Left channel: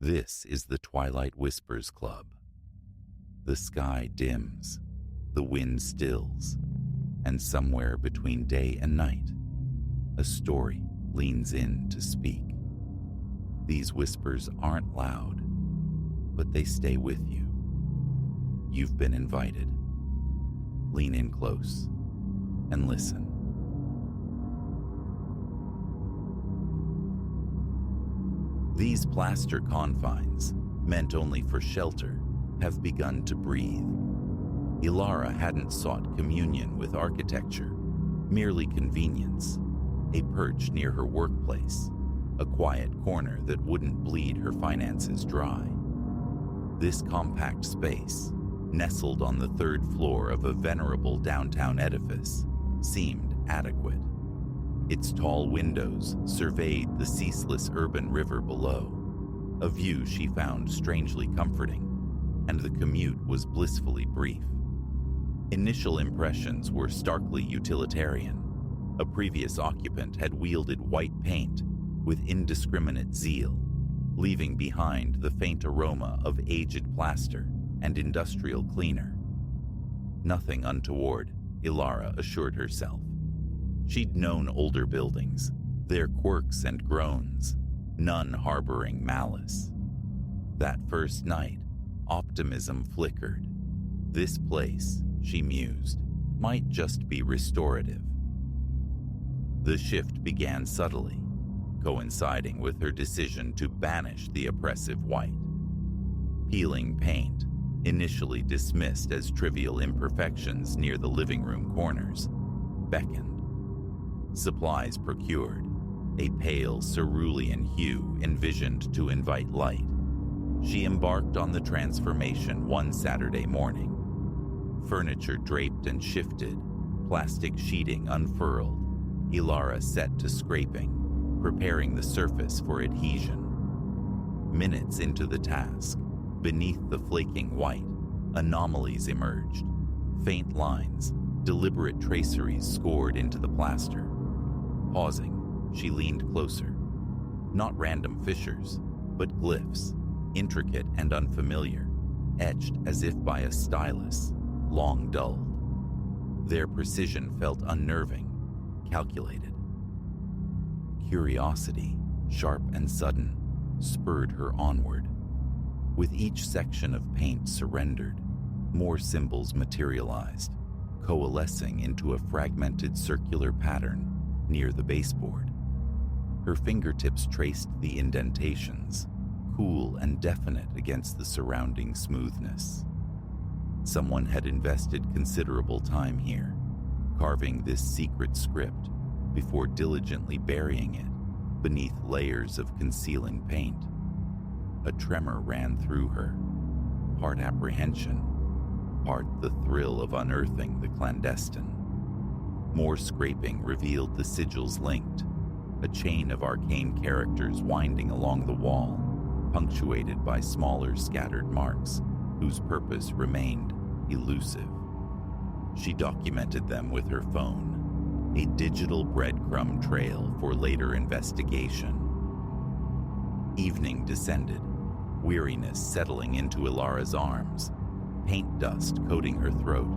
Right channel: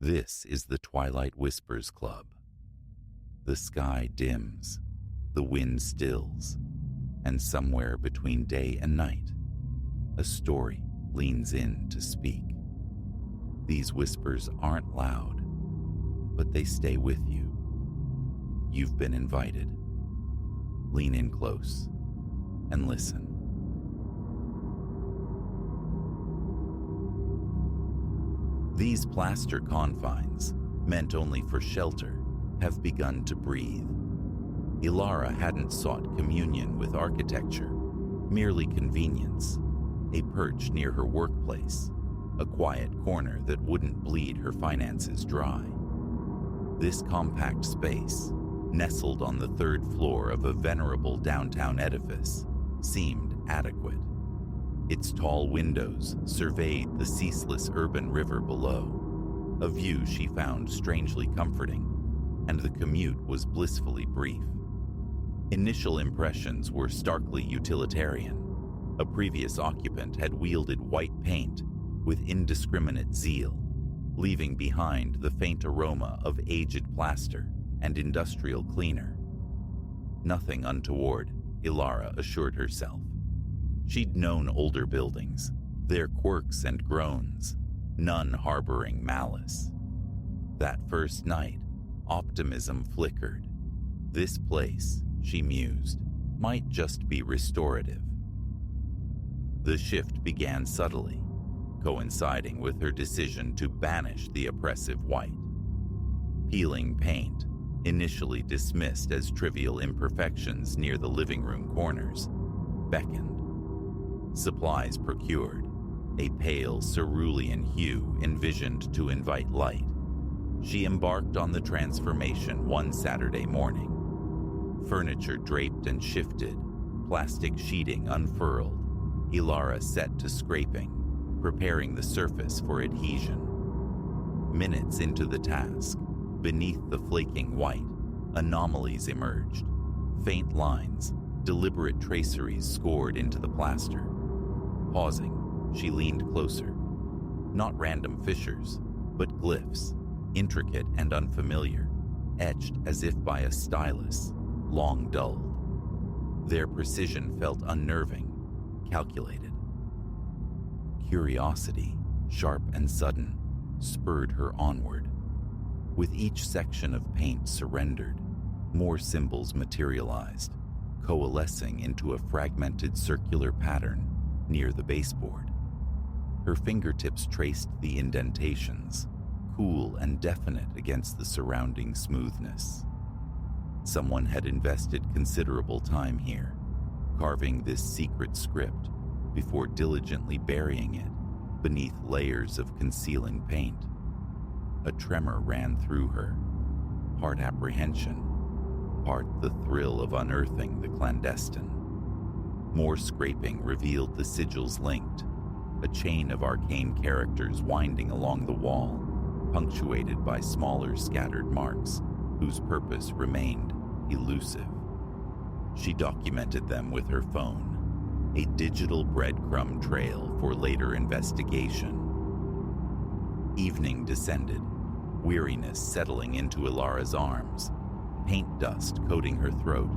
This is the Twilight Whispers Club. The sky dims, the wind stills, and somewhere between day and night, a story leans in to speak. These whispers aren't loud, but they stay with you. You've been invited. Lean in close and listen. These plaster confines, meant only for shelter, have begun to breathe. Ilara hadn't sought communion with architecture, merely convenience, a perch near her workplace, a quiet corner that wouldn't bleed her finances dry. This compact space, nestled on the third floor of a venerable downtown edifice, seemed adequate. Its tall windows surveyed the ceaseless urban river below, a view she found strangely comforting, and the commute was blissfully brief. Initial impressions were starkly utilitarian. A previous occupant had wielded white paint with indiscriminate zeal, leaving behind the faint aroma of aged plaster and industrial cleaner. Nothing untoward, Ilara assured herself. She'd known older buildings, their quirks and groans, none harboring malice. That first night, optimism flickered. This place, she mused, might just be restorative. The shift began subtly, coinciding with her decision to banish the oppressive white. Peeling paint, initially dismissed as trivial imperfections near the living room corners, beckoned. Supplies procured, a pale cerulean hue envisioned to invite light. She embarked on the transformation one Saturday morning. Furniture draped and shifted, plastic sheeting unfurled, Ilara set to scraping, preparing the surface for adhesion. Minutes into the task, beneath the flaking white, anomalies emerged. Faint lines, deliberate traceries scored into the plaster. Pausing, she leaned closer. Not random fissures, but glyphs, intricate and unfamiliar, etched as if by a stylus, long dulled. Their precision felt unnerving, calculated. Curiosity, sharp and sudden, spurred her onward. With each section of paint surrendered, more symbols materialized, coalescing into a fragmented circular pattern near the baseboard. Her fingertips traced the indentations, cool and definite against the surrounding smoothness. Someone had invested considerable time here, carving this secret script before diligently burying it beneath layers of concealing paint. A tremor ran through her, part apprehension, part the thrill of unearthing the clandestine. More scraping revealed the sigils linked, a chain of arcane characters winding along the wall, punctuated by smaller scattered marks whose purpose remained elusive. She documented them with her phone, a digital breadcrumb trail for later investigation. Evening descended, weariness settling into Ilara's arms, paint dust coating her throat.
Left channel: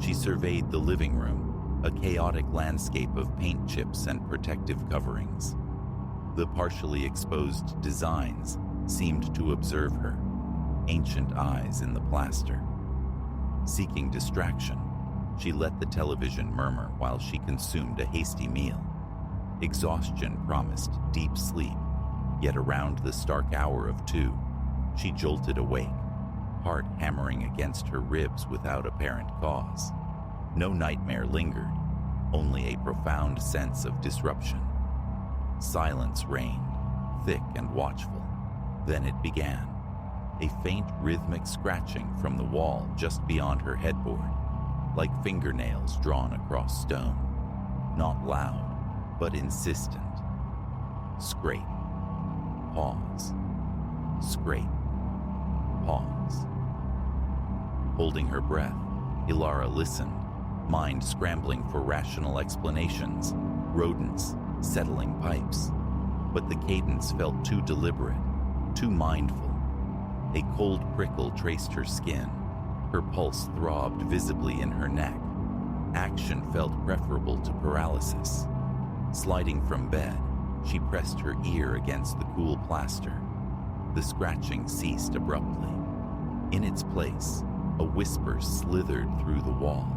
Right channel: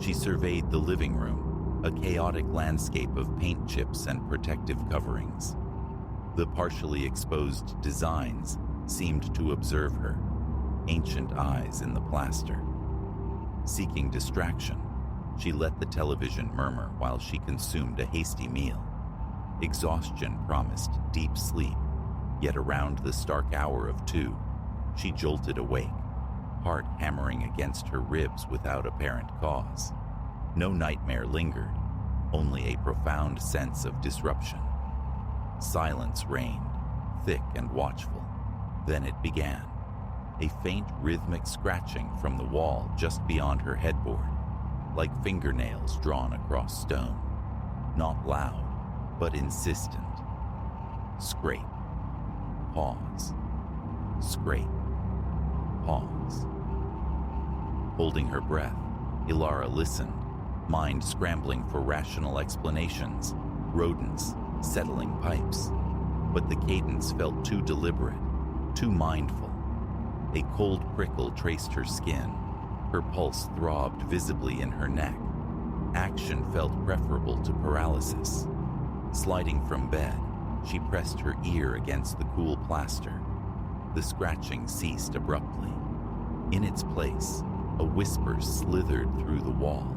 She surveyed the living room, a chaotic landscape of paint chips and protective coverings. The partially exposed designs seemed to observe her, ancient eyes in the plaster. Seeking distraction, she let the television murmur while she consumed a hasty meal. Exhaustion promised deep sleep, yet around the stark hour of 2, she jolted awake, heart hammering against her ribs without apparent cause. No nightmare lingered, only a profound sense of disruption. Silence reigned, thick and watchful. Then it began, a faint rhythmic scratching from the wall just beyond her headboard, like fingernails drawn across stone. Not loud, but insistent. Scrape. Pause. Scrape. Pause. Holding her breath, Ilara listened, mind scrambling for rational explanations, rodents, settling pipes. But the cadence felt too deliberate, too mindful. A cold prickle traced her skin. Her pulse throbbed visibly in her neck. Action felt preferable to paralysis. Sliding from bed, she pressed her ear against the cool plaster. The scratching ceased abruptly. In its place, a whisper slithered through the wall.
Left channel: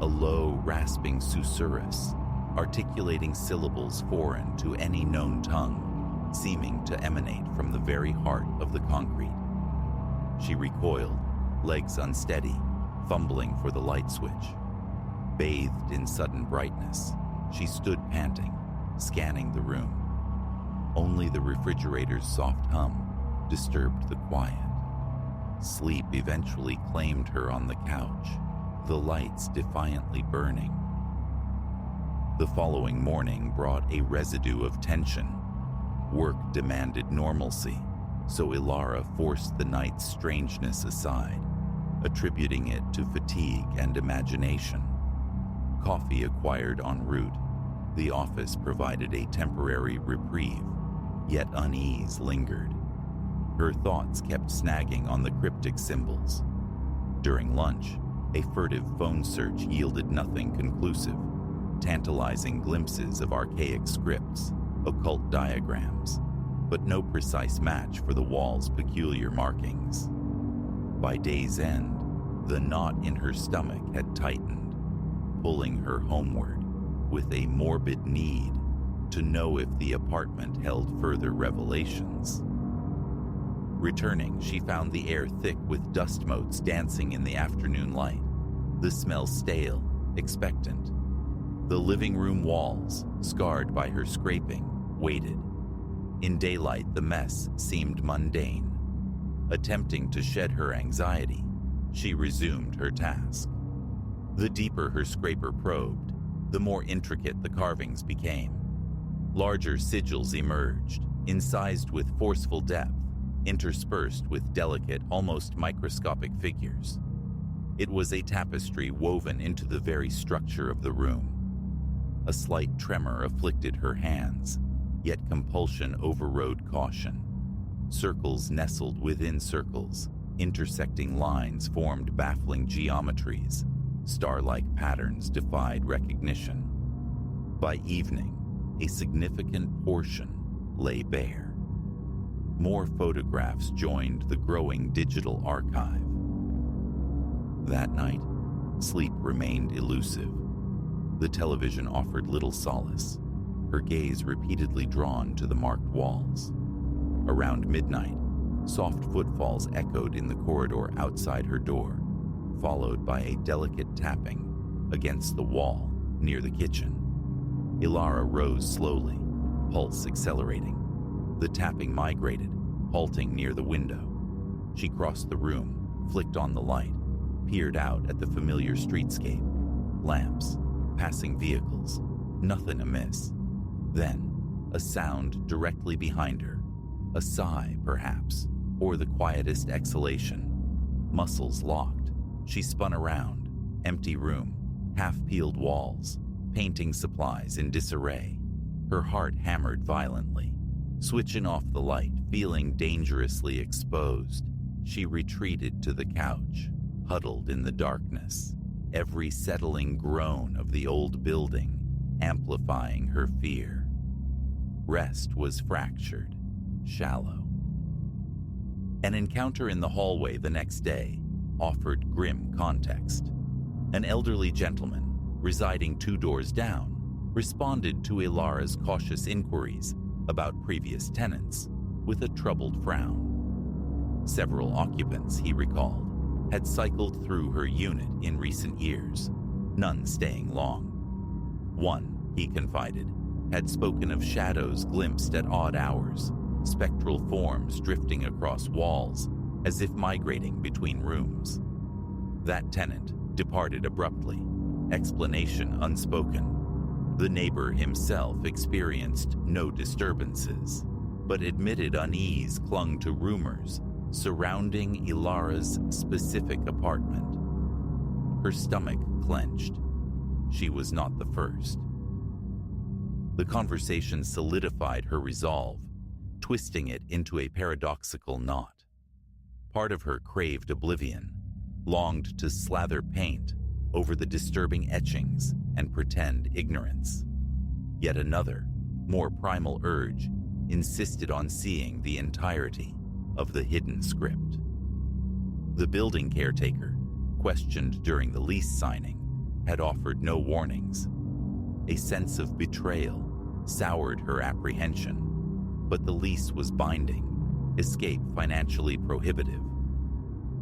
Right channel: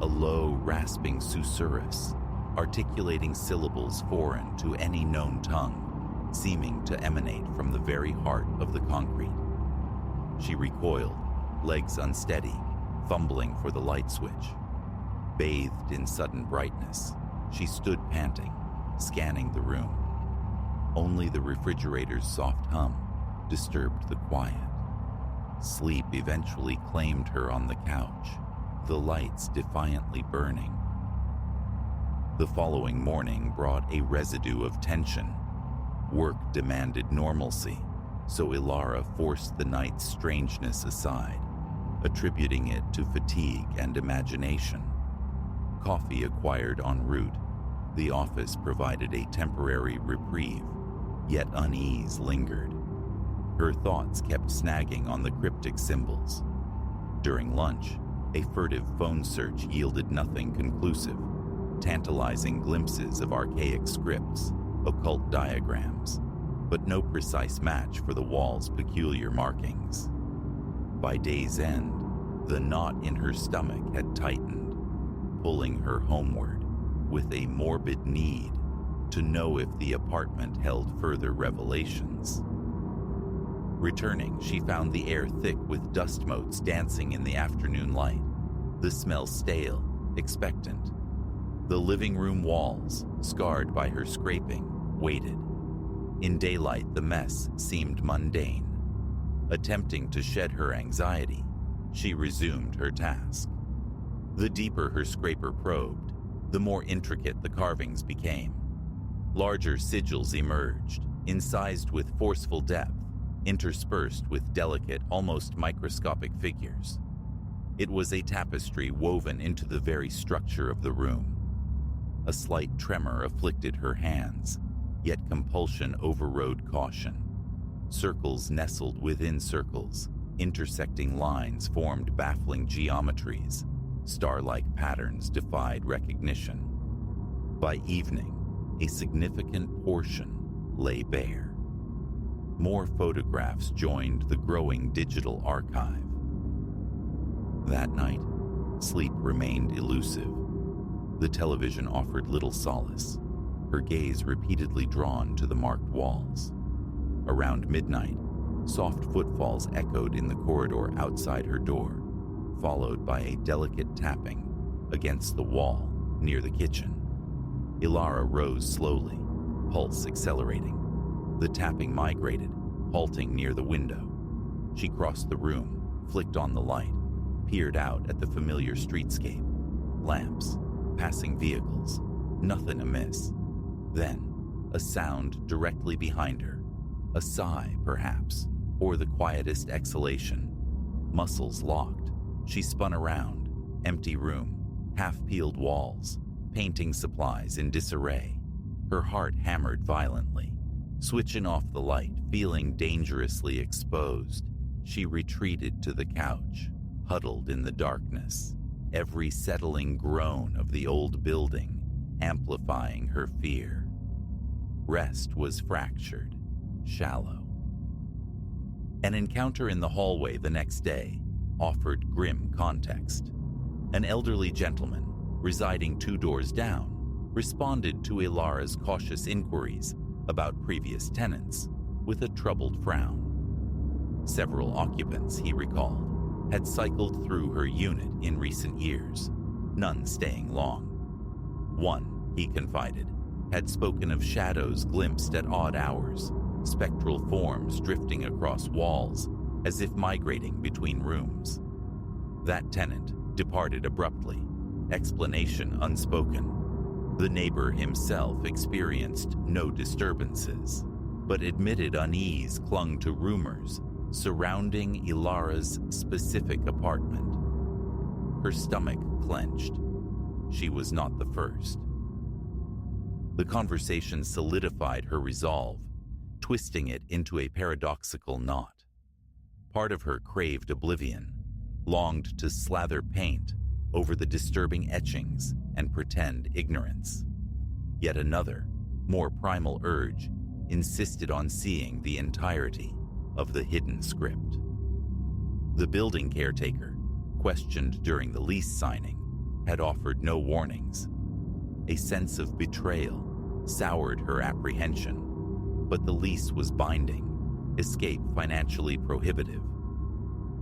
A low, rasping susurrus, articulating syllables foreign to any known tongue, seeming to emanate from the very heart of the concrete. She recoiled, legs unsteady, fumbling for the light switch. Bathed in sudden brightness, she stood panting, scanning the room. Only the refrigerator's soft hum disturbed the quiet. Sleep eventually claimed her on the couch, the lights defiantly burning. The following morning brought a residue of tension. Work demanded normalcy, so Ilara forced the night's strangeness aside, attributing it to fatigue and imagination. Coffee acquired en route, the office provided a temporary reprieve, yet unease lingered. Her thoughts kept snagging on the cryptic symbols. During lunch, a furtive phone search yielded nothing conclusive, tantalizing glimpses of archaic scripts, occult diagrams, but no precise match for the wall's peculiar markings. By day's end, the knot in her stomach had tightened, pulling her homeward with a morbid need to know if the apartment held further revelations. Returning, she found the air thick with dust motes dancing in the afternoon light, the smell stale, expectant. The living room walls, scarred by her scraping, waited. In daylight, the mess seemed mundane. Attempting to shed her anxiety, she resumed her task. The deeper her scraper probed, the more intricate the carvings became. Larger sigils emerged, incised with forceful depth, interspersed with delicate, almost microscopic figures. It was a tapestry woven into the very structure of the room. A slight tremor afflicted her hands, yet compulsion overrode caution. Circles nestled within circles, intersecting lines formed baffling geometries. Star-like patterns defied recognition. By evening, a significant portion lay bare. More photographs joined the growing digital archive. That night, sleep remained elusive. The television offered little solace, her gaze repeatedly drawn to the marked walls. Around midnight, soft footfalls echoed in the corridor outside her door, followed by a delicate tapping against the wall near the kitchen. Ilara rose slowly, pulse accelerating. The tapping migrated, halting near the window. She crossed the room, flicked on the light, peered out at the familiar streetscape. Lamps, passing vehicles, nothing amiss. Then, a sound directly behind her. A sigh, perhaps, or the quietest exhalation. Muscles locked. She spun around. Empty room, half-peeled walls, painting supplies in disarray. Her heart hammered violently. Switching off the light, feeling dangerously exposed, she retreated to the couch, huddled in the darkness, every settling groan of the old building amplifying her fear. Rest was fractured, shallow. An encounter in the hallway the next day offered grim context. An elderly gentleman, residing 2 doors down, responded to Ilara's cautious inquiries about previous tenants with a troubled frown. Several occupants, he recalled, had cycled through her unit in recent years, none staying long. One, he confided, had spoken of shadows glimpsed at odd hours, spectral forms drifting across walls as if migrating between rooms. That tenant departed abruptly, explanation unspoken. The neighbor himself experienced no disturbances, but admitted unease clung to rumors surrounding Ilara's specific apartment. Her stomach clenched. She was not the first. The conversation solidified her resolve. twisting it into a paradoxical knot. Part of her craved oblivion, longed to slather paint over the disturbing etchings and pretend ignorance. Yet another, more primal urge insisted on seeing the entirety of the hidden script. The building caretaker, questioned during the lease signing, had offered no warnings. A sense of betrayal soured her apprehension, but the lease was binding, escape financially prohibitive.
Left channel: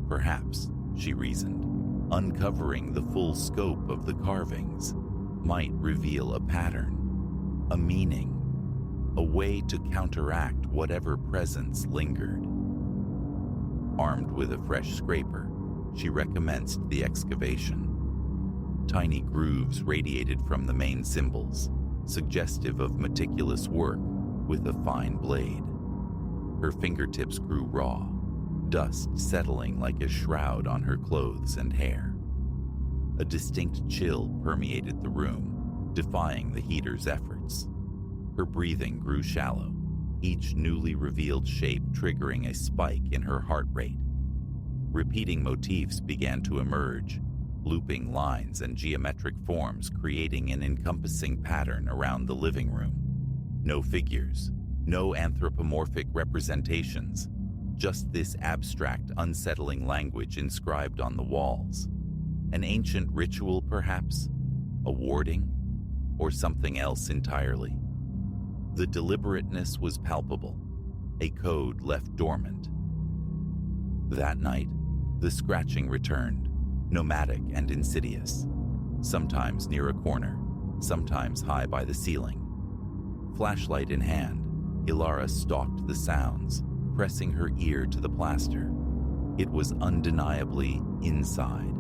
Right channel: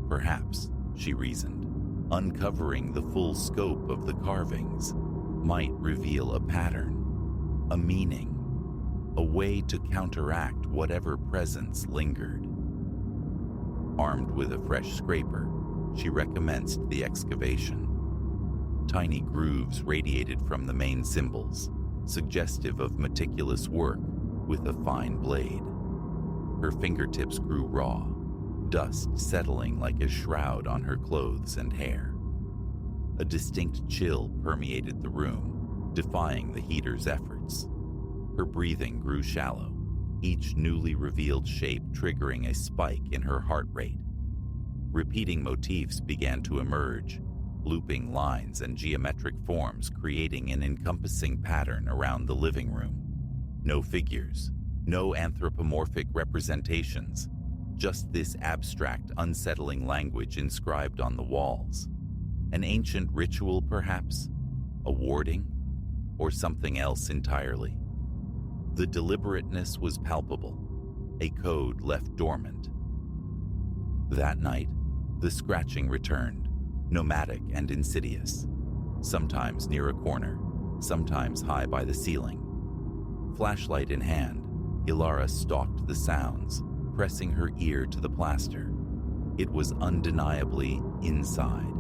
Perhaps, she reasoned, uncovering the full scope of the carvings might reveal a pattern, a meaning, a way to counteract whatever presence lingered. Armed with a fresh scraper, she recommenced the excavation. Tiny grooves radiated from the main symbols, suggestive of meticulous work with a fine blade. Her fingertips grew raw, dust settling like a shroud on her clothes and hair. A distinct chill permeated the room, defying the heater's efforts. Her breathing grew shallow, each newly revealed shape triggering a spike in her heart rate. Repeating motifs began to emerge, looping lines and geometric forms creating an encompassing pattern around the living room. No figures, no anthropomorphic representations, just this abstract, unsettling language inscribed on the walls. An ancient ritual, perhaps? A warding? Or something else entirely? The deliberateness was palpable, a code left dormant. That night, the scratching returned, nomadic and insidious, sometimes near a corner, sometimes high by the ceiling. Flashlight in hand, Ilara stalked the sounds, pressing her ear to the plaster. It was undeniably inside,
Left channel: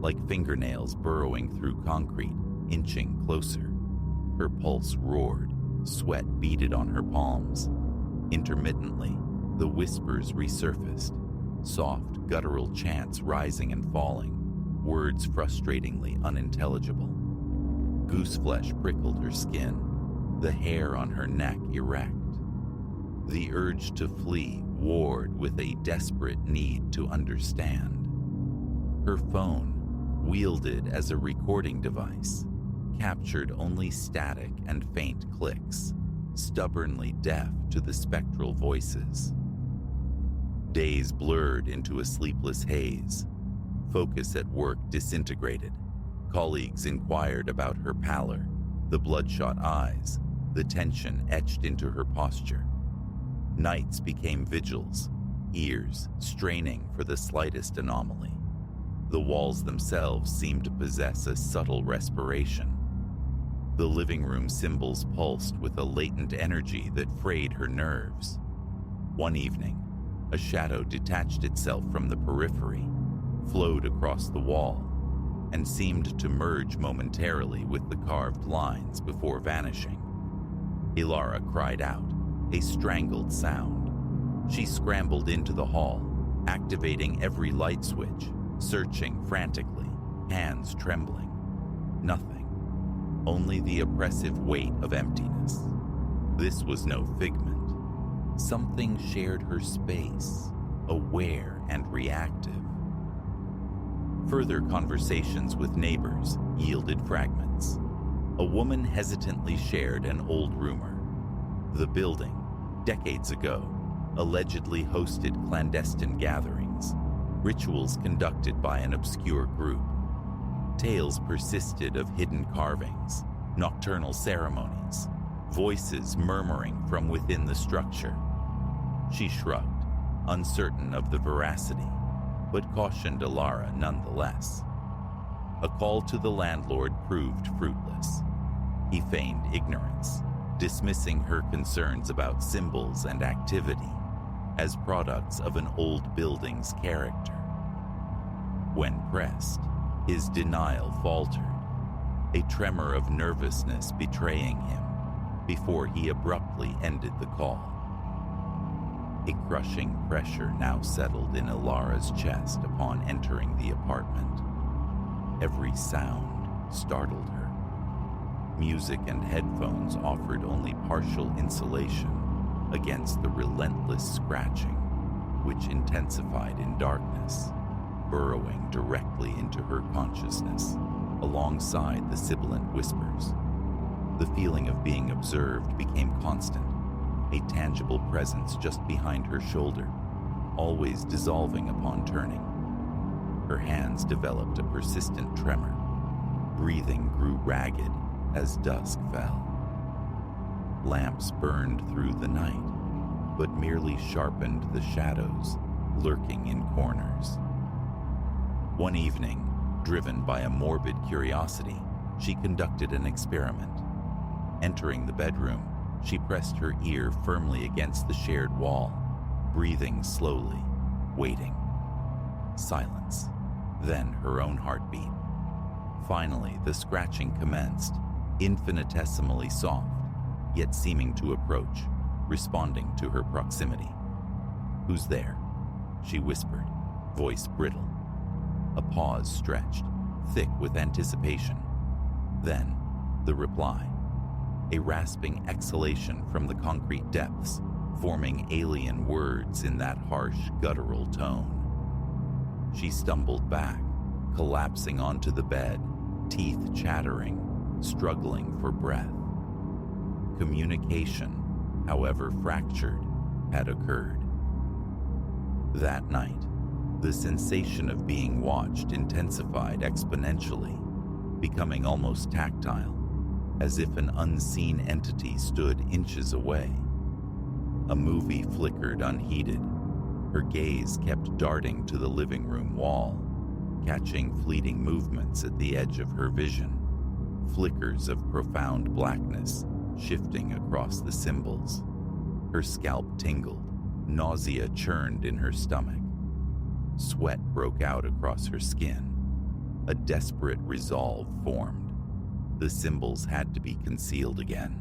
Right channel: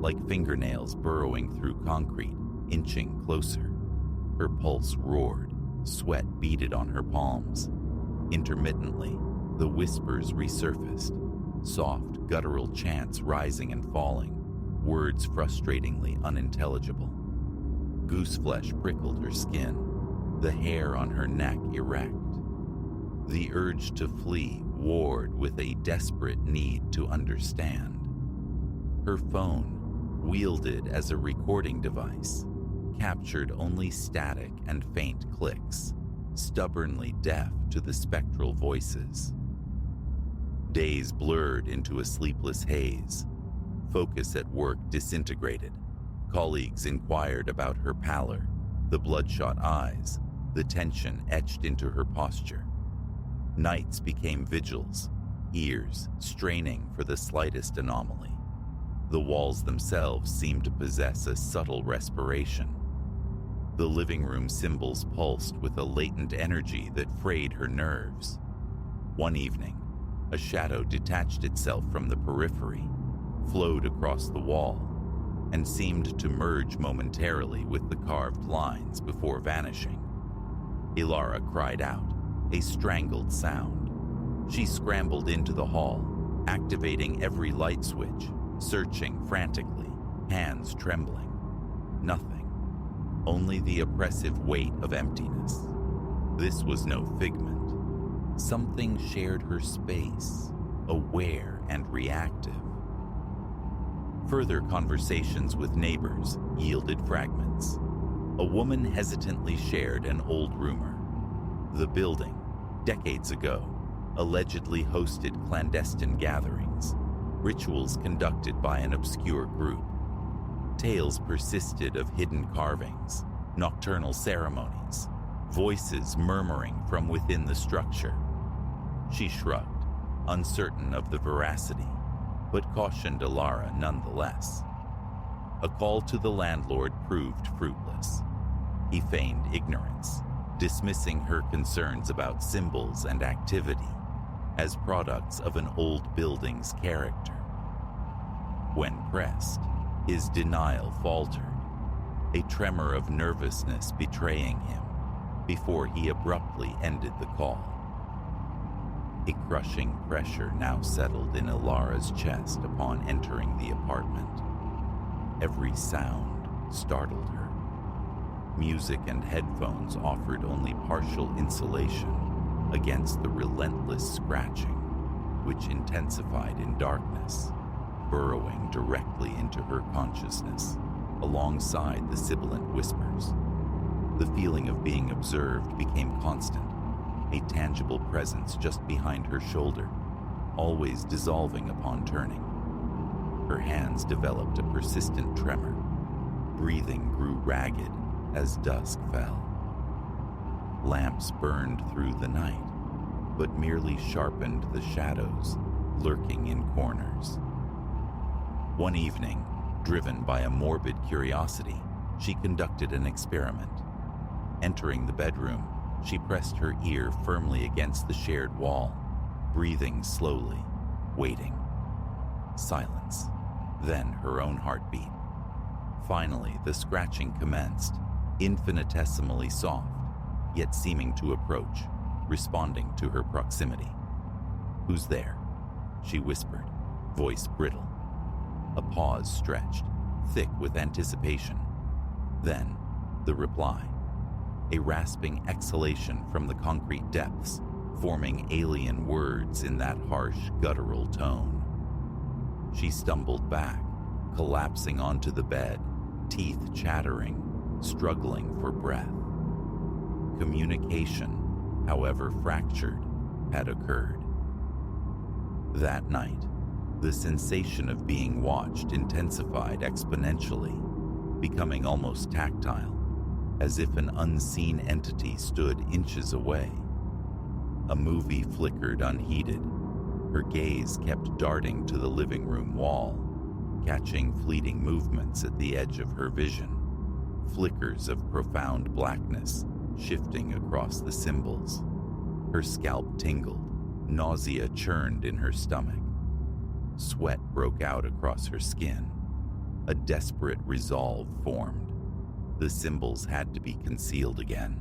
like fingernails burrowing through concrete, inching closer. Her pulse roared, sweat beaded on her palms. Intermittently, the whispers resurfaced, soft, guttural chants rising and falling, words frustratingly unintelligible. Gooseflesh prickled her skin, the hair on her neck erect. The urge to flee warred with a desperate need to understand. Her phone, wielded as a recording device, captured only static and faint clicks, stubbornly deaf to the spectral voices. Days blurred into a sleepless haze. Focus at work disintegrated. Colleagues inquired about her pallor, the bloodshot eyes, the tension etched into her posture. Nights became vigils, ears straining for the slightest anomaly. The walls themselves seemed to possess a subtle respiration. The living room symbols pulsed with a latent energy that frayed her nerves. One evening, a shadow detached itself from the periphery, flowed across the wall, and seemed to merge momentarily with the carved lines before vanishing. Ilara cried out, a strangled sound. She scrambled into the hall, activating every light switch, searching frantically, hands trembling. Nothing. Only the oppressive weight of emptiness. This was no figment. Something shared her space, aware and reactive. Further conversations with neighbors yielded fragments. A woman hesitantly shared an old rumor. The building, decades ago, allegedly hosted clandestine gatherings, rituals conducted by an obscure group. Tales persisted of hidden carvings, nocturnal ceremonies, voices murmuring from within the structure. She shrugged, uncertain of the veracity, but cautioned Ilara nonetheless. A call to the landlord proved fruitless. He feigned ignorance, dismissing her concerns about symbols and activity as products of an old building's character. When pressed, his denial faltered, a tremor of nervousness betraying him before he abruptly ended the call. A crushing pressure now settled in Ilara's chest upon entering the apartment. Every sound startled her. Music and headphones offered only partial insulation, against the relentless scratching, which intensified in darkness, burrowing directly into her consciousness, alongside the sibilant whispers. The feeling of being observed became constant, a tangible presence just behind her shoulder, always dissolving upon turning. Her hands developed a persistent tremor. Breathing grew ragged as dusk fell. Lamps burned through the night, but merely sharpened the shadows lurking in corners. One evening, driven by a morbid curiosity, she conducted an experiment. Entering the bedroom, she pressed her ear firmly against the shared wall, breathing slowly, waiting. Silence, then her own heartbeat. Finally, the scratching commenced, infinitesimally soft, yet seeming to approach, responding to her proximity. "Who's there?" she whispered, voice brittle. A pause stretched, thick with anticipation. Then, the reply. A rasping exhalation from the concrete depths, forming alien words in that harsh, guttural tone. She stumbled back, collapsing onto the bed, teeth chattering, struggling for breath. Communication, however fractured, had occurred. That night, the sensation of being watched intensified exponentially, becoming almost tactile, as if an unseen entity stood inches away. A movie flickered unheeded. Her gaze kept darting to the living room wall, catching fleeting movements at the edge of her vision, flickers of profound blackness shifting across the symbols. Her scalp tingled, nausea churned in her stomach. Sweat broke out across her skin. A desperate resolve formed. The symbols had to be concealed again.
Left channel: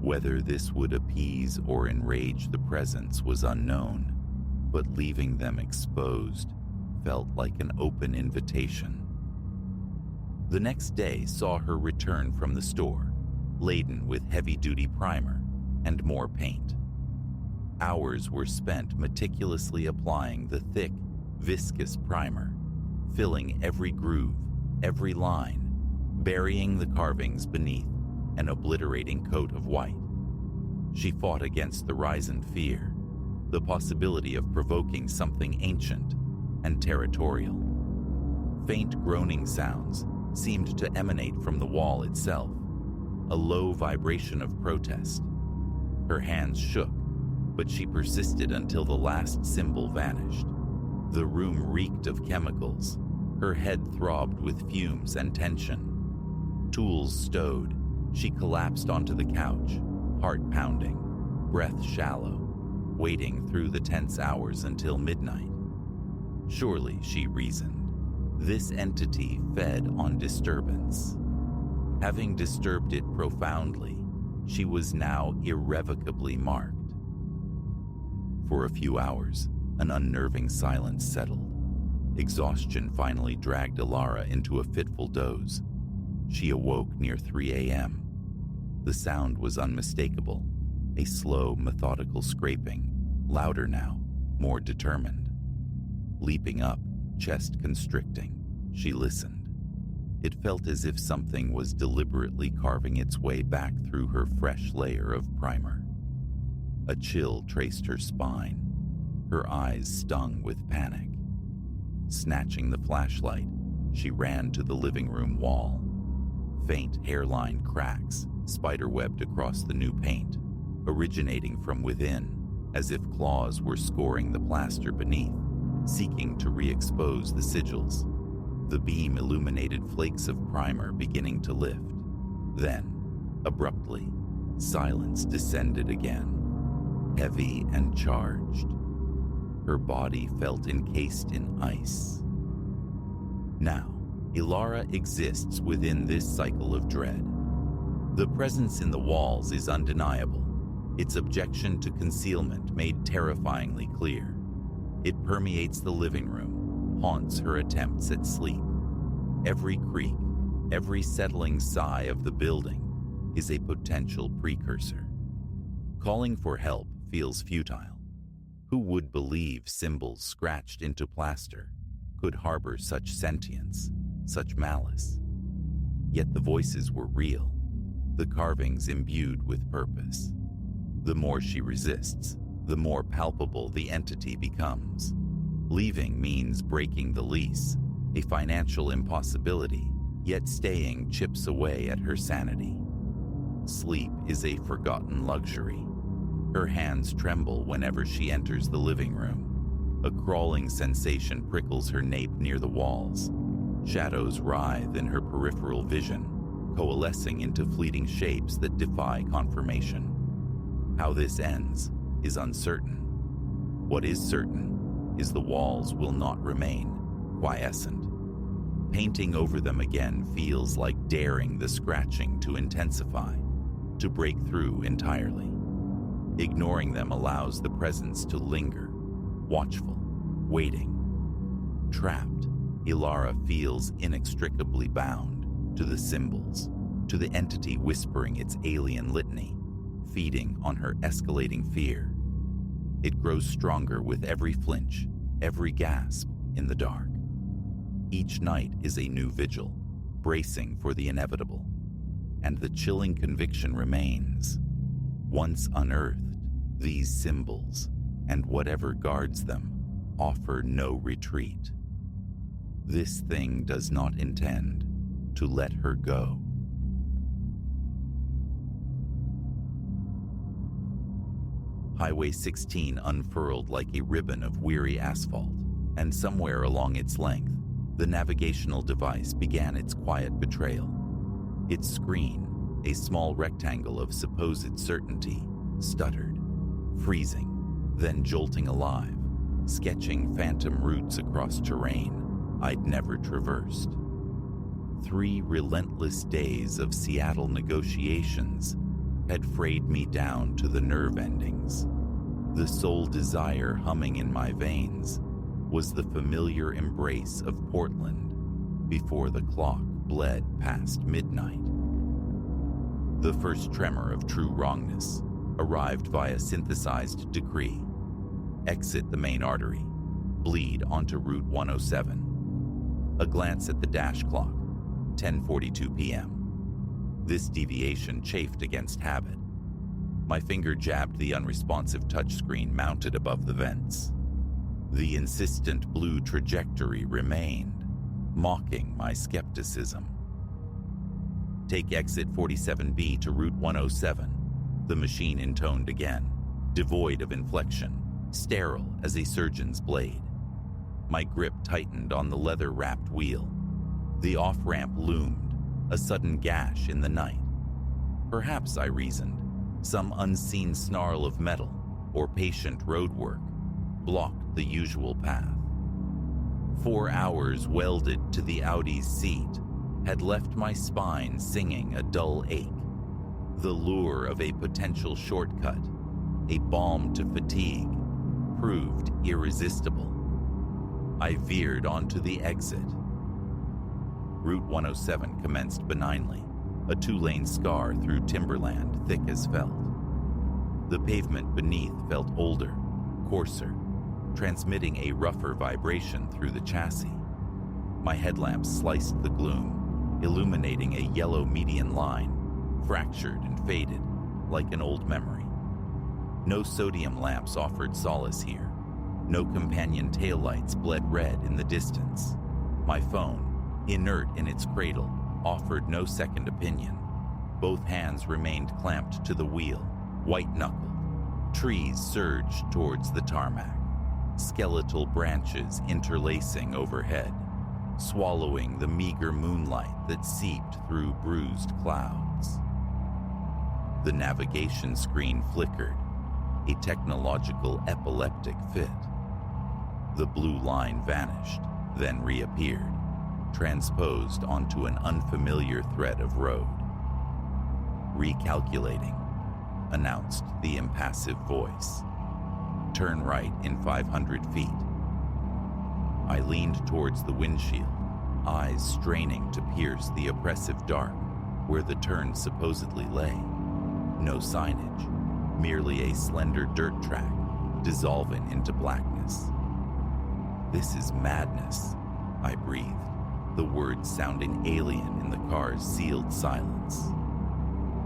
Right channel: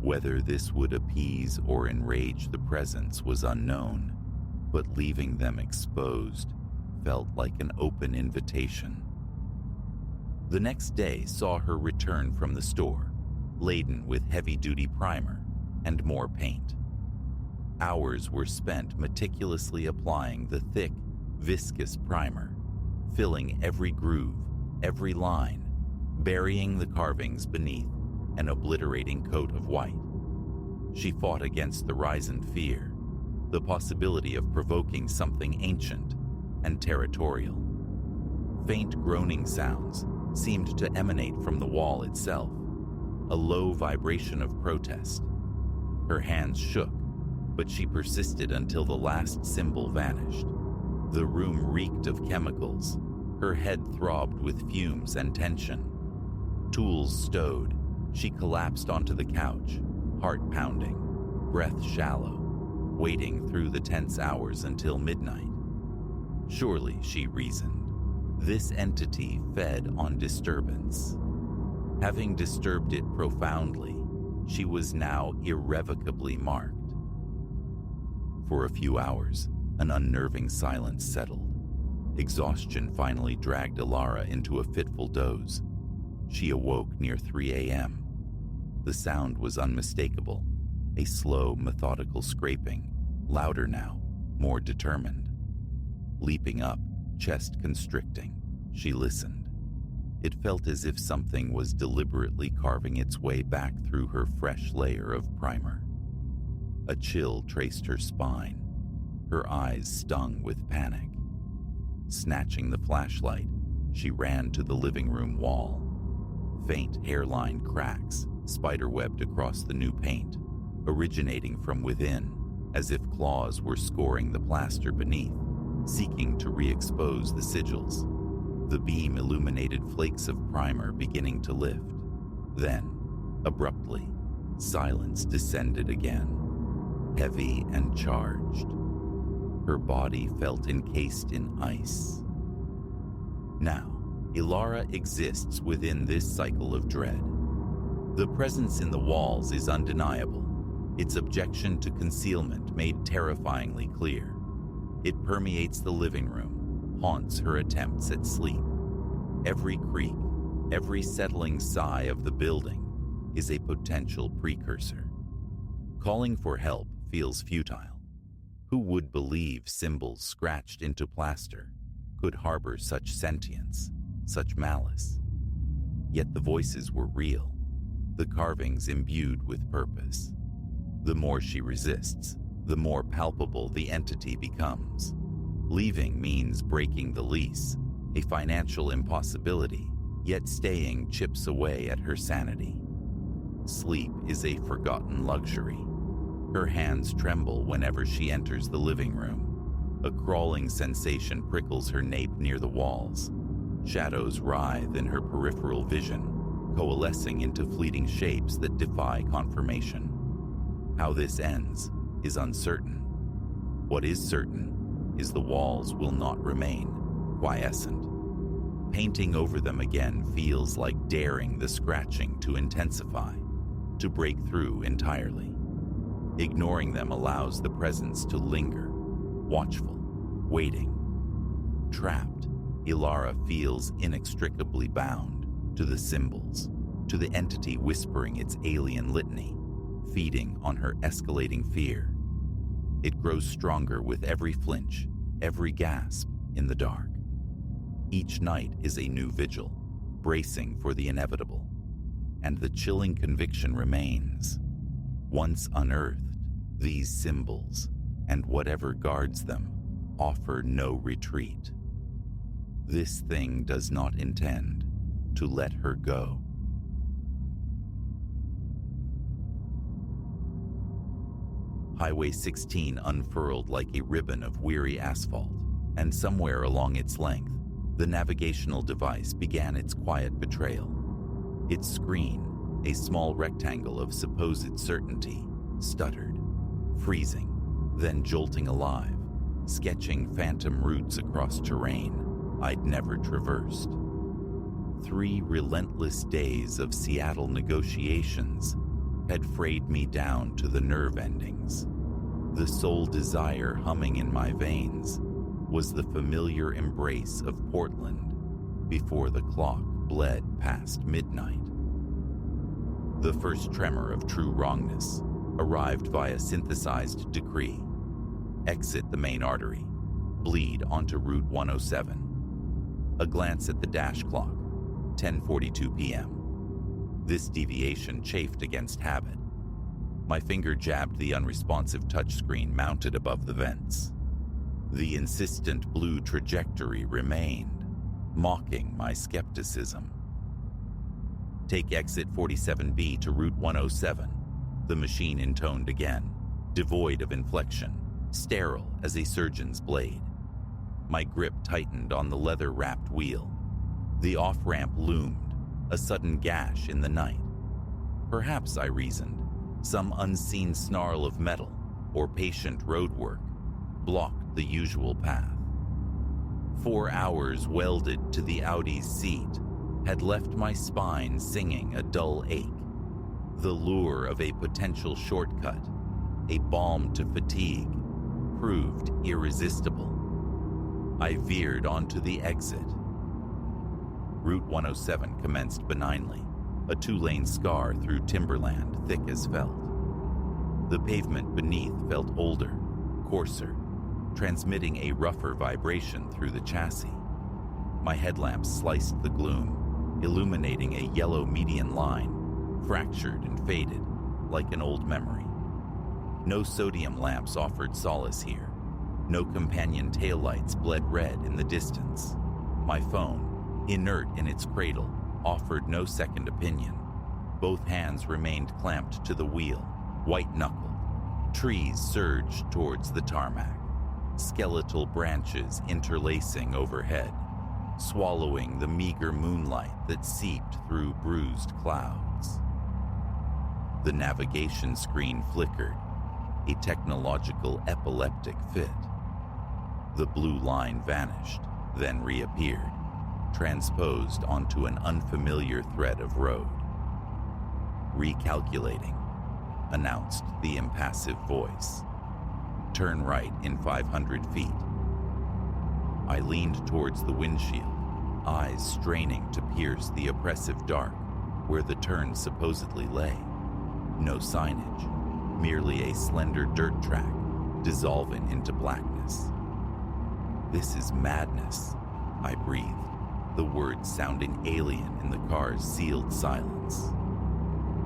Whether this would appease or enrage the presence was unknown, but leaving them exposed felt like an open invitation. The next day saw her return from the store, laden with heavy-duty primer and more paint. Hours were spent meticulously applying the thick, viscous primer, filling every groove, every line, burying the carvings beneath an obliterating coat of white. She fought against the rising fear, the possibility of provoking something ancient and territorial. Faint groaning sounds seemed to emanate from the wall itself, a low vibration of protest. Her hands shook, but she persisted until the last symbol vanished. The room reeked of chemicals. Her head throbbed with fumes and tension. Tools stowed, she collapsed onto the couch, heart pounding, breath shallow, waiting through the tense hours until midnight. Surely, she reasoned, this entity fed on disturbance. Having disturbed it profoundly, she was now irrevocably marked. For a few hours, an unnerving silence settled. Exhaustion finally dragged Ilara into a fitful doze. She awoke near 3 a.m. The sound was unmistakable, a slow, methodical scraping, louder now, more determined. Leaping up, chest constricting, she listened. It felt as if something was deliberately carving its way back through her fresh layer of primer. A chill traced her spine. Her eyes stung with panic. Snatching the flashlight, she ran to the living room wall. Faint hairline cracks spiderwebbed across the new paint, originating from within, as if claws were scoring the plaster beneath, seeking to re-expose the sigils. The beam illuminated flakes of primer beginning to lift. Then, abruptly, silence descended again, heavy and charged. Her body felt encased in ice. Now, Ilara exists within this cycle of dread. The presence in the walls is undeniable, its objection to concealment made terrifyingly clear. It permeates the living room, haunts her attempts at sleep. Every creak, every settling sigh of the building is a potential precursor. Calling for help feels futile. Who would believe symbols scratched into plaster could harbor such sentience, such malice? Yet the voices were real, the carvings imbued with purpose. The more she resists, the more palpable the entity becomes. Leaving means breaking the lease, a financial impossibility, yet staying chips away at her sanity. Sleep is a forgotten luxury. Her hands tremble whenever she enters the living room. A crawling sensation prickles her nape near the walls. Shadows writhe in her peripheral vision, coalescing into fleeting shapes that defy confirmation. How this ends is uncertain. What is certain is the walls will not remain quiescent. Painting over them again feels like daring the scratching to intensify, to break through entirely. Ignoring them allows the presence to linger, watchful, waiting. Trapped, Ilara feels inextricably bound to the symbols, to the entity whispering its alien litany, feeding on her escalating fear. It grows stronger with every flinch, every gasp in the dark. Each night is a new vigil, bracing for the inevitable, and the chilling conviction remains. Once unearthed, these symbols, and whatever guards them, offer no retreat. This thing does not intend to let her go. Highway 16 unfurled like a ribbon of weary asphalt, and somewhere along its length, the navigational device began its quiet betrayal. Its screen, a small rectangle of supposed certainty, stuttered, freezing, then jolting alive, sketching phantom routes across terrain I'd never traversed. 3 relentless days of Seattle negotiations had frayed me down to the nerve endings. The sole desire humming in my veins was the familiar embrace of Portland before the clock bled past midnight. The first tremor of true wrongness arrived via synthesized decree. Exit the main artery, bleed onto Route 107. A glance at the dash clock, 10:42 p.m. This deviation chafed against habit. My finger jabbed the unresponsive touchscreen mounted above the vents. The insistent blue trajectory remained, mocking my skepticism. Take exit 47B to Route 107, the machine intoned again, devoid of inflection, sterile as a surgeon's blade. My grip tightened on the leather-wrapped wheel. The off-ramp loomed, a sudden gash in the night. Perhaps, I reasoned, some unseen snarl of metal or patient roadwork blocked the usual path. 4 hours welded to the Audi's seat had left my spine singing a dull ache. The lure of a potential shortcut, a balm to fatigue, proved irresistible. I veered onto the exit. Route 107 commenced benignly, a 2-lane scar through timberland thick as felt. The pavement beneath felt older, coarser, transmitting a rougher vibration through the chassis. My headlamps sliced the gloom, illuminating a yellow median line, fractured and faded, like an old memory. No sodium lamps offered solace here. No companion taillights bled red in the distance. My phone, inert in its cradle, offered no second opinion. Both hands remained clamped to the wheel, white-knuckled. Trees surged towards the tarmac, skeletal branches interlacing overhead, swallowing the meager moonlight that seeped through bruised clouds. The navigation screen flickered, a technological epileptic fit. The blue line vanished, then reappeared, transposed onto an unfamiliar thread of road. Recalculating, announced the impassive voice. Turn right in 500 feet. I leaned towards the windshield, eyes straining to pierce the oppressive dark where the turn supposedly lay. No signage, merely a slender dirt track dissolving into blackness. "This is madness," I breathed, the words sounding alien in the car's sealed silence.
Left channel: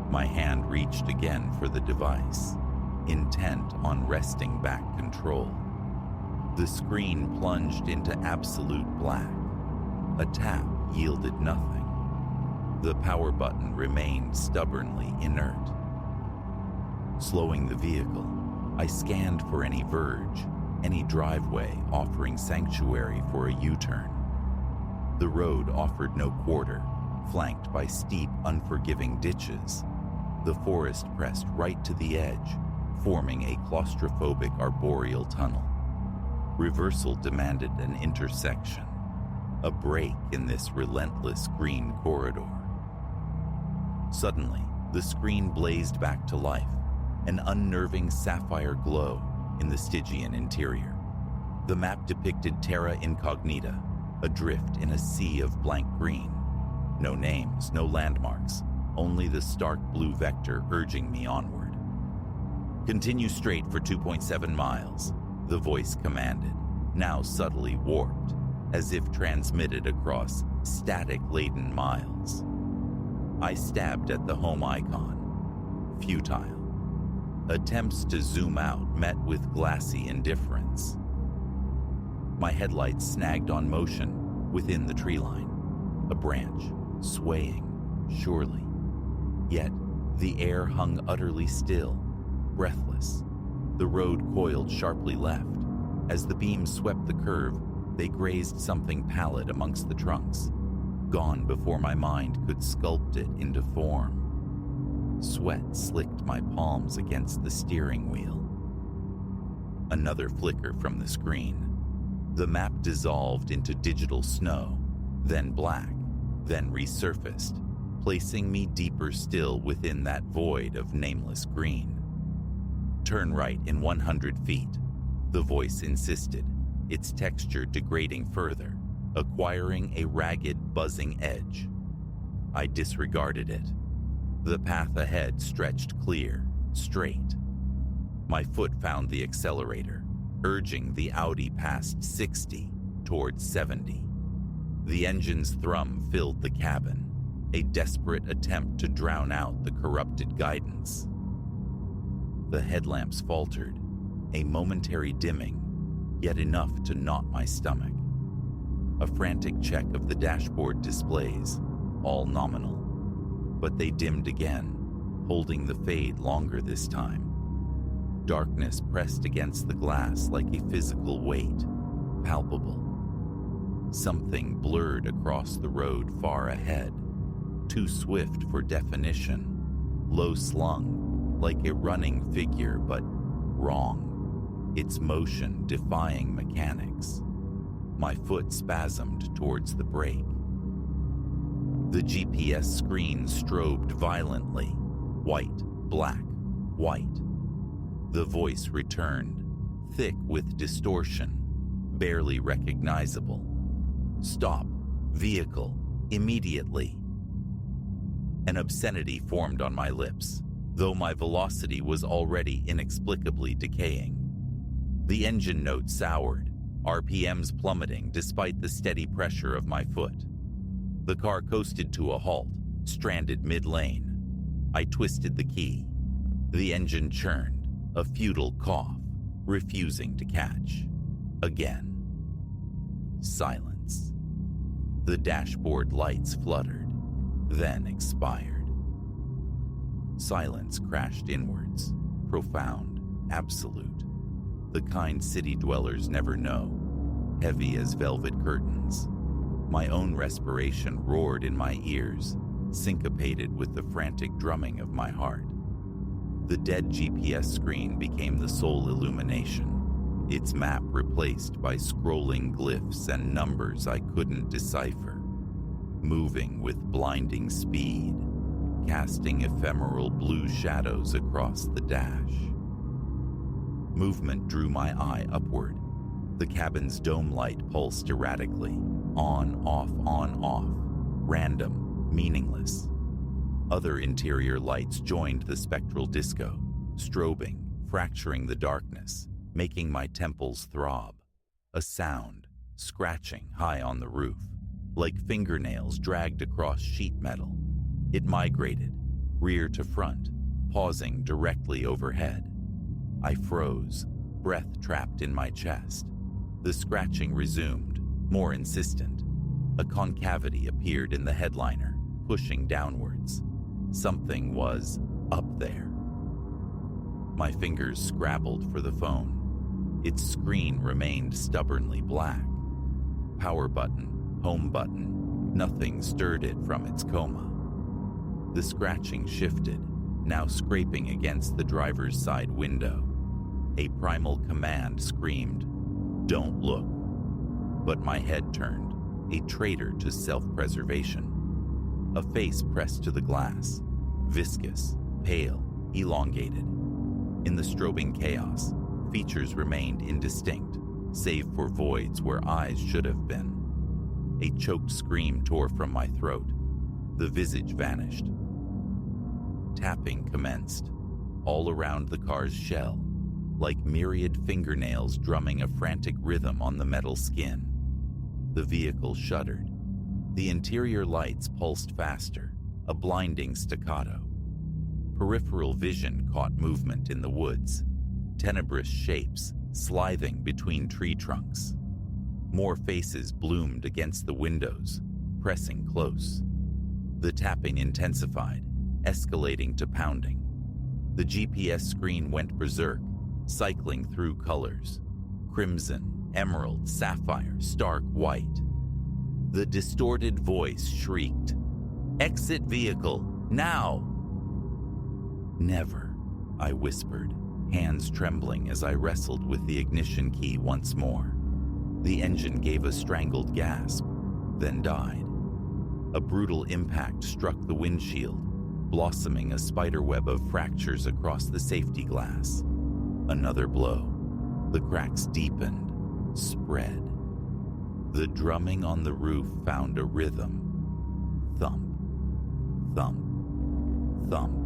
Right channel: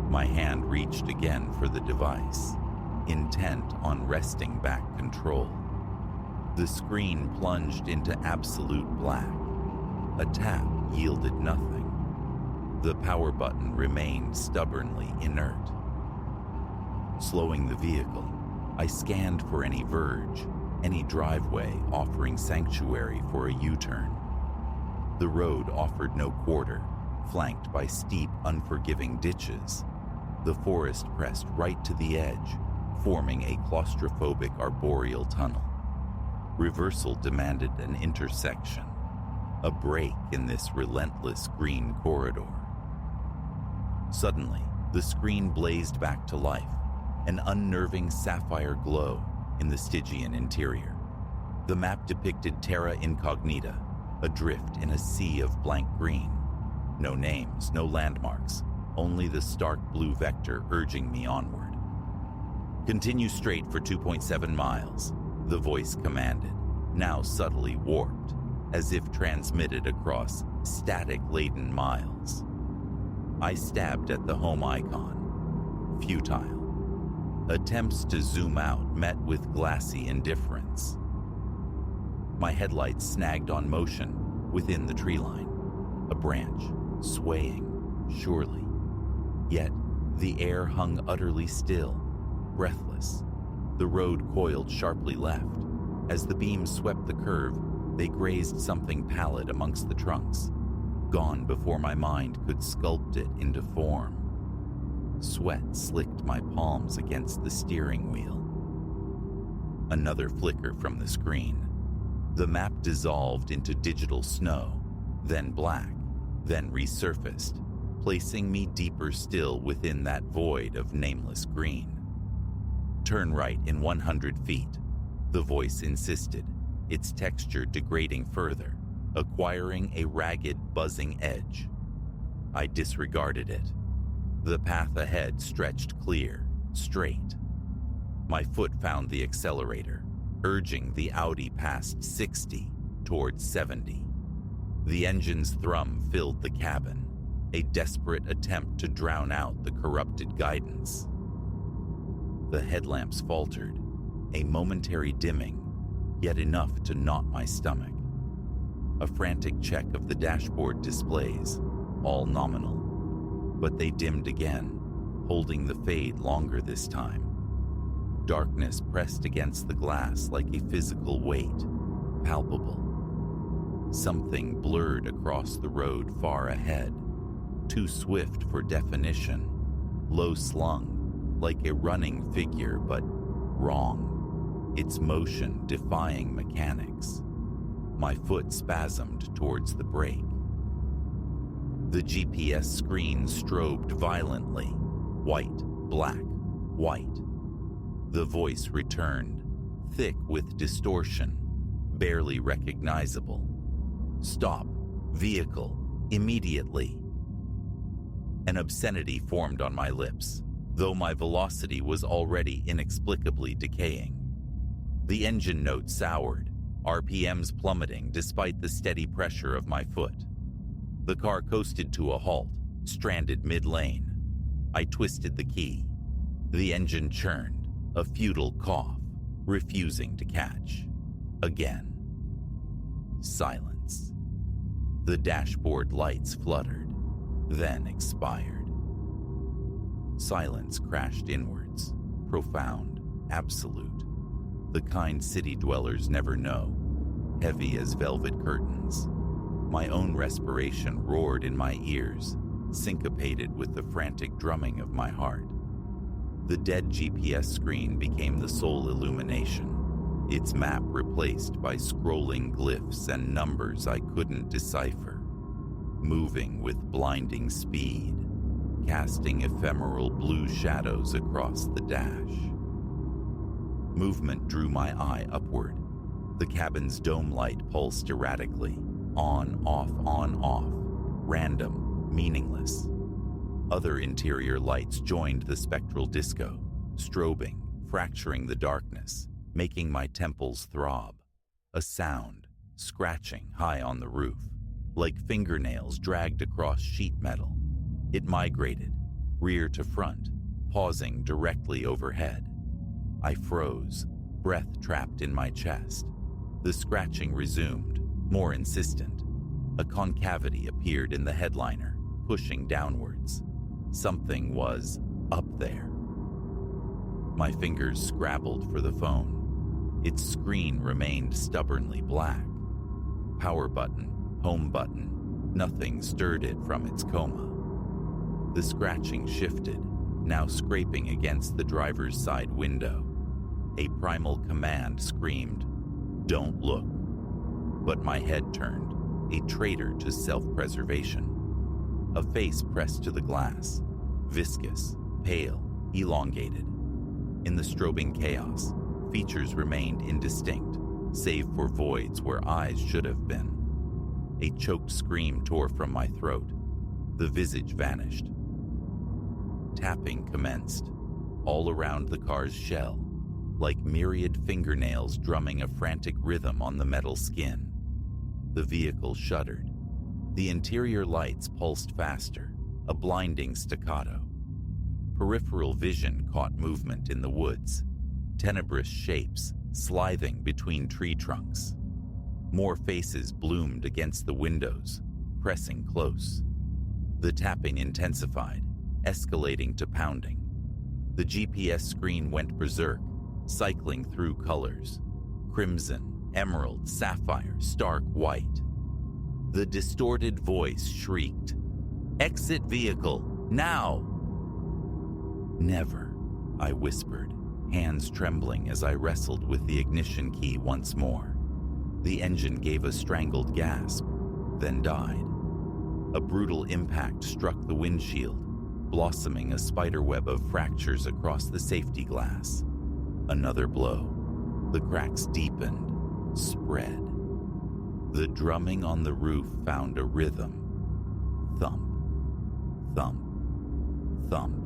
My hand reached again for the device, intent on wresting back control. The screen plunged into absolute black. A tap yielded nothing. The power button remained stubbornly inert. Slowing the vehicle, I scanned for any verge, any driveway offering sanctuary for a U-turn. The road offered no quarter, flanked by steep, unforgiving ditches. The forest pressed right to the edge, forming a claustrophobic arboreal tunnel. Reversal demanded an intersection, a break in this relentless green corridor. Suddenly, the screen blazed back to life, an unnerving sapphire glow in the Stygian interior. The map depicted terra incognita, adrift in a sea of blank green. No names, no landmarks, only the stark blue vector urging me onward. "Continue straight for 2.7 miles, the voice commanded, now subtly warped, as if transmitted across static-laden miles. I stabbed at the home icon. Futile. Attempts to zoom out met with glassy indifference. My headlights snagged on motion within the tree line, a branch swaying, surely. Yet the air hung utterly still, breathless. The road coiled sharply left. As the beams swept the curve, they grazed something pallid amongst the trunks, gone before my mind could sculpt it into form. Sweat slicked my palms against the steering wheel. Another flicker from the screen. The map dissolved into digital snow, then black, then resurfaced, placing me deeper still within that void of nameless green. "Turn right in 100 feet, the voice insisted, its texture degrading further, acquiring a ragged, buzzing edge. I disregarded it. The path ahead stretched clear, straight. My foot found the accelerator, urging the Audi past 60 towards 70. The engine's thrum filled the cabin, a desperate attempt to drown out the corrupted guidance. The headlamps faltered, a momentary dimming, yet enough to knot my stomach. A frantic check of the dashboard displays, all nominal. But they dimmed again, holding the fade longer this time. Darkness pressed against the glass like a physical weight, palpable. Something blurred across the road far ahead, too swift for definition, low-slung, like a running figure, but wrong, its motion defying mechanics. My foot spasmed towards the brake. The GPS screen strobed violently, white, black, white. The voice returned, thick with distortion, barely recognizable. "Stop, vehicle, immediately." An obscenity formed on my lips, though my velocity was already inexplicably decaying. The engine note soured, RPMs plummeting despite the steady pressure of my foot. The car coasted to a halt, stranded mid-lane. I twisted the key. The engine churned, a futile cough, refusing to catch. Again. Silence. The dashboard lights fluttered, then expired. Silence crashed inwards, profound, absolute. The kind city dwellers never know, heavy as velvet curtains. My own respiration roared in my ears, syncopated with the frantic drumming of my heart. The dead GPS screen became the sole illumination, its map replaced by scrolling glyphs and numbers I couldn't decipher, moving with blinding speed, casting ephemeral blue shadows across the dash. Movement drew my eye upward. The cabin's dome light pulsed erratically, on, off, random, meaningless. Other interior lights joined the spectral disco, strobing, fracturing the darkness, making my temples throb. A sound, scratching high on the roof, like fingernails dragged across sheet metal. It migrated, rear to front, pausing directly overhead. I froze, breath trapped in my chest. The scratching resumed, more insistent. A concavity appeared in the headliner, pushing downwards. Something was up there. My fingers scrabbled for the phone. Its screen remained stubbornly black. Power button, home button, nothing stirred it from its coma. The scratching shifted, now scraping against the driver's side window. A primal command screamed, "Don't look." But my head turned, a traitor to self-preservation. A face pressed to the glass, viscous, pale, elongated. In the strobing chaos, features remained indistinct, save for voids where eyes should have been. A choked scream tore from my throat. The visage vanished. Tapping commenced, all around the car's shell, like myriad fingernails drumming a frantic rhythm on the metal skin. The vehicle shuddered. The interior lights pulsed faster, a blinding staccato. Peripheral vision caught movement in the woods, tenebrous shapes slithing between tree trunks. More faces bloomed against the windows, pressing close. The tapping intensified, escalating to pounding. The GPS screen went berserk, cycling through colors: crimson, emerald, sapphire, stark white. The distorted voice shrieked, "Exit vehicle, now!" "Never," I whispered, hands trembling as I wrestled with the ignition key once more. The engine gave a strangled gasp, then died. A brutal impact struck the windshield, blossoming a spiderweb of fractures across the safety glass. Another blow. The cracks deepened, spread. The drumming on the roof found a rhythm. Thump, thump, thump.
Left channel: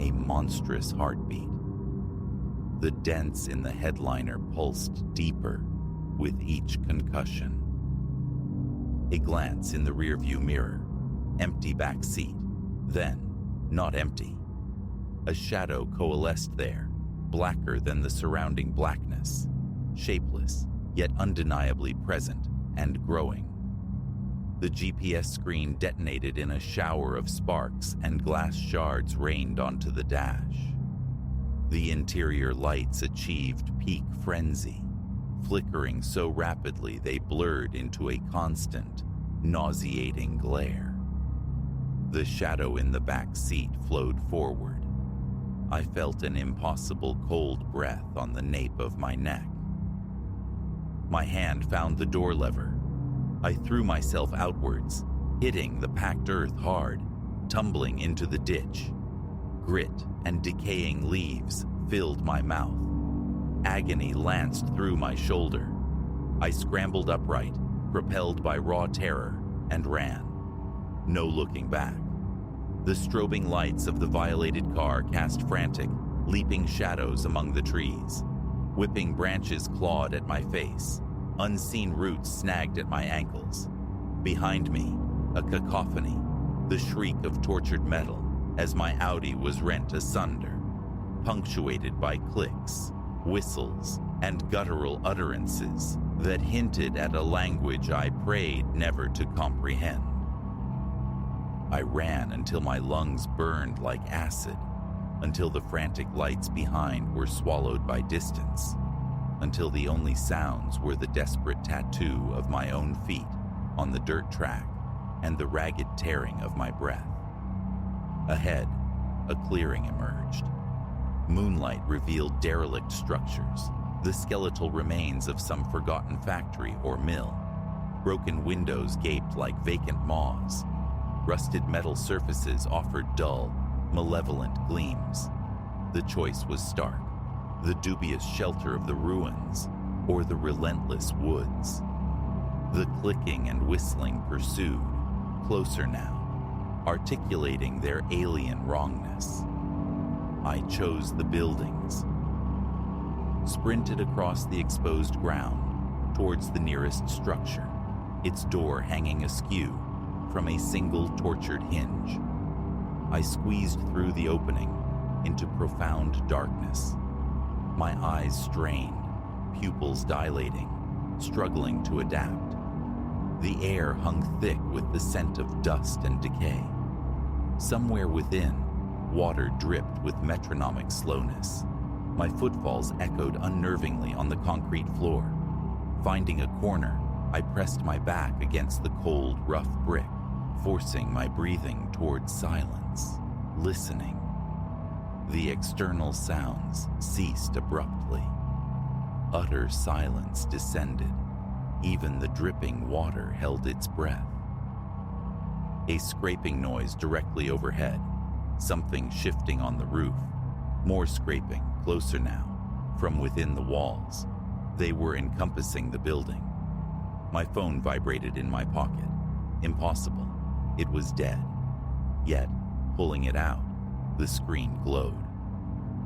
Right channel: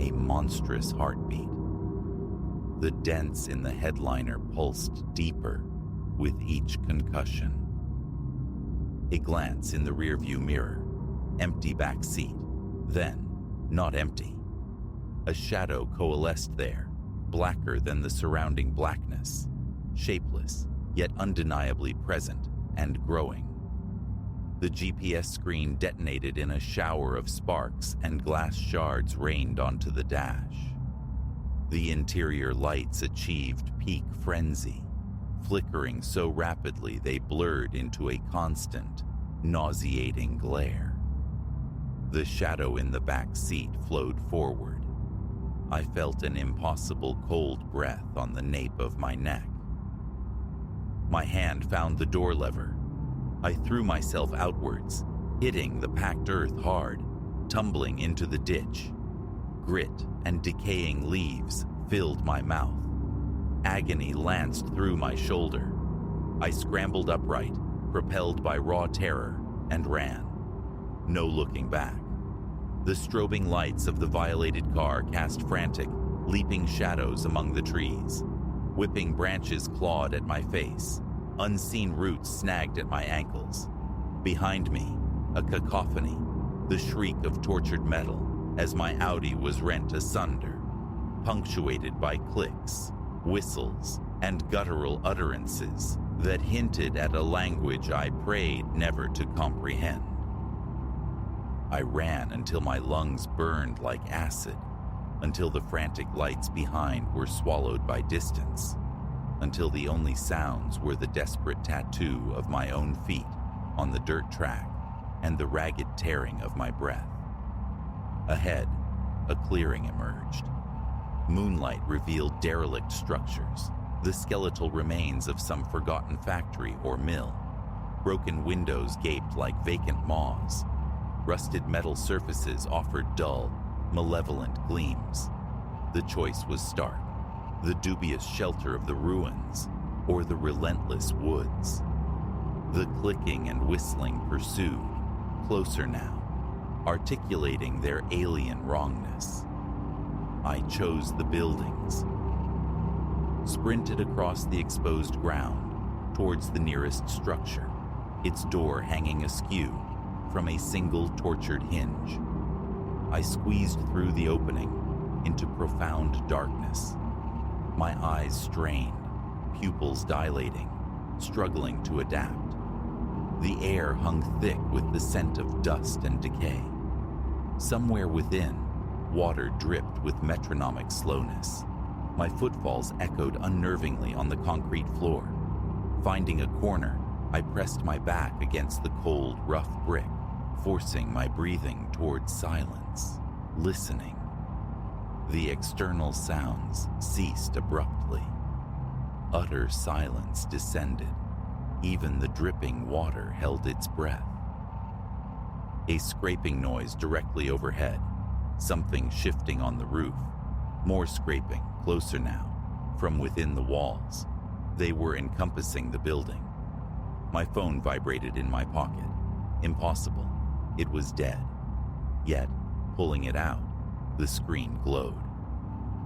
A monstrous heartbeat. The dents in the headliner pulsed deeper with each concussion. A glance in the rearview mirror. Empty back seat. Then, not empty. A shadow coalesced there, blacker than the surrounding blackness. Shapeless, yet undeniably present and growing. The GPS screen detonated in a shower of sparks and glass shards rained onto the dash. The interior lights achieved peak frenzy, flickering so rapidly they blurred into a constant, nauseating glare. The shadow in the back seat flowed forward. I felt an impossible cold breath on the nape of my neck. My hand found the door lever. I threw myself outwards, hitting the packed earth hard, tumbling into the ditch. Grit and decaying leaves filled my mouth. Agony lanced through my shoulder. I scrambled upright, propelled by raw terror, and ran. No looking back. The strobing lights of the violated car cast frantic, leaping shadows among the trees. Whipping branches clawed at my face. Unseen roots snagged at my ankles. Behind me, a cacophony, the shriek of tortured metal as my Audi was rent asunder, punctuated by clicks, whistles, and guttural utterances that hinted at a language I prayed never to comprehend. I ran until my lungs burned like acid, until the frantic lights behind were swallowed by distance, until the only sounds were the desperate tattoo of my own feet on the dirt track and the ragged tearing of my breath. Ahead, a clearing emerged. Moonlight revealed derelict structures, the skeletal remains of some forgotten factory or mill. Broken windows gaped like vacant maws. Rusted metal surfaces offered dull, malevolent gleams. The choice was stark: the dubious shelter of the ruins or the relentless woods. The clicking and whistling pursued, closer now, articulating their alien wrongness. I chose the buildings. Sprinted across the exposed ground towards the nearest structure, its door hanging askew from a single tortured hinge. I squeezed through the opening into profound darkness, my eyes strained, pupils dilating, struggling to adapt. The air hung thick with the scent of dust and decay. Somewhere within, water dripped with metronomic slowness. My footfalls echoed unnervingly on the concrete floor. Finding a corner, I pressed my back against the cold, rough brick, forcing my breathing towards silence, listening. The external sounds ceased abruptly. Utter silence descended. Even the dripping water held its breath. A scraping noise directly overhead, something shifting on the roof. More scraping, closer now, from within the walls. They were encompassing the building. My phone vibrated in my pocket. Impossible. It was dead. Yet, pulling it out, the screen glowed.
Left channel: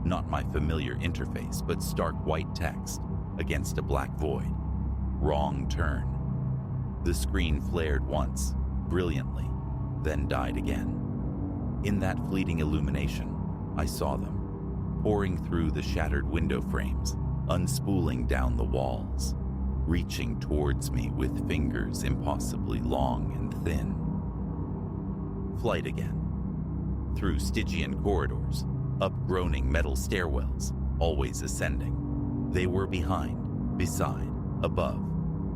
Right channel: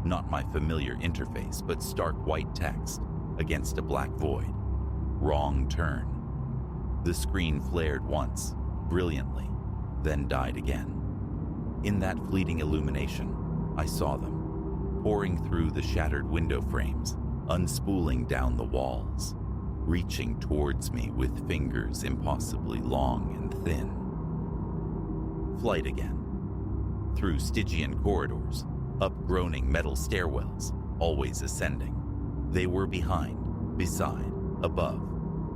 Not my familiar interface, but stark white text against a black void. Wrong turn. The screen flared once, brilliantly, then died again. In that fleeting illumination, I saw them, pouring through the shattered window frames, unspooling down the walls, reaching towards me with fingers impossibly long and thin. Flight again. Through Stygian corridors, up groaning metal stairwells, always ascending. They were behind, beside, above,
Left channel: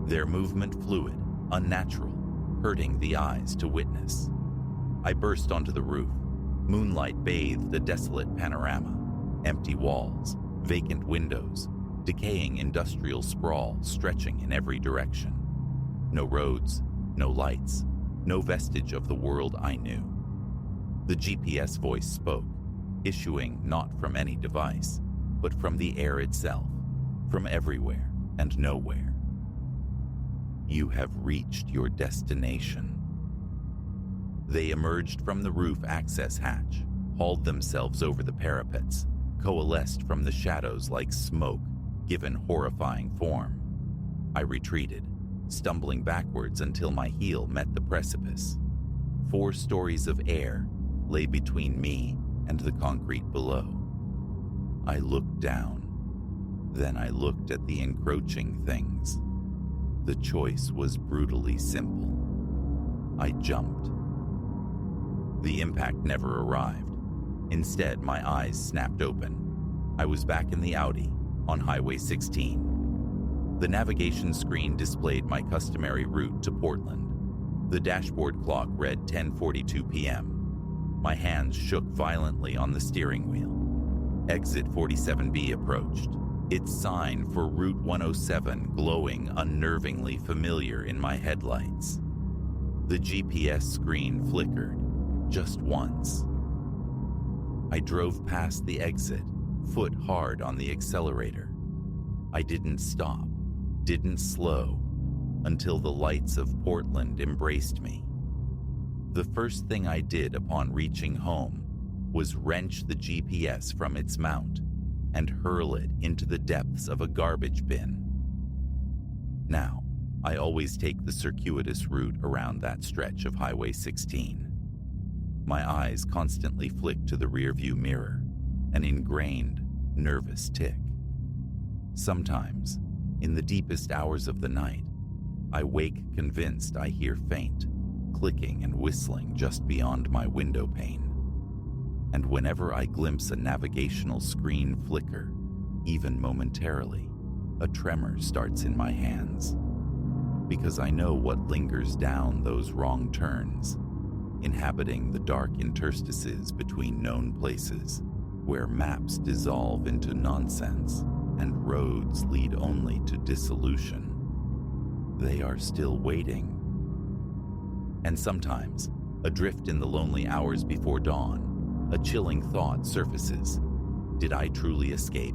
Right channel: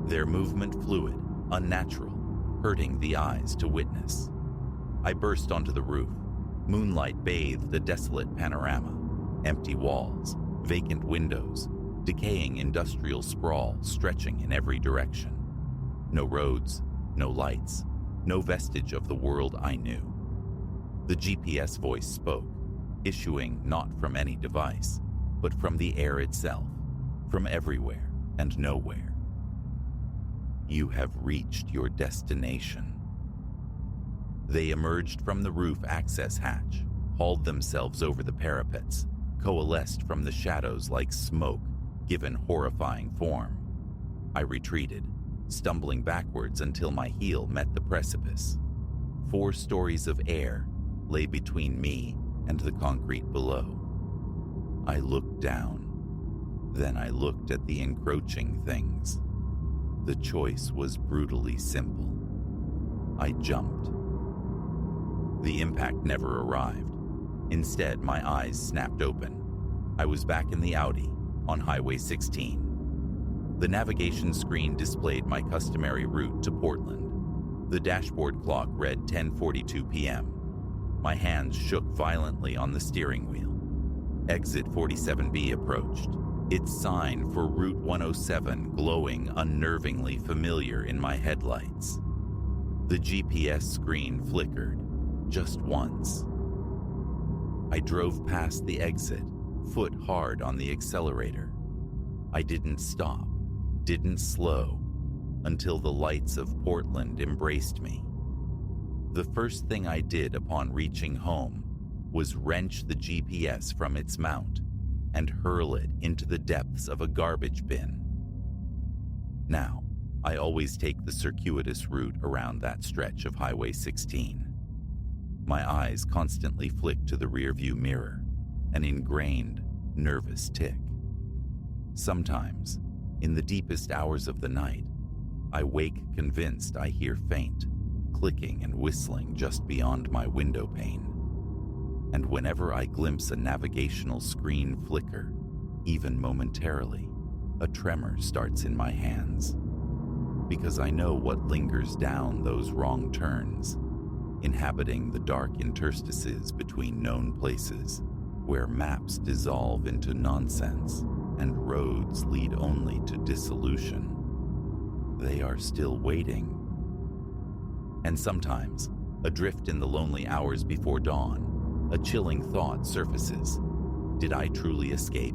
their movement fluid, unnatural, hurting the eyes to witness. I burst onto the roof. Moonlight bathed the desolate panorama. Empty walls, vacant windows, decaying industrial sprawl stretching in every direction. No roads, no lights, no vestige of the world I knew. The GPS voice spoke, issuing not from any device, but from the air itself, from everywhere and nowhere. You have reached your destination. They emerged from the roof access hatch, hauled themselves over the parapets, coalesced from the shadows like smoke, given horrifying form. I retreated, stumbling backwards until my heel met the precipice. 4 stories of air lay between me and the concrete below. I looked down. Then I looked at the encroaching things. The choice was brutally simple. I jumped. The impact never arrived. Instead, my eyes snapped open. I was back in the Audi, on Highway 16. The navigation screen displayed my customary route to Portland. The dashboard clock read 10:42 p.m. My hands shook violently on the steering wheel. Exit 47B approached, its sign for Route 107 glowing unnervingly familiar in my headlights. The GPS screen flickered, just once. I drove past the exit, foot hard on the accelerator. I didn't stop, didn't slow, until the lights of Portland embraced me. The first thing I did upon reaching home was wrench the GPS from its mount and hurl it into the depths of a garbage bin. Now, I always take the circuitous route around that stretch of Highway 16. My eyes constantly flick to the rearview mirror, an ingrained, nervous tick. Sometimes, in the deepest hours of the night, I wake convinced I hear faint, clicking and whistling just beyond my window pane. And whenever I glimpse a navigational screen flicker, even momentarily, a tremor starts in my hands. Because I know what lingers down those wrong turns, inhabiting the dark interstices between known places, where maps dissolve into nonsense and roads lead only to dissolution. They are still waiting. And sometimes, adrift in the lonely hours before dawn, a chilling thought surfaces. Did I truly escape?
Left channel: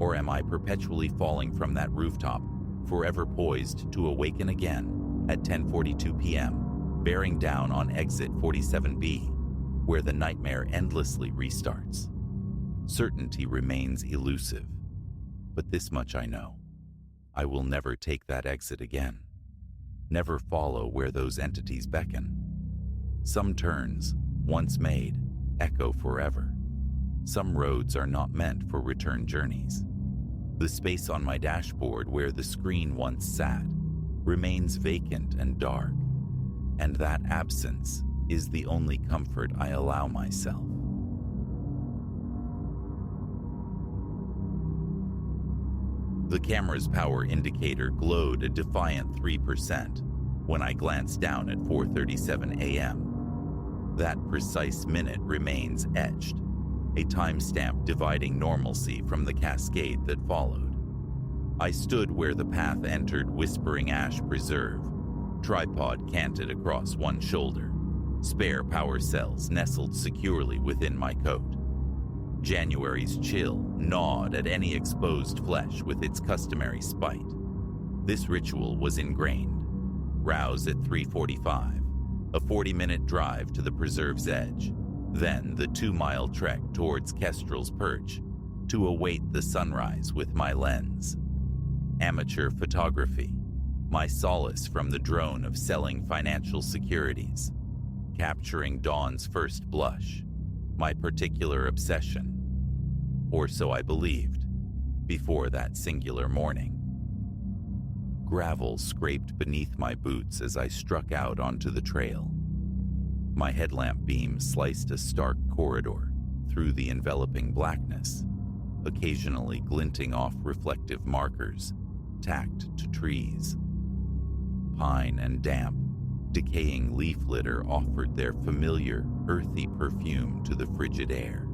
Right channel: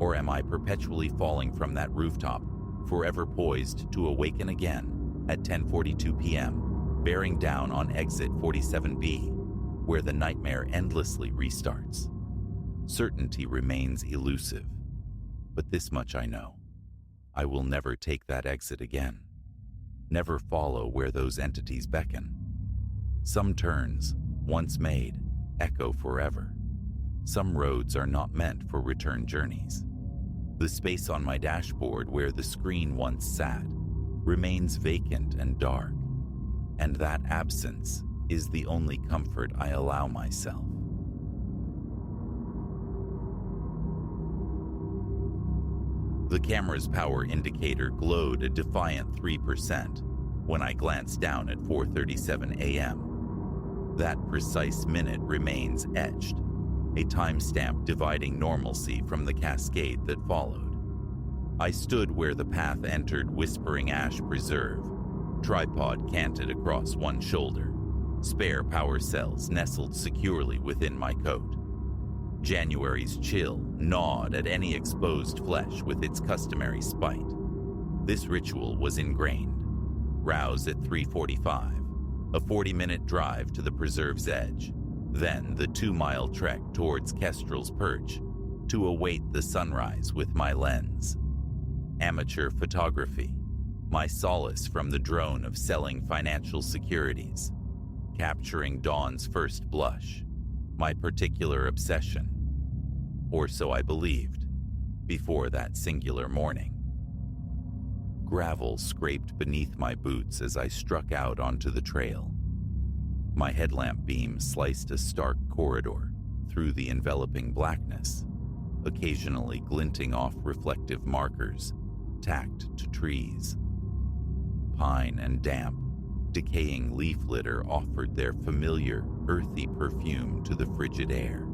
Or am I perpetually falling from that rooftop, forever poised to awaken again at 10:42 p.m., bearing down on exit 47B, where the nightmare endlessly restarts? Certainty remains elusive, but this much I know. I will never take that exit again. Never follow where those entities beckon. Some turns, once made, echo forever. Some roads are not meant for return journeys. The space on my dashboard where the screen once sat remains vacant and dark, and that absence is the only comfort I allow myself. The camera's power indicator glowed a defiant 3% when I glanced down at 4:37 a.m. That precise minute remains etched, a timestamp dividing normalcy from the cascade that followed. I stood where the path entered Whispering Ash Preserve, tripod canted across one shoulder, spare power cells nestled securely within my coat. January's chill gnawed at any exposed flesh with its customary spite. This ritual was ingrained. Rouse at 3:45, a 40-minute drive to the preserve's edge, then the 2-mile trek towards Kestrel's Perch to await the sunrise with my lens. Amateur photography, my solace from the drone of selling financial securities. Capturing dawn's first blush, my particular obsession. Or so I believed, before that singular morning. Gravel scraped beneath my boots as I struck out onto the trail. My headlamp beam sliced a stark corridor through the enveloping blackness, occasionally glinting off reflective markers tacked to trees. Pine and damp, decaying leaf litter offered their familiar, earthy perfume to the frigid air.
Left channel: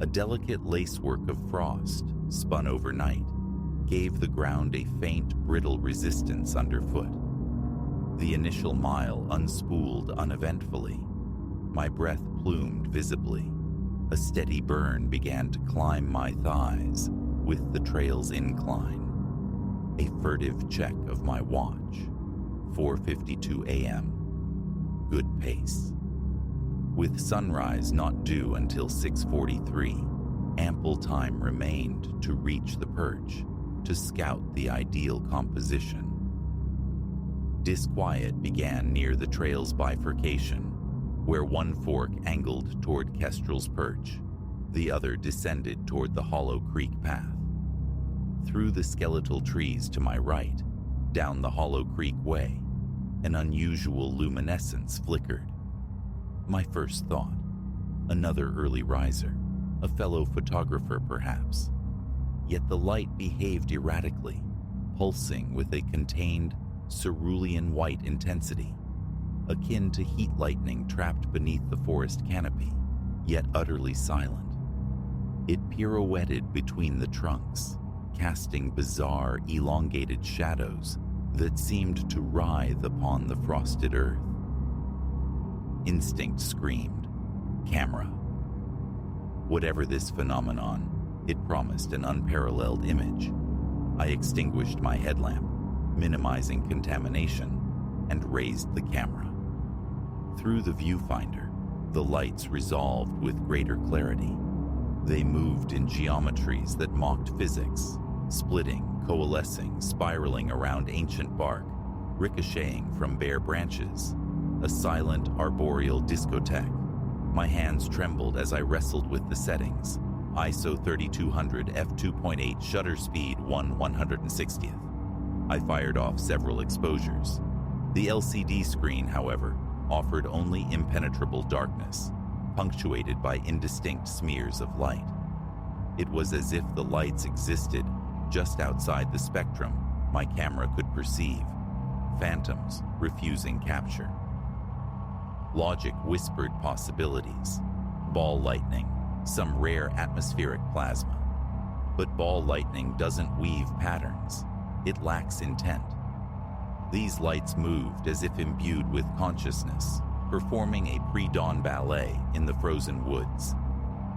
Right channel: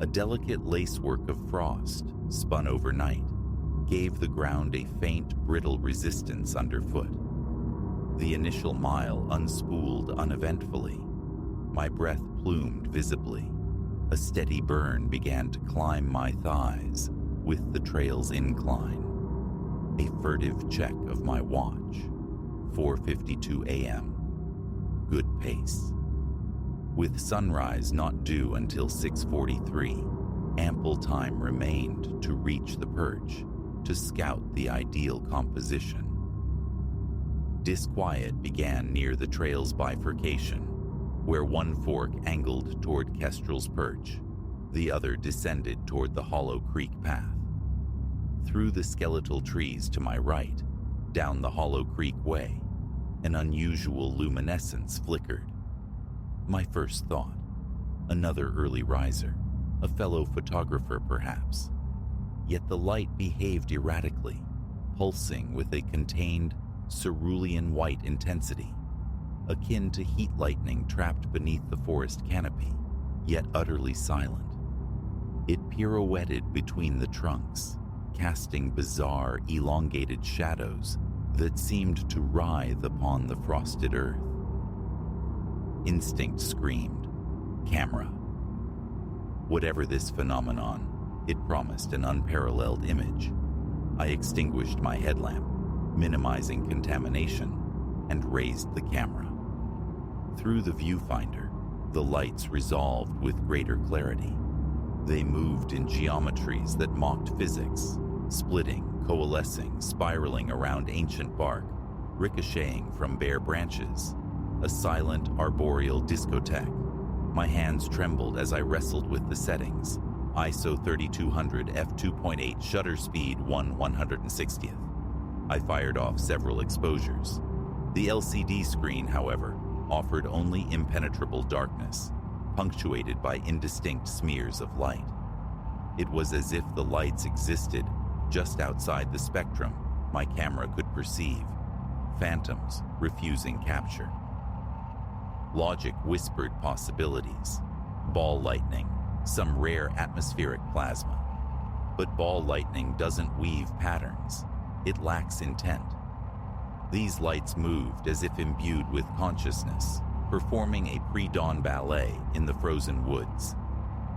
A delicate lacework of frost, spun overnight, gave the ground a faint, brittle resistance underfoot. The initial mile unspooled uneventfully. My breath plumed visibly. A steady burn began to climb my thighs with the trail's incline. A furtive check of my watch. 4:52 a.m. Good pace. With sunrise not due until 6:43, ample time remained to reach the perch, to scout the ideal composition. Disquiet began near the trail's bifurcation, where one fork angled toward Kestrel's Perch, the other descended toward the Hollow Creek path. Through the skeletal trees to my right, down the Hollow Creek way, an unusual luminescence flickered. My first thought, another early riser, a fellow photographer perhaps. Yet the light behaved erratically, pulsing with a contained, cerulean white intensity, akin to heat lightning trapped beneath the forest canopy, yet utterly silent. It pirouetted between the trunks, casting bizarre, elongated shadows that seemed to writhe upon the frosted earth. Instinct screamed, camera. Whatever this phenomenon, it promised an unparalleled image. I extinguished my headlamp, minimizing contamination, and raised the camera. Through the viewfinder, the lights resolved with greater clarity. They moved in geometries that mocked physics, splitting, coalescing, spiraling around ancient bark, ricocheting from bare branches, a silent arboreal discotheque. My hands trembled as I wrestled with the settings. ISO 3200 f2.8 shutter speed 1/160th. I fired off several exposures. The LCD screen, however, offered only impenetrable darkness, punctuated by indistinct smears of light. It was as if the lights existed just outside the spectrum my camera could perceive, phantoms refusing capture. Logic whispered possibilities. Ball lightning, some rare atmospheric plasma. But ball lightning doesn't weave patterns. It lacks intent. These lights moved as if imbued with consciousness, performing a pre-dawn ballet in the frozen woods.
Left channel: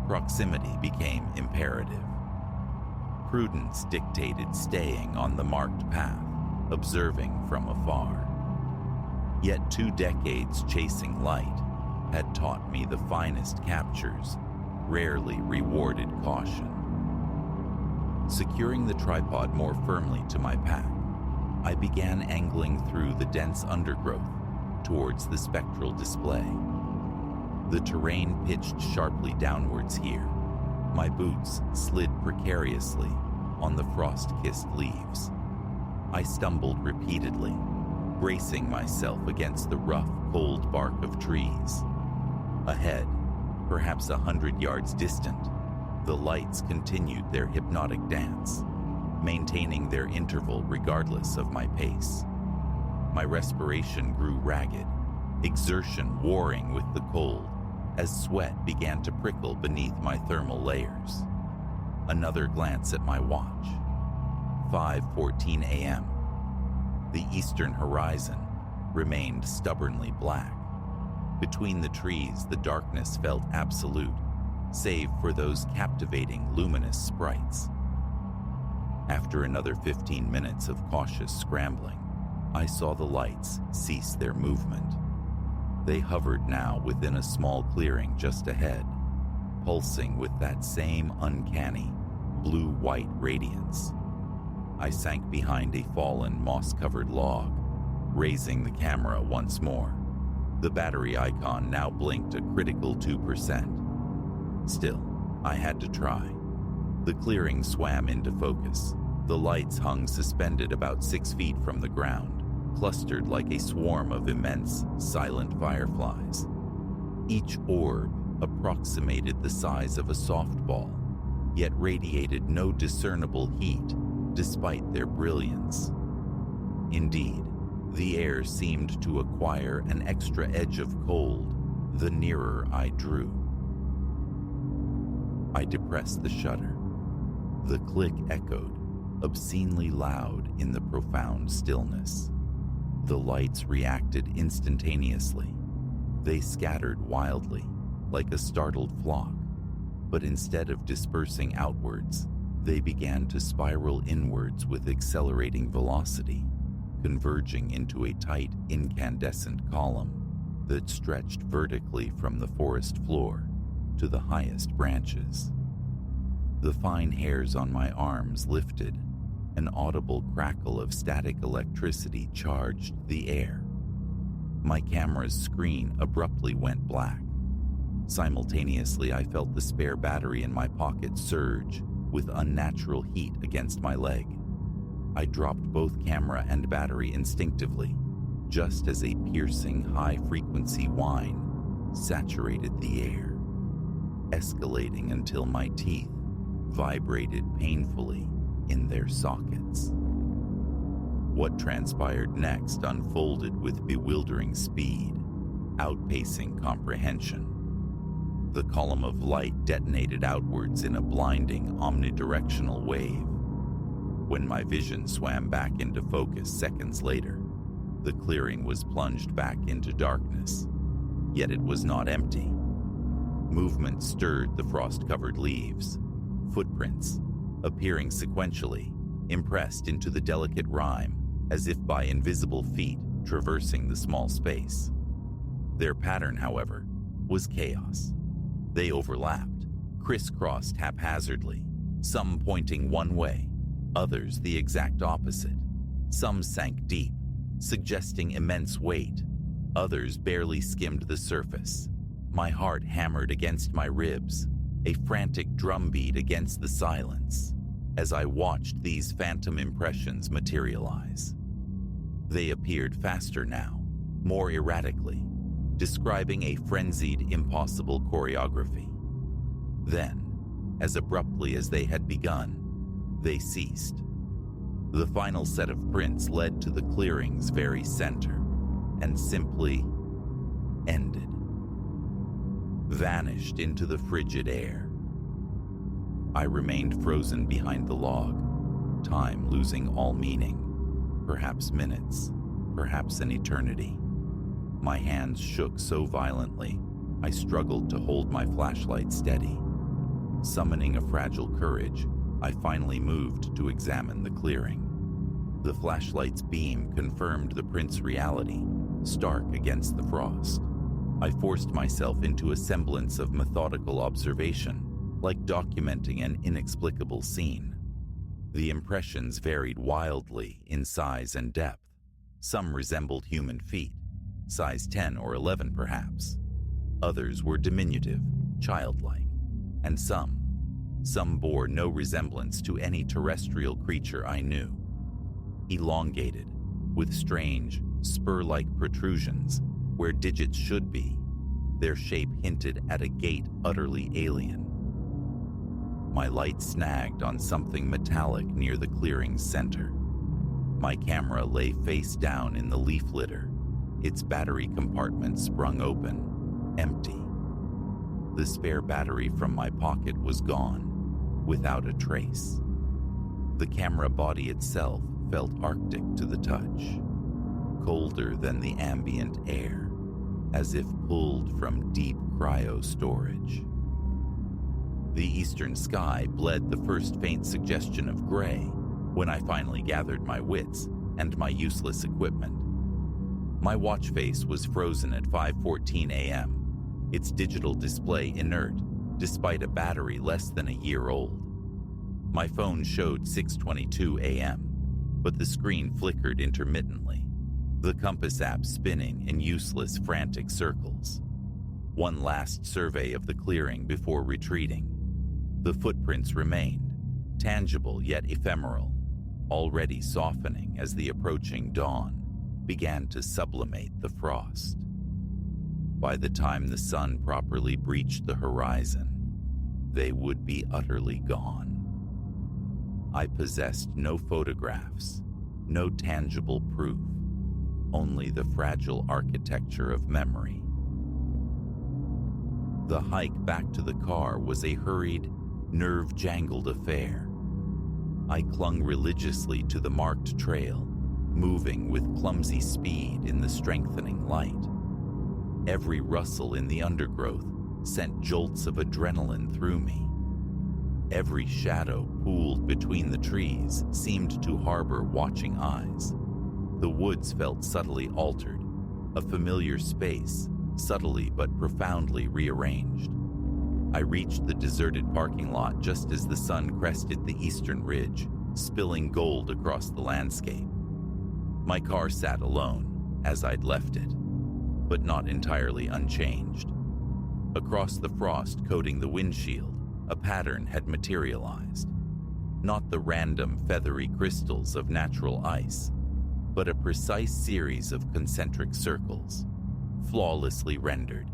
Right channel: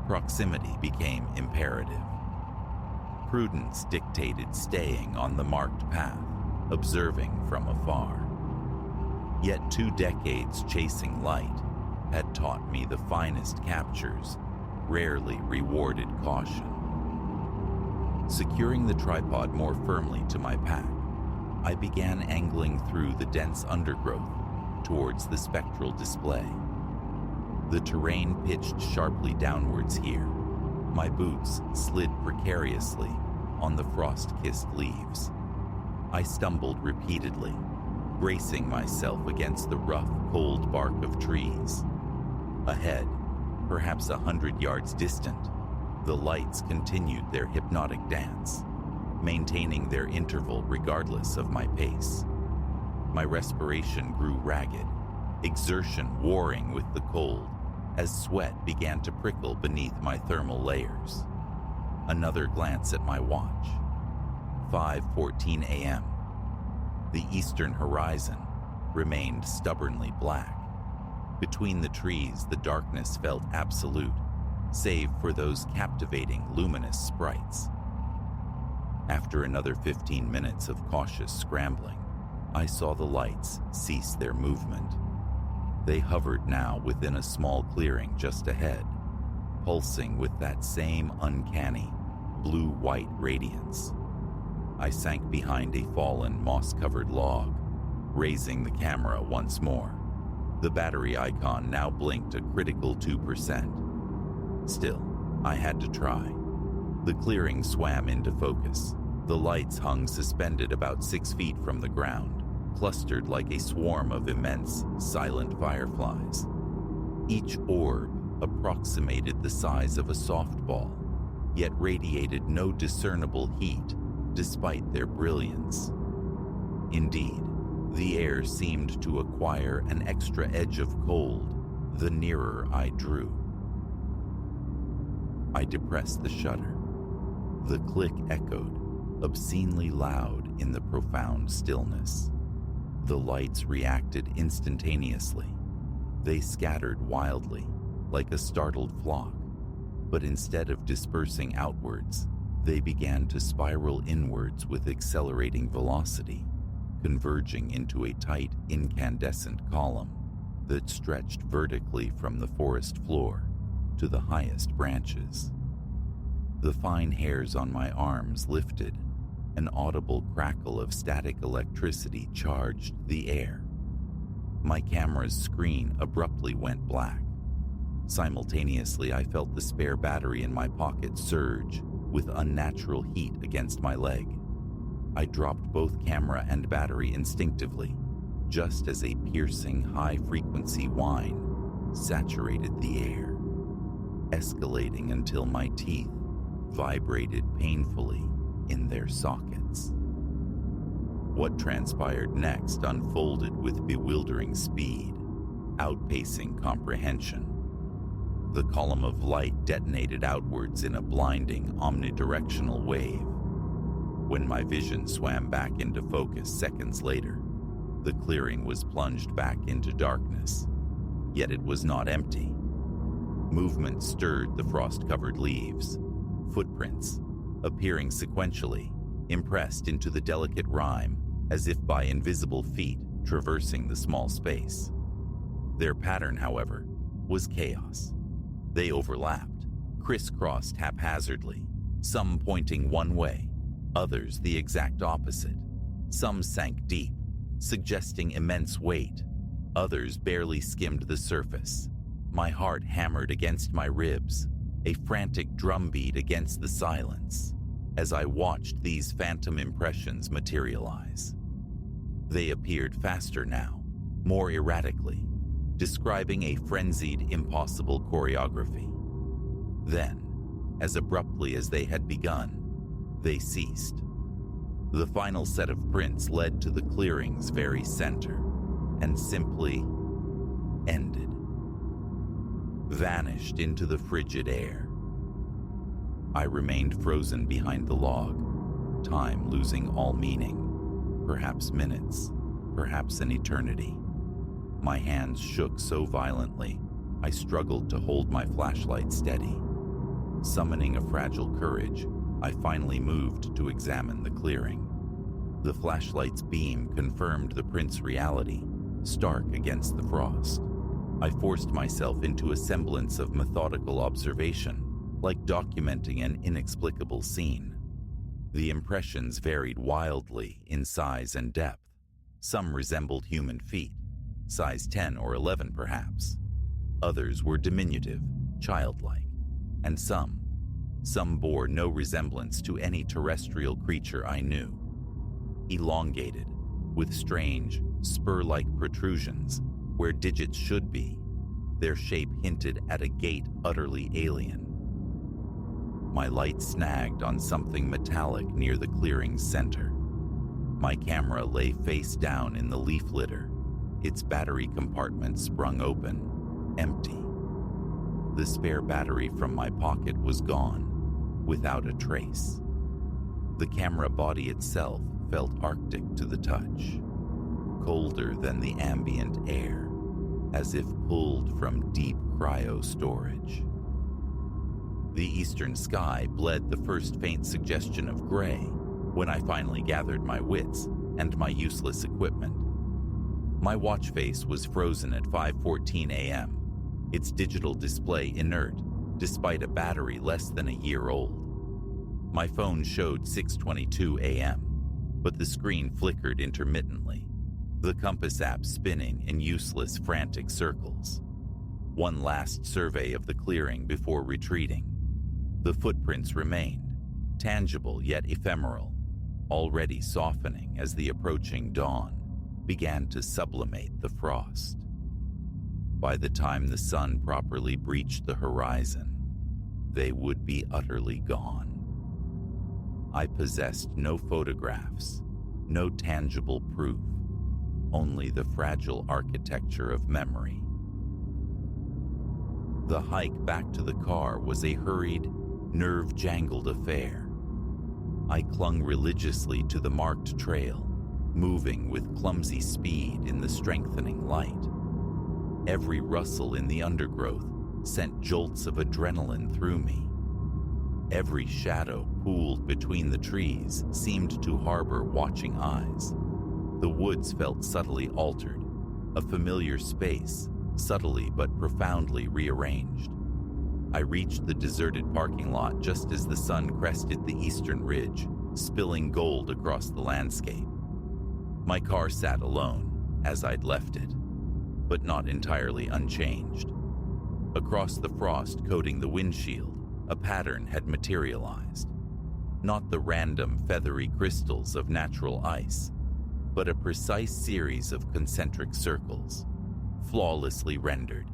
Proximity became imperative. Prudence dictated staying on the marked path, observing from afar. Yet 2 decades chasing light had taught me the finest captures rarely rewarded caution. Securing the tripod more firmly to my pack, I began angling through the dense undergrowth towards the spectral display. The terrain pitched sharply downwards here. My boots slid precariously on the frost-kissed leaves. I stumbled repeatedly, bracing myself against the rough, cold bark of trees. Ahead, perhaps 100 yards distant, the lights continued their hypnotic dance, maintaining their interval regardless of my pace. My respiration grew ragged, exertion warring with the cold, as sweat began to prickle beneath my thermal layers. Another glance at my watch. 5:14 a.m. The eastern horizon remained stubbornly black. Between the trees, the darkness felt absolute, save for those captivating luminous sprites. After another 15 minutes of cautious scrambling, I saw the lights cease their movement. They hovered now within a small clearing just ahead, pulsing with that same uncanny blue-white radiance. I sank behind a fallen, moss-covered log, raising the camera once more. The battery icon now blinked a critical 2%. Still, I had to try. The clearing swam into focus. The lights hung suspended about 6 feet from the ground, clustered like a swarm of immense, silent fireflies. Each orb approximated the size of a softball, yet radiated no discernible heat despite their brilliance. Indeed, the air seemed to acquire an extra edge of cold the nearer I drew. I depressed the shutter. The click echoed, obscenely loud in the profound stillness. The lights reacted instantaneously. They scattered wildly, like a startled flock, but instead of dispersing outwards, they began to spiral inwards with accelerating velocity, converging into a tight, incandescent column that stretched vertically from the forest floor to the highest branches. The fine hairs on my arms lifted. An audible crackle of static electricity charged the air. My camera's screen abruptly went black. Simultaneously, I felt the spare battery in my pocket surge with unnatural heat against my leg. I dropped both camera and battery instinctively, just as a piercing, high-frequency whine saturated the air, escalating until my teeth vibrated painfully in their sockets. What transpired next unfolded with bewildering speed, outpacing comprehension. The column of light detonated outwards in a blinding, omnidirectional wave. When my vision swam back into focus seconds later, the clearing was plunged back into darkness, yet it was not empty. Movement stirred the frost-covered leaves, footprints, appearing sequentially, impressed into the delicate rime as if by invisible feet traversing the small space. Their pattern, however, was chaos. They overlapped, crisscrossed haphazardly, some pointing one way, others the exact opposite. Some sank deep, suggesting immense weight. Others barely skimmed the surface. My heart hammered against my ribs, a frantic drumbeat against the silence, as I watched these phantom impressions materialize. They appeared faster now, more erratically, describing a frenzied, impossible choreography. Then, as abruptly as they had begun, they ceased. The final set of prints led to the clearing's very center, and simply ended. Vanished into the frigid air. I remained frozen behind the log, time losing all meaning. Perhaps minutes, perhaps an eternity. My hands shook so violently, I struggled to hold my flashlight steady. Summoning a fragile courage, I finally moved to examine the clearing. The flashlight's beam confirmed the print's reality, stark against the frost. I forced myself into a semblance of methodical observation, like documenting an inexplicable scene. The impressions varied wildly in size and depth. Some resembled human feet, size 10 or 11 perhaps. Others were diminutive, childlike, and some bore no resemblance to any terrestrial creature I knew. Elongated, with strange, spur-like protrusions where digits should be, their shape hinted at a gait utterly alien. My light snagged on something metallic near the clearing's center. My camera lay face down in the leaf litter, its battery compartment sprung open, empty. The spare battery from my pocket was gone, without a trace. The camera body itself felt arctic to the touch, colder than the ambient air, as if pulled from deep cryo storage. The eastern sky bled the first faint suggestion of gray when I finally gathered my wits and my useless equipment. My watch face was frozen at 5:14 a.m., its digital display inert despite a battery less than a year old. My phone showed 6:22 a.m., but the screen flickered intermittently, the compass app spinning in useless, frantic circles. One last survey of the clearing before retreating. The footprints remained, tangible yet ephemeral, already softening as the approaching dawn began to sublimate the frost. By the time the sun properly breached the horizon, they would be utterly gone. I possessed no photographs, no tangible proof, only the fragile architecture of memory. The hike back to the car was a hurried, nerve-jangled affair. I clung religiously to the marked trail, moving with clumsy speed in the strengthening light. Every rustle in the undergrowth sent jolts of adrenaline through me. Every shadow pooled between the trees seemed to harbor watching eyes. The woods felt subtly altered, a familiar space, subtly but profoundly rearranged. I reached the deserted parking lot just as the sun crested the eastern ridge, spilling gold across the landscape. My car sat alone, as I'd left it, but not entirely unchanged. Across the frost coating the windshield, a pattern had materialized. Not the random feathery crystals of natural ice, but a precise series of concentric circles, flawlessly rendered,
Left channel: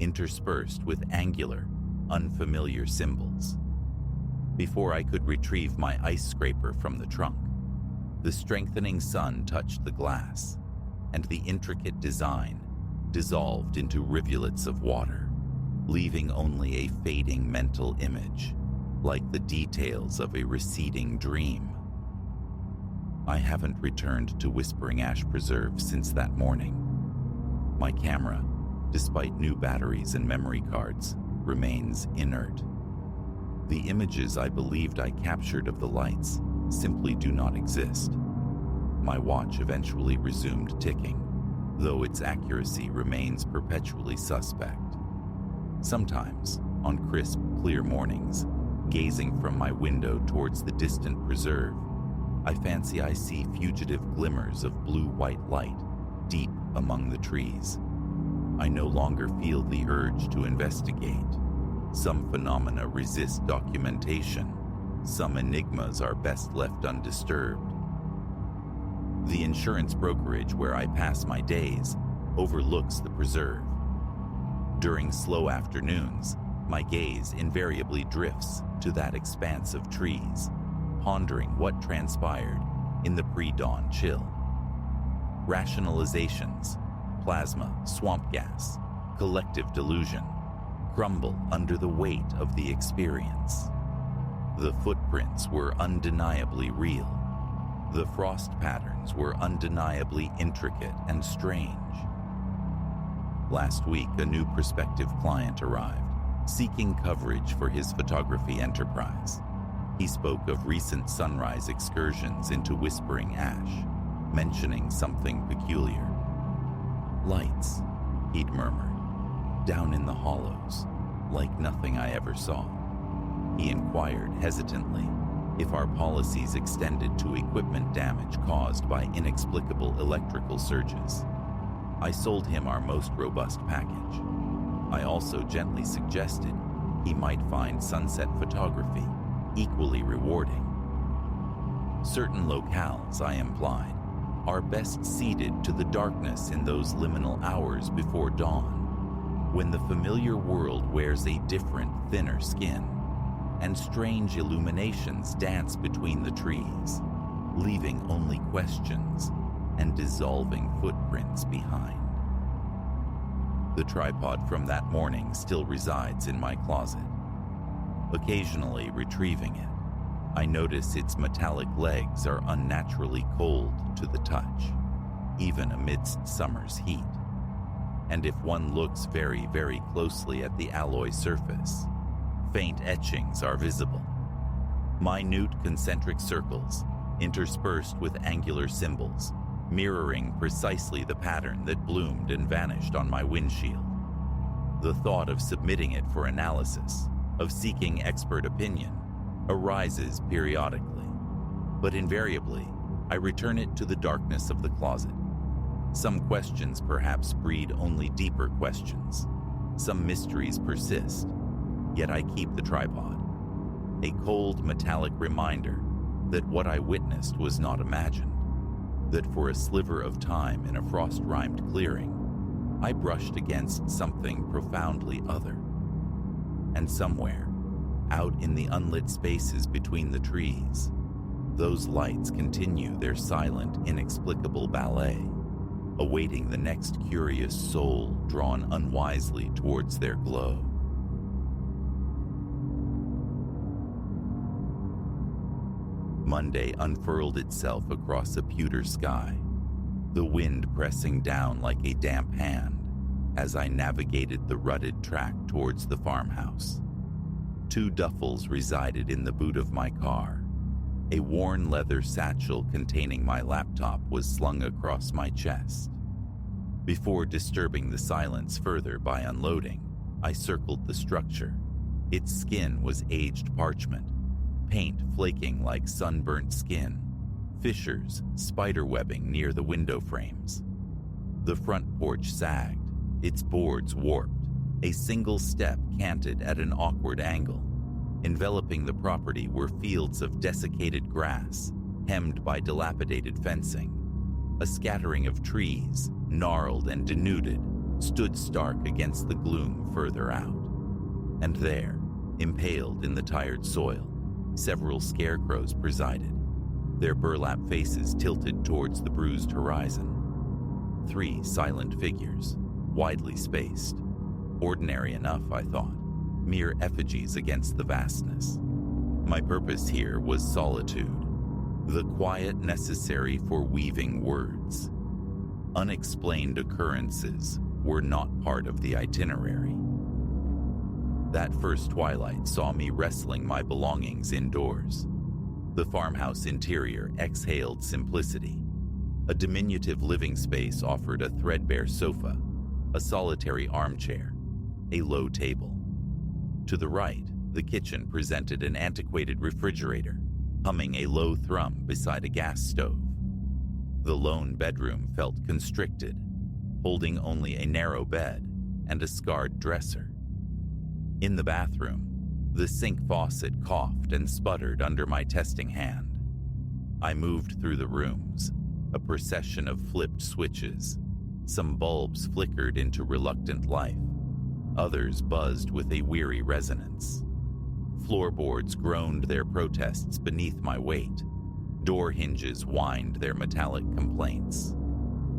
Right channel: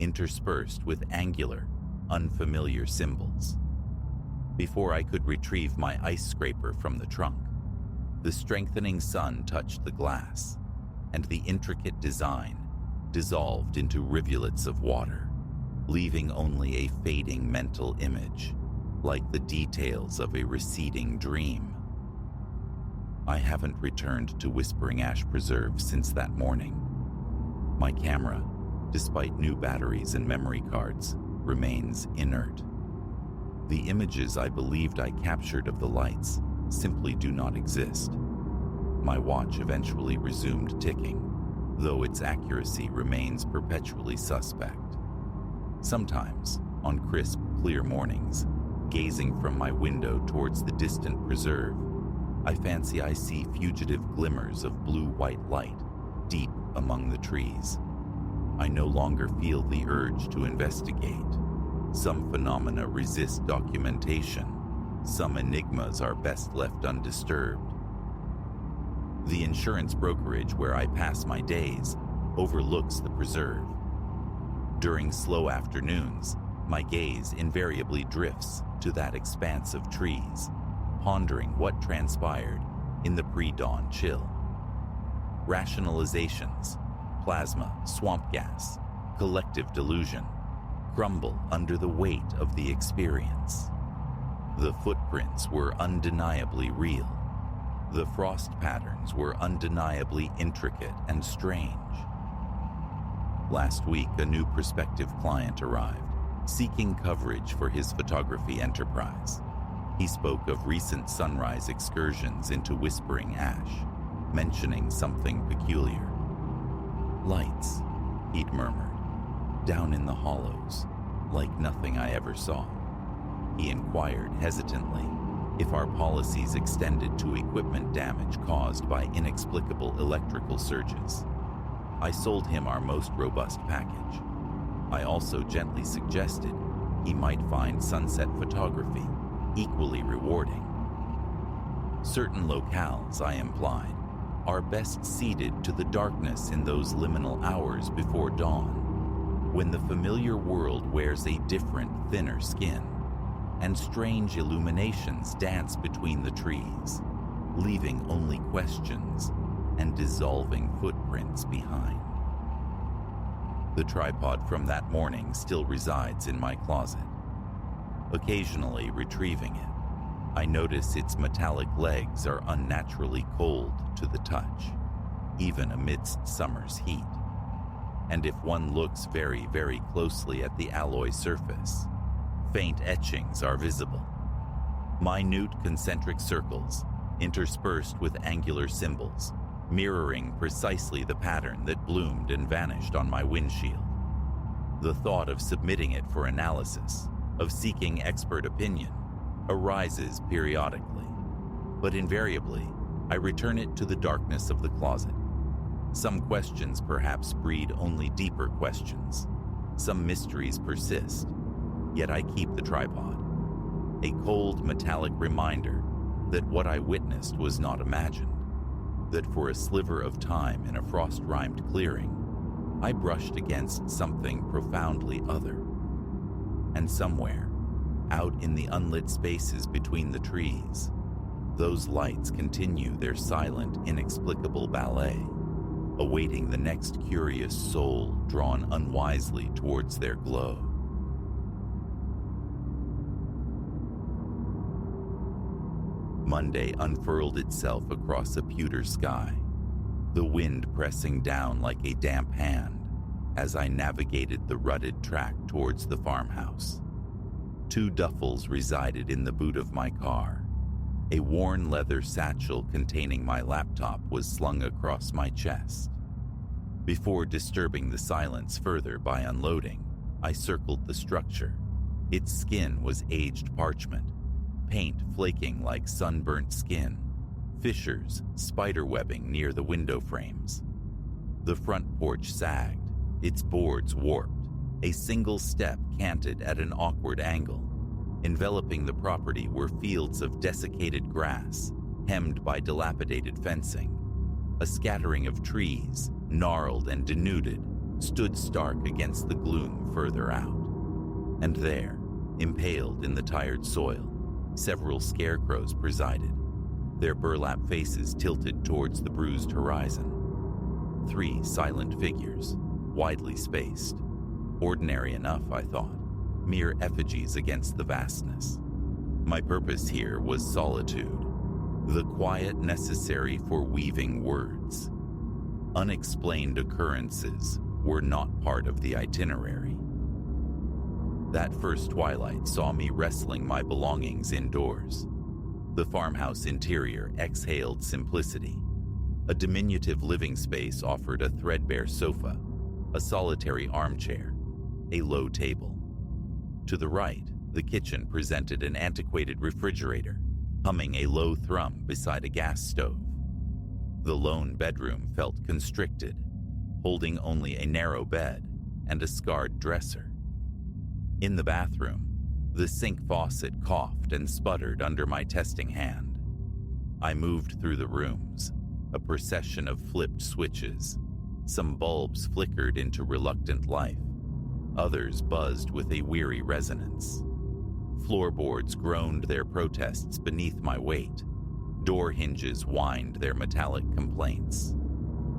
interspersed with angular, unfamiliar symbols. Before I could retrieve my ice scraper from the trunk, the strengthening sun touched the glass, and the intricate design dissolved into rivulets of water, leaving only a fading mental image, like the details of a receding dream. I haven't returned to Whispering Ash Preserve since that morning. My camera, despite new batteries and memory cards, remains inert. The images I believed I captured of the lights simply do not exist. My watch eventually resumed ticking, though its accuracy remains perpetually suspect. Sometimes, on crisp, clear mornings, gazing from my window towards the distant preserve, I fancy I see fugitive glimmers of blue-white light deep among the trees. I no longer feel the urge to investigate. Some phenomena resist documentation. Some enigmas are best left undisturbed. The insurance brokerage where I pass my days overlooks the preserve. During slow afternoons, my gaze invariably drifts to that expanse of trees, pondering what transpired in the pre-dawn chill. Rationalizations, plasma, swamp gas, collective delusion, crumble under the weight of the experience. The footprints were undeniably real. The frost patterns were undeniably intricate and strange. Last week, a new prospective client arrived, seeking coverage for his photography enterprise. He spoke of recent sunrise excursions into Whispering Ash, mentioning something peculiar. "Lights," he'd murmured, Down in the hollows, like nothing I ever saw. He inquired hesitantly if our policies extended to equipment damage caused by inexplicable electrical surges. I sold him our most robust package. I also gently suggested he might find sunset photography equally rewarding. Certain locales, I implied, are best seated to the darkness in those liminal hours before dawn, when the familiar world wears a different, thinner skin, and strange illuminations dance between the trees, leaving only questions and dissolving footprints behind. The tripod from that morning still resides in my closet. Occasionally retrieving it, I notice its metallic legs are unnaturally cold to the touch, even amidst summer's heat. And if one looks very, very closely at the alloy surface, faint etchings are visible. Minute concentric circles, interspersed with angular symbols, mirroring precisely the pattern that bloomed and vanished on my windshield. The thought of submitting it for analysis, of seeking expert opinion, arises periodically, but invariably I return it to the darkness of the closet. Some questions perhaps breed only deeper questions. Some mysteries persist, yet I keep the tripod, a cold metallic reminder that what I witnessed was not imagined, that for a sliver of time in a frost-rimed clearing, I brushed against something profoundly other. And somewhere, out in the unlit spaces between the trees, those lights continue their silent, inexplicable ballet, awaiting the next curious soul drawn unwisely towards their glow. Monday unfurled itself across a pewter sky, the wind pressing down like a damp hand as I navigated the rutted track towards the farmhouse. 2 duffels resided in the boot of my car. A worn leather satchel containing my laptop was slung across my chest. Before disturbing the silence further by unloading, I circled the structure. Its skin was aged parchment, paint flaking like sunburnt skin, fissures spiderwebbing near the window frames. The front porch sagged, its boards warped, a single step canted at an awkward angle. Enveloping the property were fields of desiccated grass, hemmed by dilapidated fencing. A scattering of trees, gnarled and denuded, stood stark against the gloom further out. And there, impaled in the tired soil, several scarecrows presided, their burlap faces tilted towards the bruised horizon. 3 silent figures, widely spaced. Ordinary enough, I thought, mere effigies against the vastness. My purpose here was solitude, the quiet necessary for weaving words. Unexplained occurrences were not part of the itinerary. That first twilight saw me wrestling my belongings indoors. The farmhouse interior exhaled simplicity. A diminutive living space offered a threadbare sofa, a solitary armchair, a low table. To the right, the kitchen presented an antiquated refrigerator, humming a low thrum beside a gas stove. The lone bedroom felt constricted, holding only a narrow bed and a scarred dresser. In the bathroom, the sink faucet coughed and sputtered under my testing hand. I moved through the rooms, a procession of flipped switches. Some bulbs flickered into reluctant life. Others buzzed with a weary resonance. Floorboards groaned their protests beneath my weight. Door hinges whined their metallic complaints.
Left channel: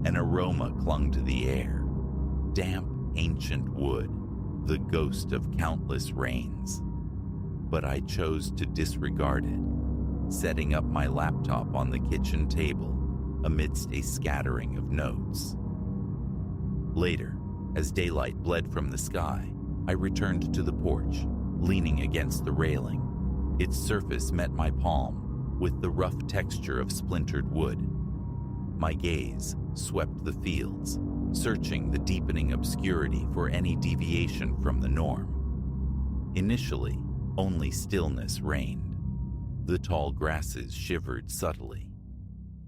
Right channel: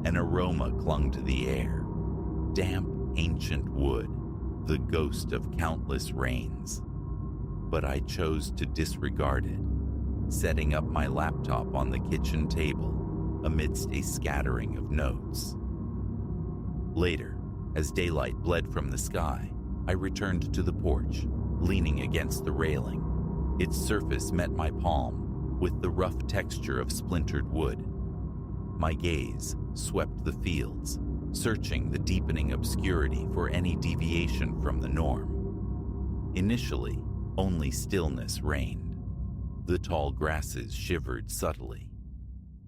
An aroma clung to the air. Damp, ancient wood, the ghost of countless rains. But I chose to disregard it, setting up my laptop on the kitchen table amidst a scattering of notes. Later, as daylight bled from the sky, I returned to the porch, leaning against the railing. Its surface met my palm with the rough texture of splintered wood. My gaze swept the fields, searching the deepening obscurity for any deviation from the norm. Initially, only stillness reigned. The tall grasses shivered subtly.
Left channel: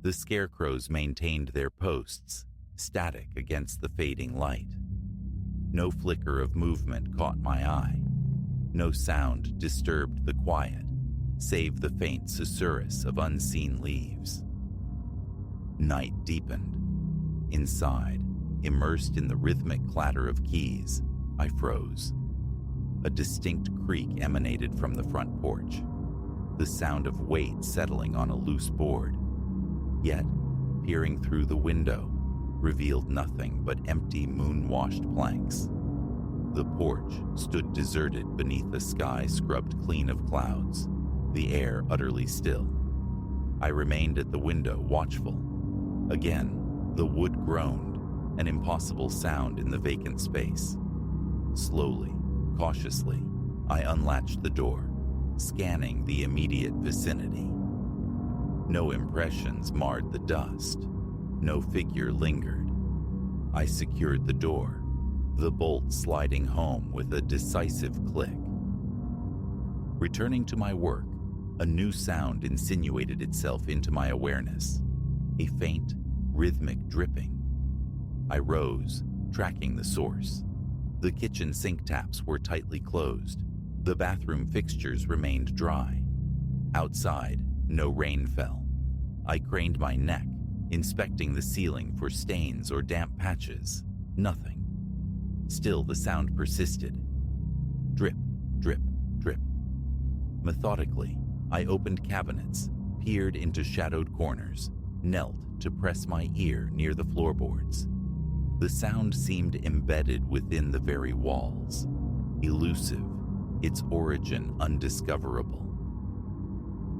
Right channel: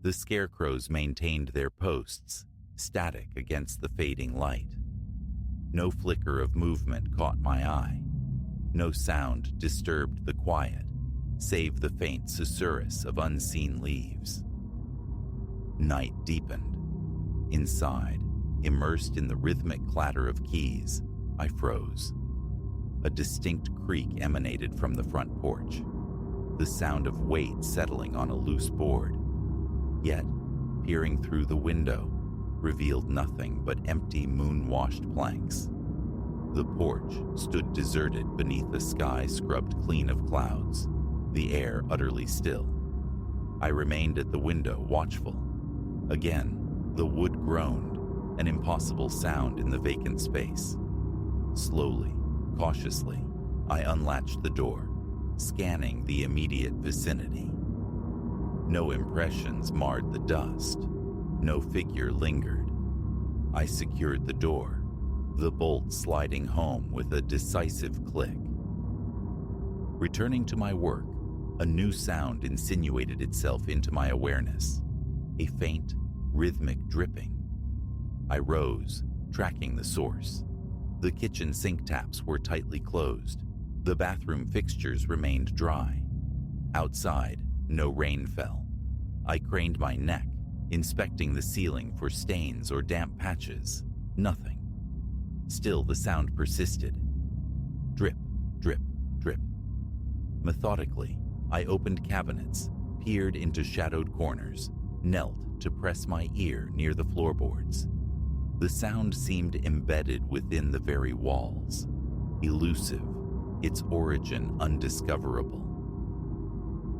The scarecrows maintained their posts, static against the fading light. No flicker of movement caught my eye. No sound disturbed the quiet, save the faint susurrus of unseen leaves. Night deepened. Inside, immersed in the rhythmic clatter of keys, I froze. A distinct creak emanated from the front porch, the sound of weight settling on a loose board. Yet, peering through the window, revealed nothing but empty moon-washed planks. The porch stood deserted beneath a sky scrubbed clean of clouds, the air utterly still. I remained at the window, watchful. Again, the wood groaned, an impossible sound in the vacant space. Slowly, cautiously, I unlatched the door, scanning the immediate vicinity. No impressions marred the dust. No figure lingered. I secured the door, the bolt sliding home with a decisive click. Returning to my work, a new sound insinuated itself into my awareness, a faint, rhythmic dripping. I rose, tracking the source. The kitchen sink taps were tightly closed. The bathroom fixtures remained dry. Outside, no rain fell. I craned my neck, inspecting the ceiling for stains or damp patches. Nothing. Still, the sound persisted. Drip, drip, drip. Methodically, I opened cabinets, peered into shadowed corners, knelt to press my ear near the floorboards. The sound seemed embedded within the very walls, elusive, its origin undiscoverable.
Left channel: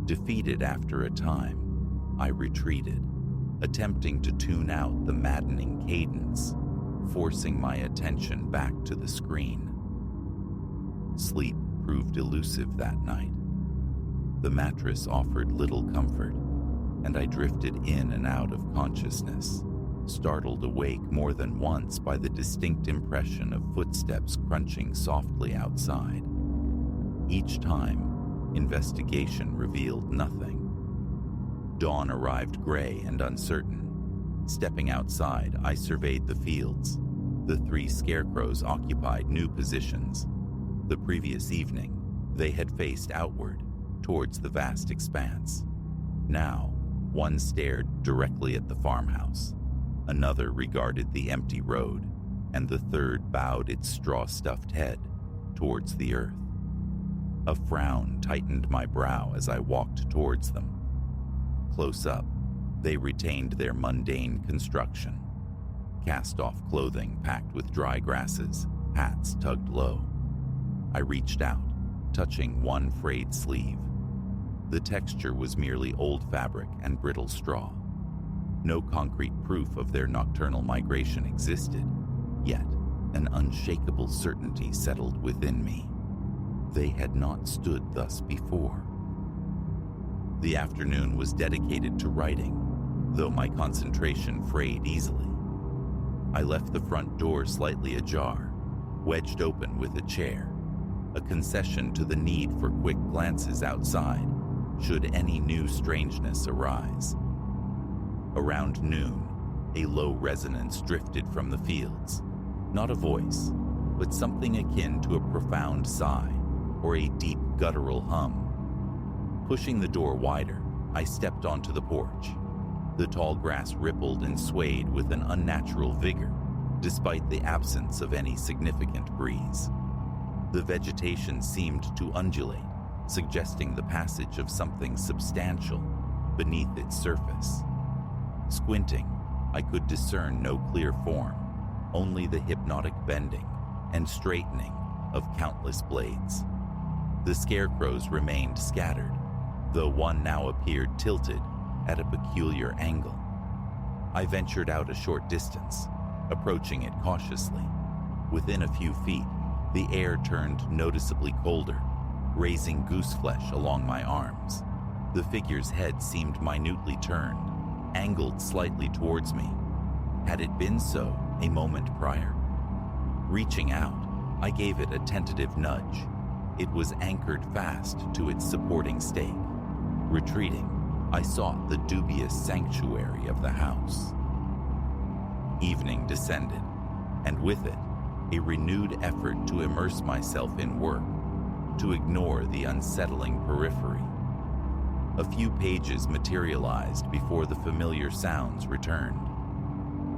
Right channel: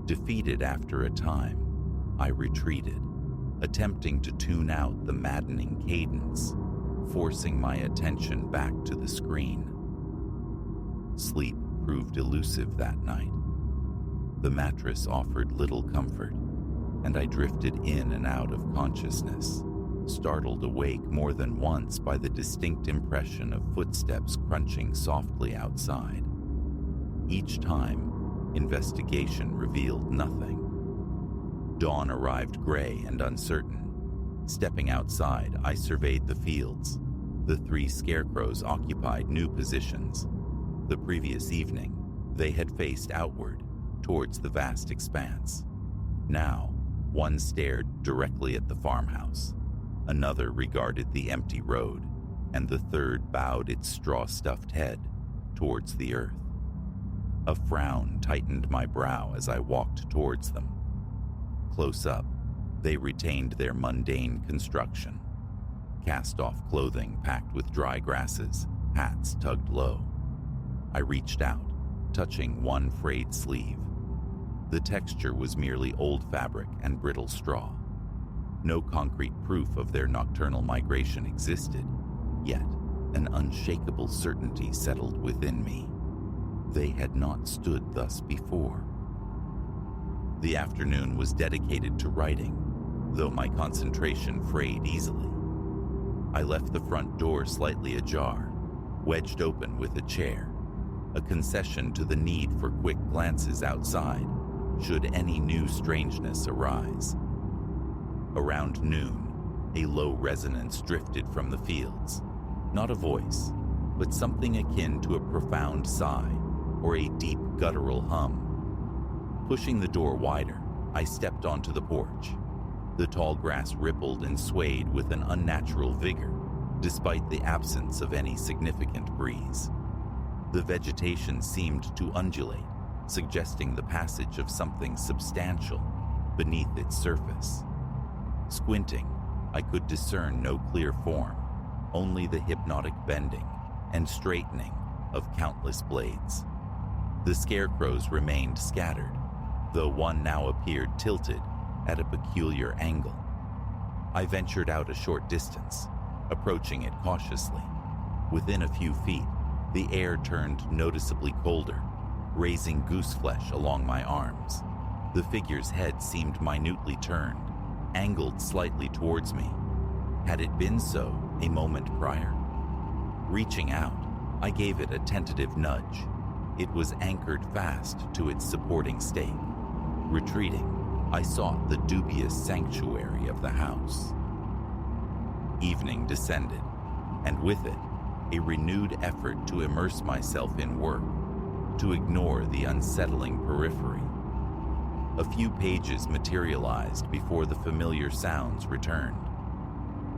Defeated after a time, I retreated, attempting to tune out the maddening cadence, forcing my attention back to the screen. Sleep proved elusive that night. The mattress offered little comfort, and I drifted in and out of consciousness, startled awake more than once by the distinct impression of footsteps crunching softly outside. Each time, investigation revealed nothing. Dawn arrived gray and uncertain. Stepping outside, I surveyed the fields. The 3 scarecrows occupied new positions. The previous evening, they had faced outward, towards the vast expanse. Now, one stared directly at the farmhouse. Another regarded the empty road, and the third bowed its straw-stuffed head towards the earth. A frown tightened my brow as I walked towards them. Close up, they retained their mundane construction. Cast-off clothing packed with dry grasses, hats tugged low. I reached out, touching one frayed sleeve. The texture was merely old fabric and brittle straw. No concrete proof of their nocturnal migration existed, yet an unshakable certainty settled within me. They had not stood thus before. The afternoon was dedicated to writing, though my concentration frayed easily. I left the front door slightly ajar, wedged open with a chair, a concession to the need for quick glances outside, should any new strangeness arise. Around noon, a low resonance drifted from the fields. Not a voice, but something akin to a profound sigh or a deep guttural hum. Pushing the door wider, I stepped onto the porch. The tall grass rippled and swayed with an unnatural vigor, despite the absence of any significant breeze. The vegetation seemed to undulate, suggesting the passage of something substantial beneath its surface. Squinting, I could discern no clear form, only the hypnotic bending and straightening of countless blades. The scarecrows remained scattered, though one now appeared tilted at a peculiar angle. I ventured out a short distance, approaching it cautiously. Within a few feet, the air turned noticeably colder, raising goose flesh along my arms. The figure's head seemed minutely turned, angled slightly towards me. Had it been so a moment prior? Reaching out, I gave it a tentative nudge. It was anchored fast to its supporting stake. Retreating, I sought the dubious sanctuary of the house. Evening descended, and with it, a renewed effort to immerse myself in work, to ignore the unsettling periphery. A few pages materialized before the familiar sounds returned.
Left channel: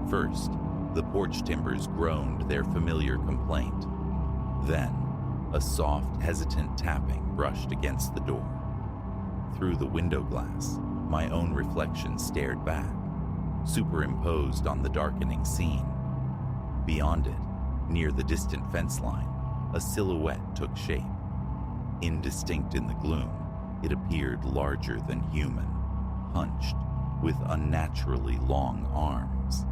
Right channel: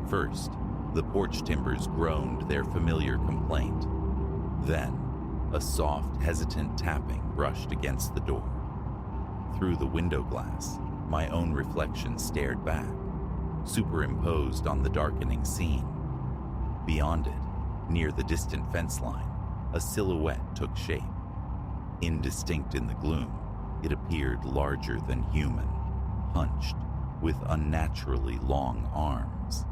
First, the porch timbers groaned their familiar complaint. Then, a soft, hesitant tapping brushed against the door. Through the window glass, my own reflection stared back, superimposed on the darkening scene. Beyond it, near the distant fence line, a silhouette took shape. Indistinct in the gloom, it appeared larger than human, hunched, with unnaturally long arms.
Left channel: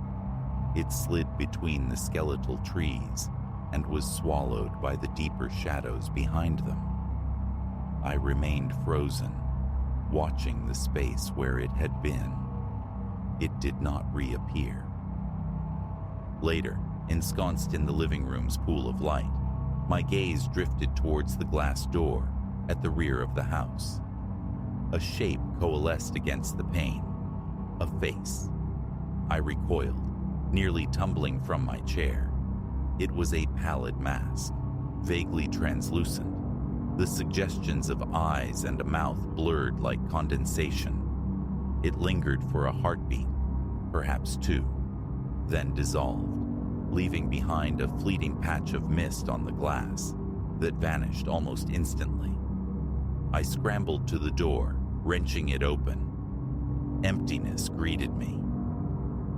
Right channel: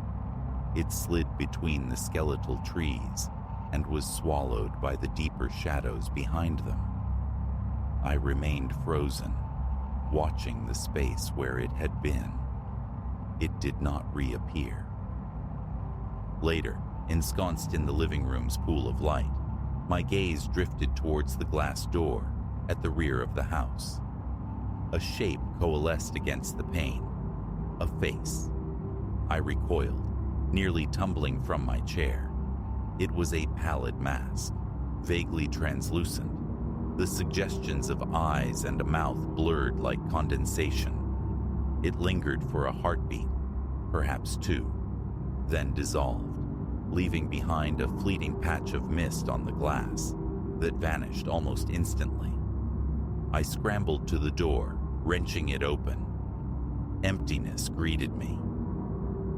It slid between the skeletal trees and was swallowed by the deeper shadows behind them. I remained frozen, watching the space where it had been. It did not reappear. Later, ensconced in the living room's pool of light, my gaze drifted towards the glass door at the rear of the house. A shape coalesced against the pane. A face. I recoiled, nearly tumbling from my chair. It was a pallid mask, vaguely translucent, the suggestions of eyes and a mouth blurred like condensation. It lingered for a heartbeat, perhaps two, then dissolved, leaving behind a fleeting patch of mist on the glass that vanished almost instantly. I scrambled to the door, wrenching it open. Emptiness greeted me.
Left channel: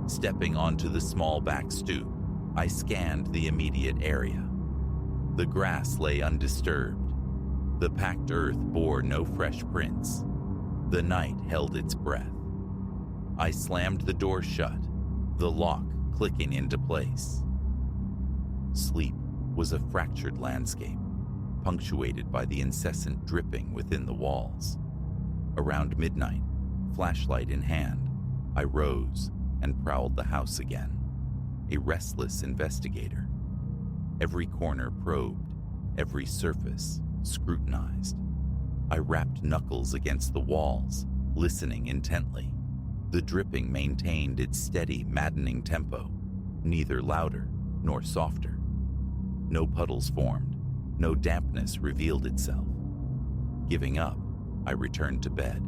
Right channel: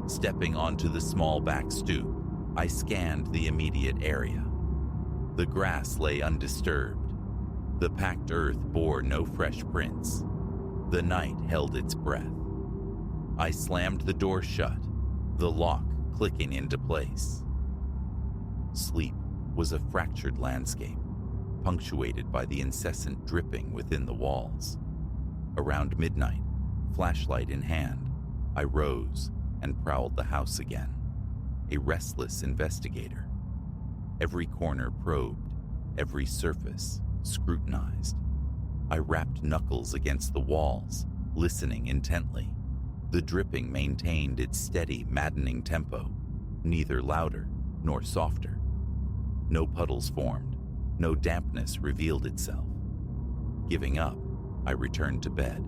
Stepping onto the small back stoop, I scanned the immediate area. The grass lay undisturbed. The packed earth bore no fresh prints. The night held its breath. I slammed the door shut, the lock clicking into place. Sleep was a fractured landscape, punctuated by the incessant dripping within the walls. Around midnight, flashlight in hand, I rose and prowled the house again, a restless investigator. Every corner probed, every surface scrutinized. I rapped knuckles against the walls, listening intently. The dripping maintained its steady, maddening tempo, neither louder nor softer. No puddles formed, no dampness revealed itself. Giving up, I returned to bed,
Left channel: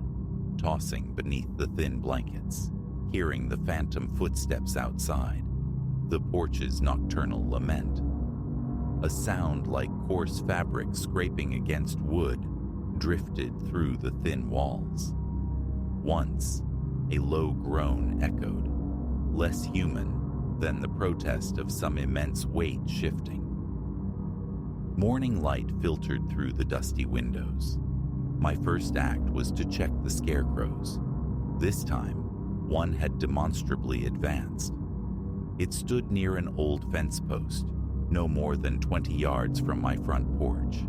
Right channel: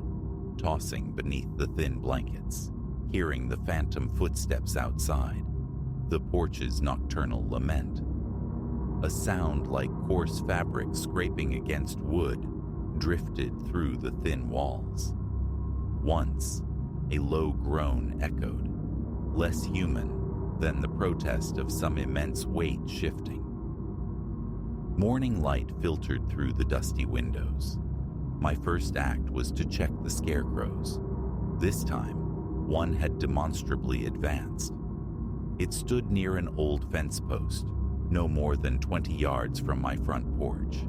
tossing beneath the thin blankets, hearing the phantom footsteps outside, the porch's nocturnal lament. A sound like coarse fabric scraping against wood drifted through the thin walls. Once, a low groan echoed, less human than the protest of some immense weight shifting. Morning light filtered through the dusty windows. My first act was to check the scarecrows. This time, one had demonstrably advanced. It stood near an old fence post, no more than 20 yards from my front porch.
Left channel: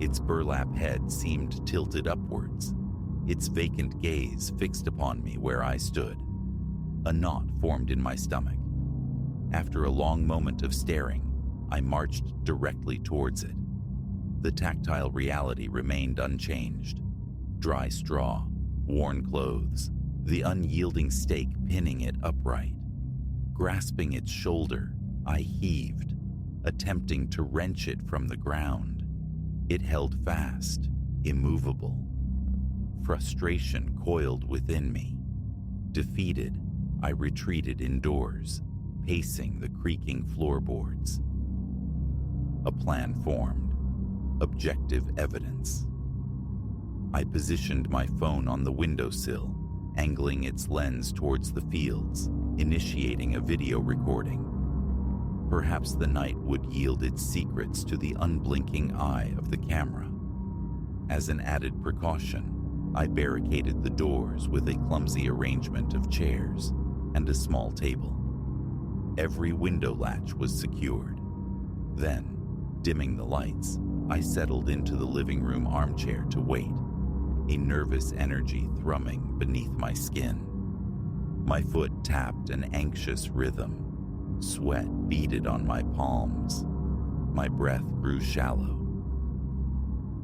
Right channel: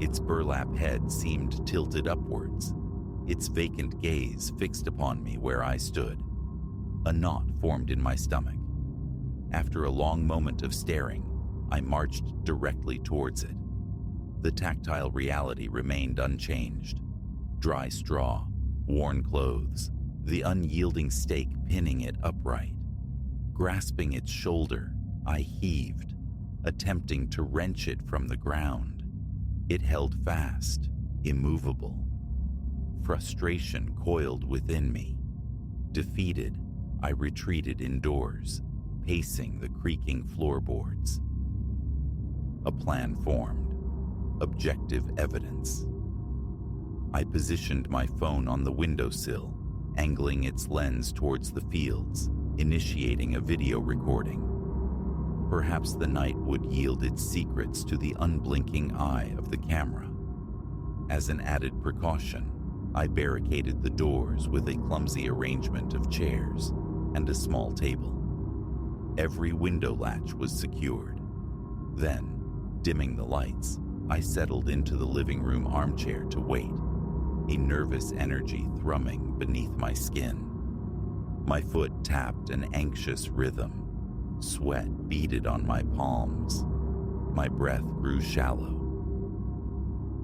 Its burlap head seemed tilted upwards, its vacant gaze fixed upon me where I stood. A knot formed in my stomach. After a long moment of staring, I marched directly towards it. The tactile reality remained unchanged. Dry straw, worn clothes, the unyielding stake pinning it upright. Grasping its shoulder, I heaved, attempting to wrench it from the ground. It held fast, immovable. Frustration coiled within me. Defeated, I retreated indoors, pacing the creaking floorboards. A plan formed. Objective evidence. I positioned my phone on the windowsill, angling its lens towards the fields, initiating a video recording. Perhaps the night would yield its secrets to the unblinking eye of the camera. As an added precaution, I barricaded the doors with a clumsy arrangement of chairs and a small table. Every window latch was secured. Then, dimming the lights, I settled into the living room armchair to wait, a nervous energy thrumming beneath my skin. My foot tapped an anxious rhythm. Sweat beaded on my palms. My breath grew shallow.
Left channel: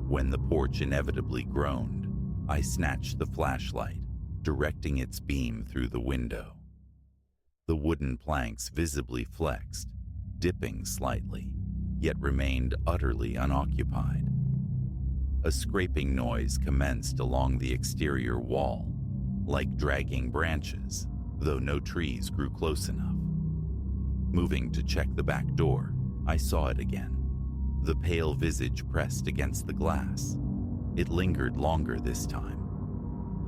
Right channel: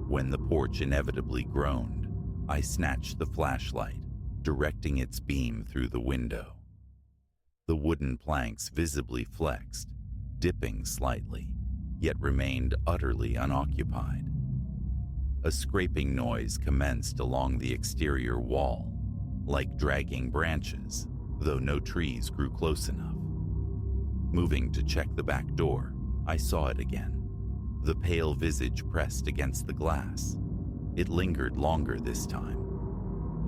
When the porch inevitably groaned, I snatched the flashlight, directing its beam through the window. The wooden planks visibly flexed, dipping slightly, yet remained utterly unoccupied. A scraping noise commenced along the exterior wall, like dragging branches, though no trees grew close enough. Moving to check the back door, I saw it again. The pale visage pressed against the glass. It lingered longer this time.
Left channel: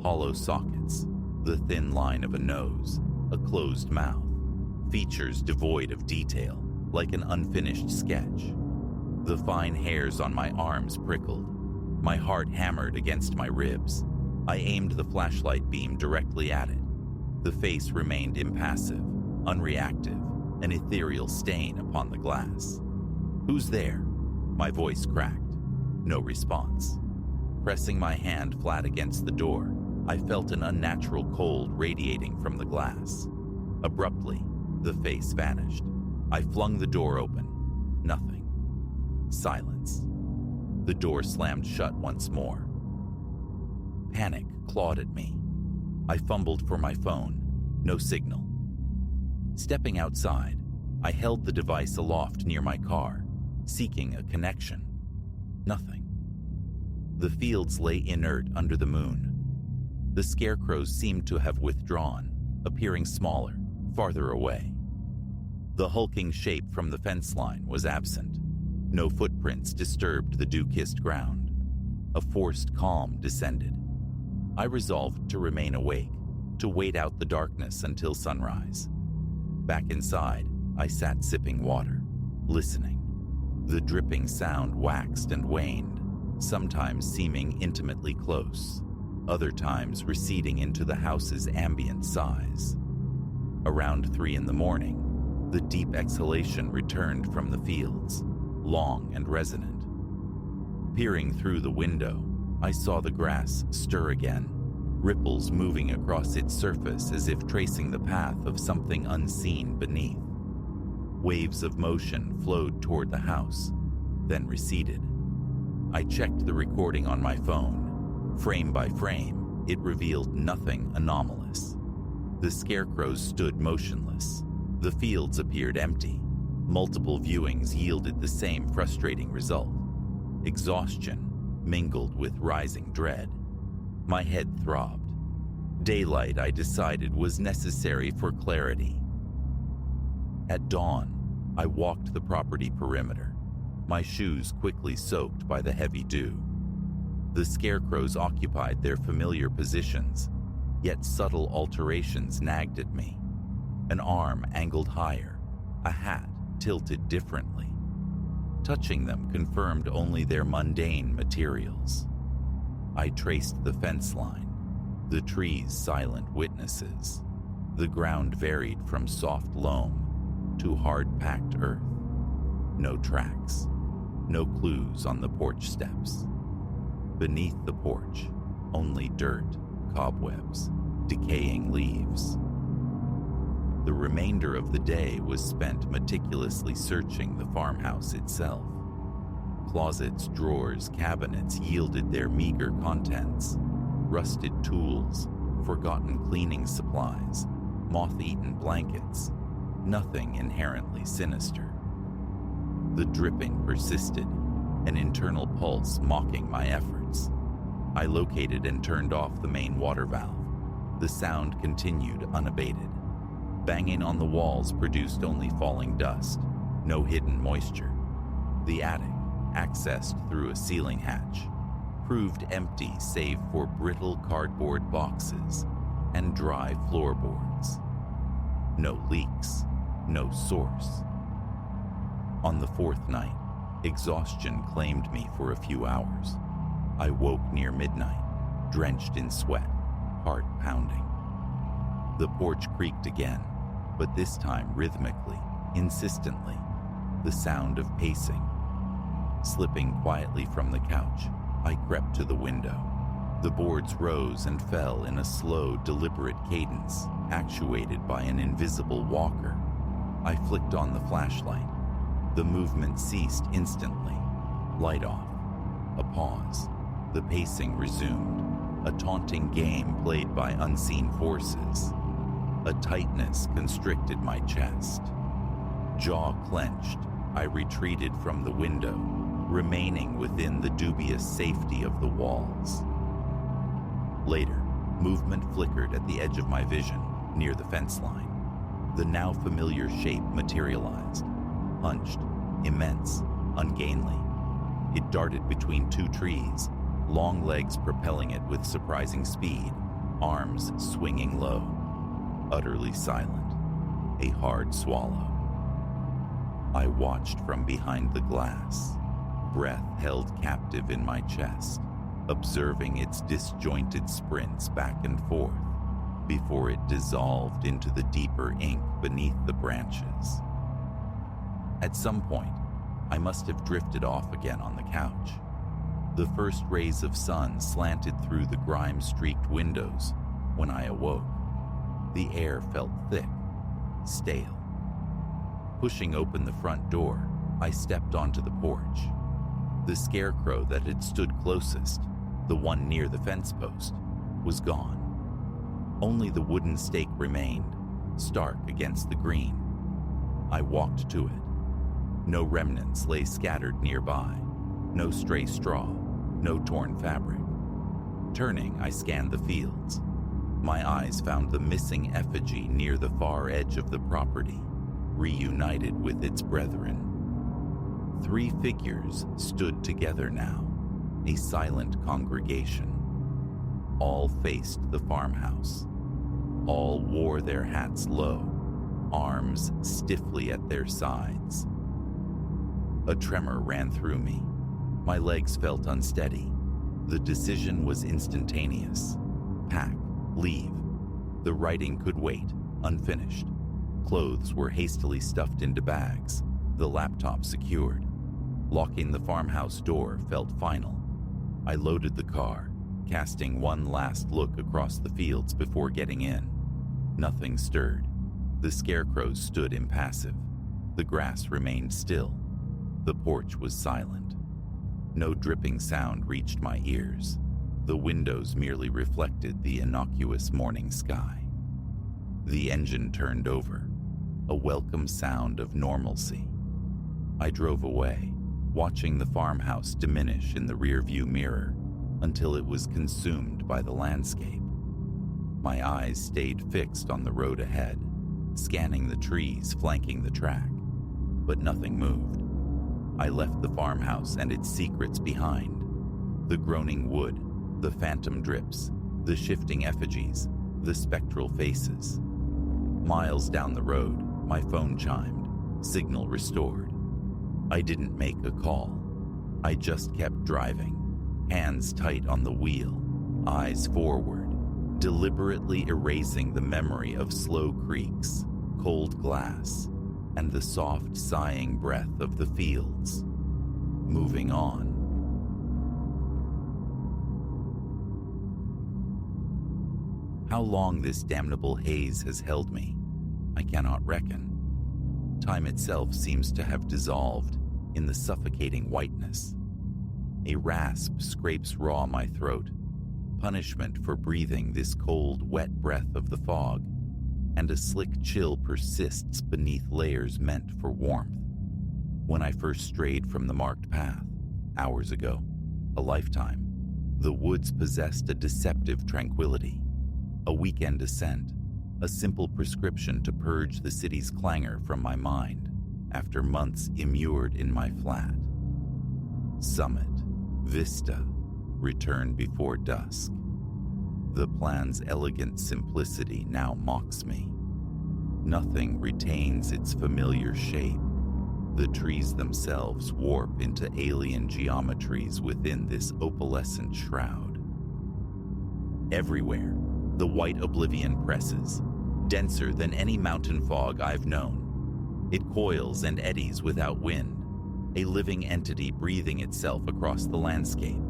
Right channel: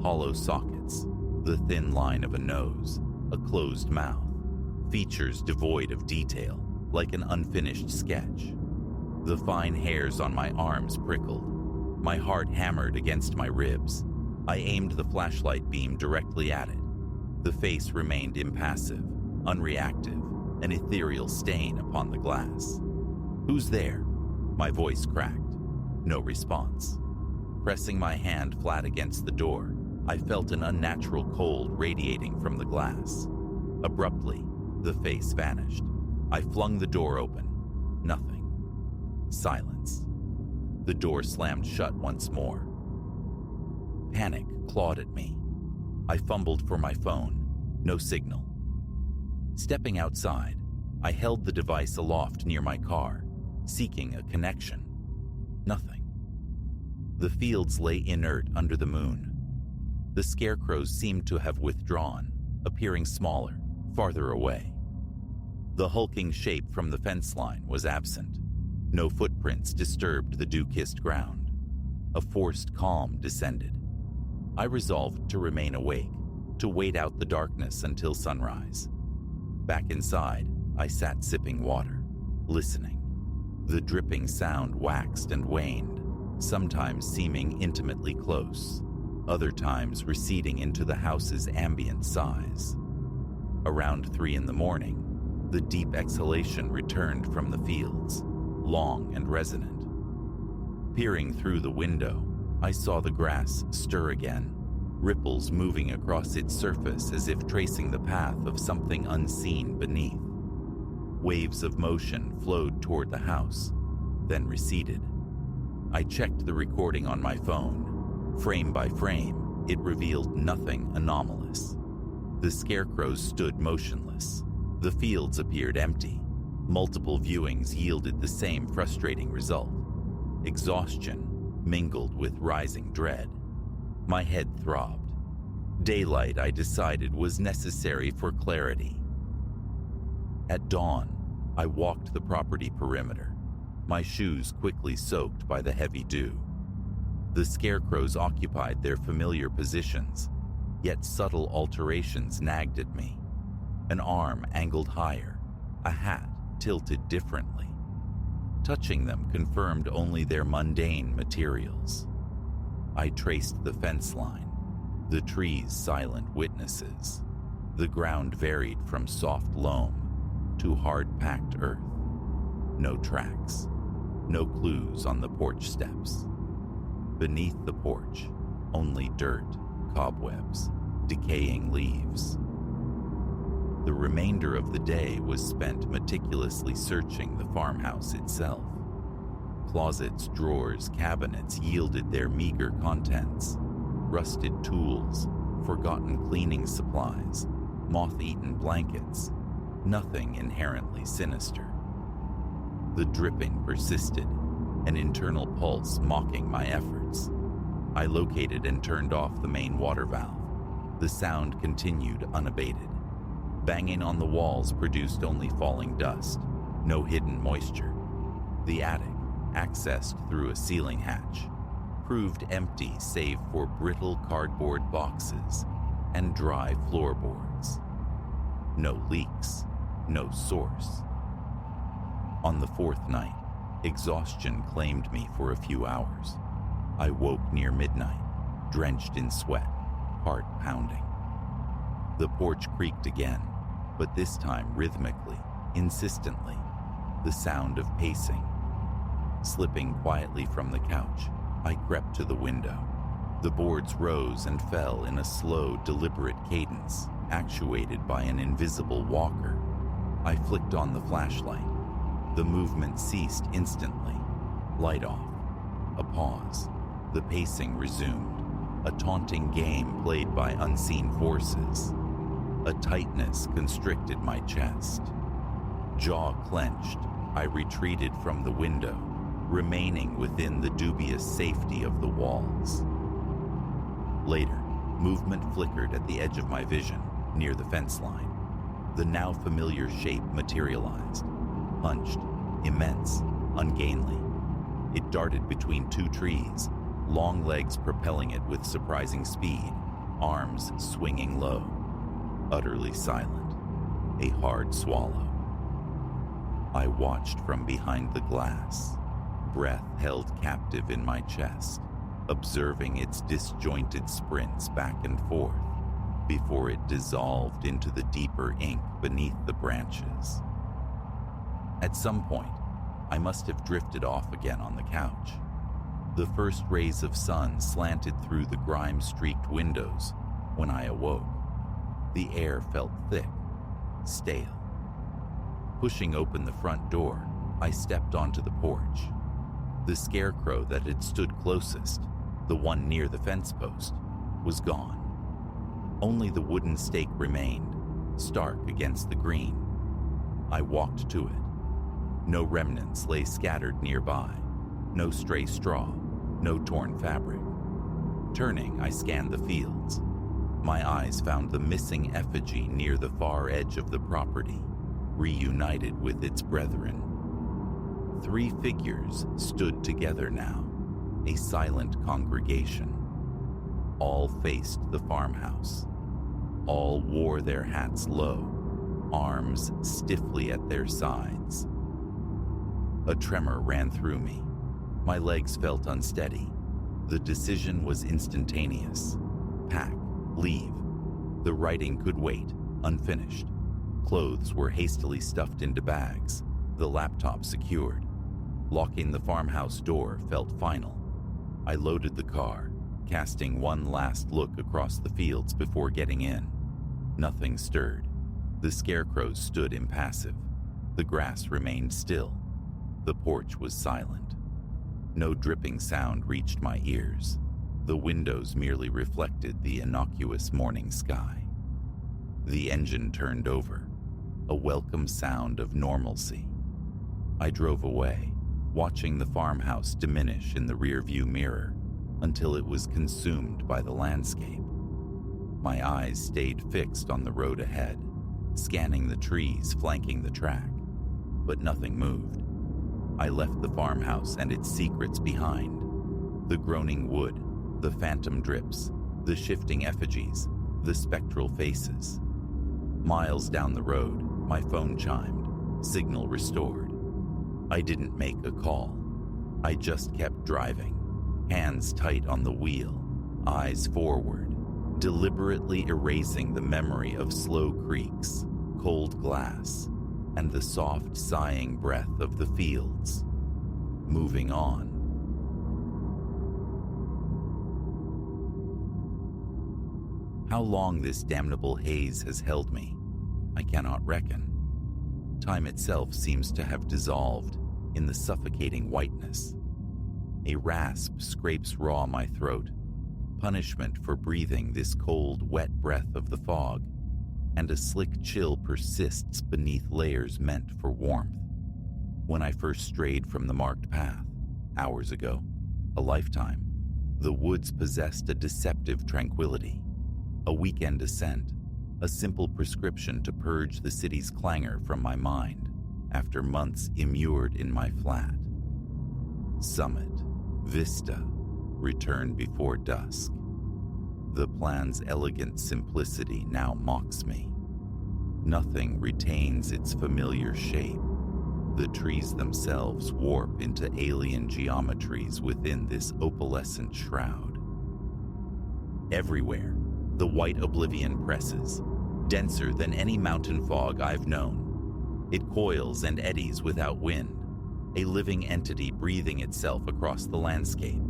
Hollow sockets, the thin line of a nose, a closed mouth, features devoid of detail, like an unfinished sketch. The fine hairs on my arms prickled. My heart hammered against my ribs. I aimed the flashlight beam directly at it. The face remained impassive, unreactive, an ethereal stain upon the glass. "Who's there?" My voice cracked. No response. Pressing my hand flat against the door, I felt an unnatural cold radiating from the glass. Abruptly, the face vanished. I flung the door open. Nothing. Silence. The door slammed shut once more. Panic clawed at me. I fumbled for my phone. No signal. Stepping outside, I held the device aloft near my car, seeking a connection. Nothing. The fields lay inert under the moon. The scarecrows seemed to have withdrawn, appearing smaller, farther away. The hulking shape from the fence line was absent. No footprints disturbed the dew-kissed ground. A forced calm descended. I resolved to remain awake, to wait out the darkness until sunrise. Back inside, I sat sipping water, listening. The dripping sound waxed and waned, sometimes seeming intimately close, other times receding into the house's ambient sighs. Around 3 a.m, the deep exhalation returned from the fields, long and resonant. Peering through the window, I saw the grass stir again, ripples moving across its surface as if tracing the path of something unseen beneath. Waves of motion flowed toward the house, then receded. I checked the recording on my phone. Frame by frame, it revealed nothing anomalous. The scarecrows stood motionless. The fields appeared empty. Multiple viewings yielded the same frustrating result. Exhaustion mingled with rising dread. My head throbbed. Daylight, I decided, was necessary for clarity. At dawn, I walked the property perimeter, my shoes quickly soaked by the heavy dew. The scarecrows occupied their familiar positions, yet subtle alterations nagged at me. An arm angled higher, a hat tilted differently. Touching them confirmed only their mundane materials. I traced the fence line, the trees silent witnesses. The ground varied from soft loam to hard-packed earth. No tracks, no clues on the porch steps. Beneath the porch, only dirt, cobwebs, decaying leaves. The remainder of the day was spent meticulously searching the farmhouse itself. Closets, drawers, cabinets yielded their meager contents. Rusted tools, forgotten cleaning supplies, moth-eaten blankets, nothing inherently sinister. The dripping persisted, an internal pulse mocking my efforts. I located and turned off the main water valve. The sound continued unabated. Banging on the walls produced only falling dust, no hidden moisture. The attic, accessed through a ceiling hatch, proved empty save for brittle cardboard boxes and dry floorboards. No leaks, no source. On the 4th night, exhaustion claimed me for a few hours. I woke near midnight, drenched in sweat, heart pounding. The porch creaked again, but this time rhythmically, insistently, the sound of pacing. Slipping quietly from the couch, I crept to the window. The boards rose and fell in a slow, deliberate cadence, actuated by an invisible walker. I flicked on the flashlight. The movement ceased instantly. Light off. A pause. The pacing resumed. A taunting game played by unseen forces. A tightness constricted my chest. Jaw clenched, I retreated from the window, remaining within the dubious safety of the walls. Later, movement flickered at the edge of my vision, near the fence line. The now familiar shape materialized, hunched, immense, ungainly. It darted between two trees, long legs propelling it with surprising speed, arms swinging low. Utterly silent, a hard swallow. I watched from behind the glass, breath held captive in my chest, observing its disjointed sprints back and forth before it dissolved into the deeper ink beneath the branches. At some point, I must have drifted off again on the couch. The first rays of sun slanted through the grime-streaked windows when I awoke. The air felt thick, stale. Pushing open the front door, I stepped onto the porch. The scarecrow that had stood closest, the one near the fence post, was gone. Only the wooden stake remained, stark against the green. I walked to it. No remnants lay scattered nearby, no stray straw, no torn fabric. Turning, I scanned the fields. My eyes found the missing effigy near the far edge of the property, reunited with its brethren. 3 figures stood together now, a silent congregation. All faced the farmhouse. All wore their hats low, arms stiffly at their sides. A tremor ran through me. My legs felt unsteady. The decision was instantaneous. Pack, leave. The writing could wait, unfinished. Clothes were hastily stuffed into bags, the laptop secured. Locking the farmhouse door felt final. I loaded the car, casting one last look across the fields before getting in. Nothing stirred. The scarecrows stood impassive. The grass remained still. The porch was silent. No dripping sound reached my ears. The windows merely reflected the innocuous morning sky. The engine turned over, a welcome sound of normalcy. I drove away, watching the farmhouse diminish in the rearview mirror until it was consumed by the landscape. My eyes stayed fixed on the road ahead, scanning the trees flanking the track, but nothing moved. I left the farmhouse and its secrets behind. The groaning wood, the phantom drips, the shifting effigies, the spectral faces. Miles down the road, my phone chimed, signal restored. I didn't make a call. I just kept driving, hands tight on the wheel, eyes forward, deliberately erasing the memory of slow creaks, cold glass, and the soft sighing breath of the fields. Moving on. How long this damnable haze has held me, I cannot reckon. Time itself seems to have dissolved in the suffocating whiteness. A rasp scrapes raw my throat, punishment for breathing this cold, wet breath of the fog, and a slick chill persists beneath layers meant for warmth. When I first strayed from the marked path, hours ago, a lifetime, the woods possessed a deceptive tranquility, a weekend ascent, a simple prescription to purge the city's clangor from my mind after months immured in my flat. Summit, vista, return before dusk. The plan's elegant simplicity now mocks me. Nothing retains its familiar shape. The trees themselves warp into alien geometries within this opalescent shroud. Everywhere, the white oblivion presses, denser than any mountain fog I've known. It coils and eddies without wind, a living entity breathing itself across the landscape.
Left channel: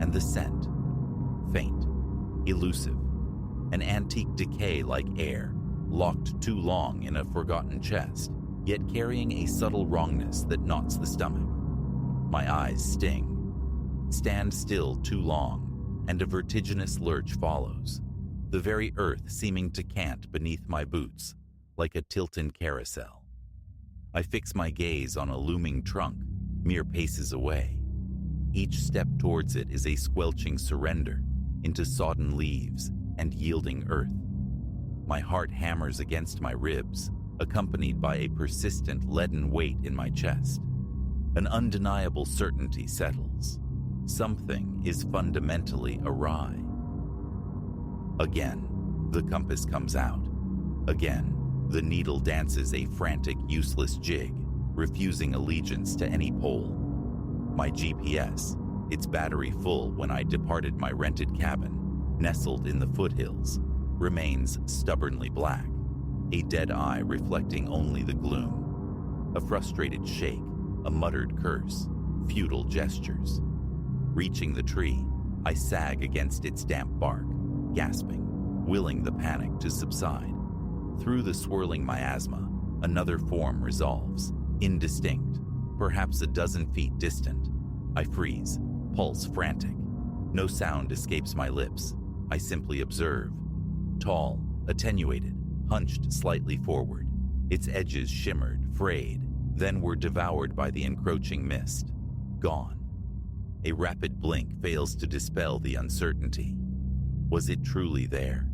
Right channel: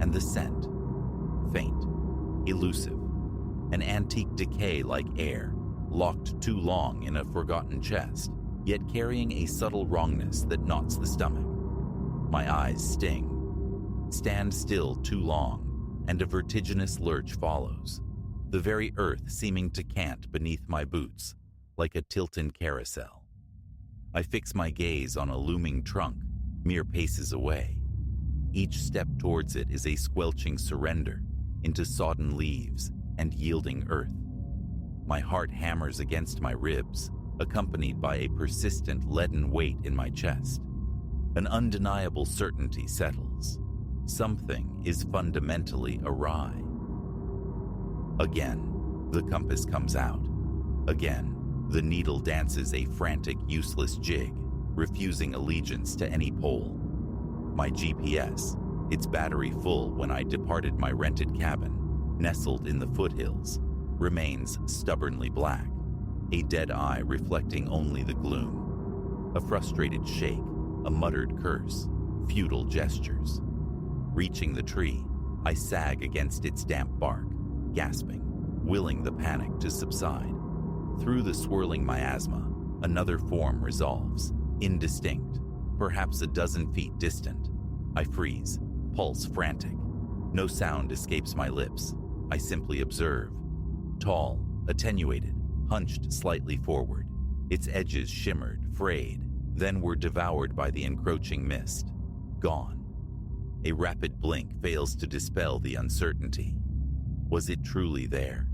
And the scent, faint, elusive, an antique decay like air, locked too long in a forgotten chest, yet carrying a subtle wrongness that knots the stomach. My eyes sting. Stand still too long, and a vertiginous lurch follows, the very earth seeming to cant beneath my boots, like a tilted carousel. I fix my gaze on a looming trunk, mere paces away. Each step towards it is a squelching surrender into sodden leaves and yielding earth. My heart hammers against my ribs, accompanied by a persistent leaden weight in my chest. An undeniable certainty settles. Something is fundamentally awry. Again, the compass comes out. Again, the needle dances a frantic, useless jig, refusing allegiance to any pole. My GPS, its battery full when I departed my rented cabin, nestled in the foothills, remains stubbornly black, a dead eye reflecting only the gloom. A frustrated shake, a muttered curse, futile gestures. Reaching the tree, I sag against its damp bark, gasping, willing the panic to subside. Through the swirling miasma, another form resolves, indistinct, perhaps a dozen feet distant. I freeze, pulse frantic. No sound escapes my lips. I simply observe. Tall, attenuated, hunched slightly forward. Its edges shimmered, frayed, then were devoured by the encroaching mist. Gone. A rapid blink fails to dispel the uncertainty. Was it truly there?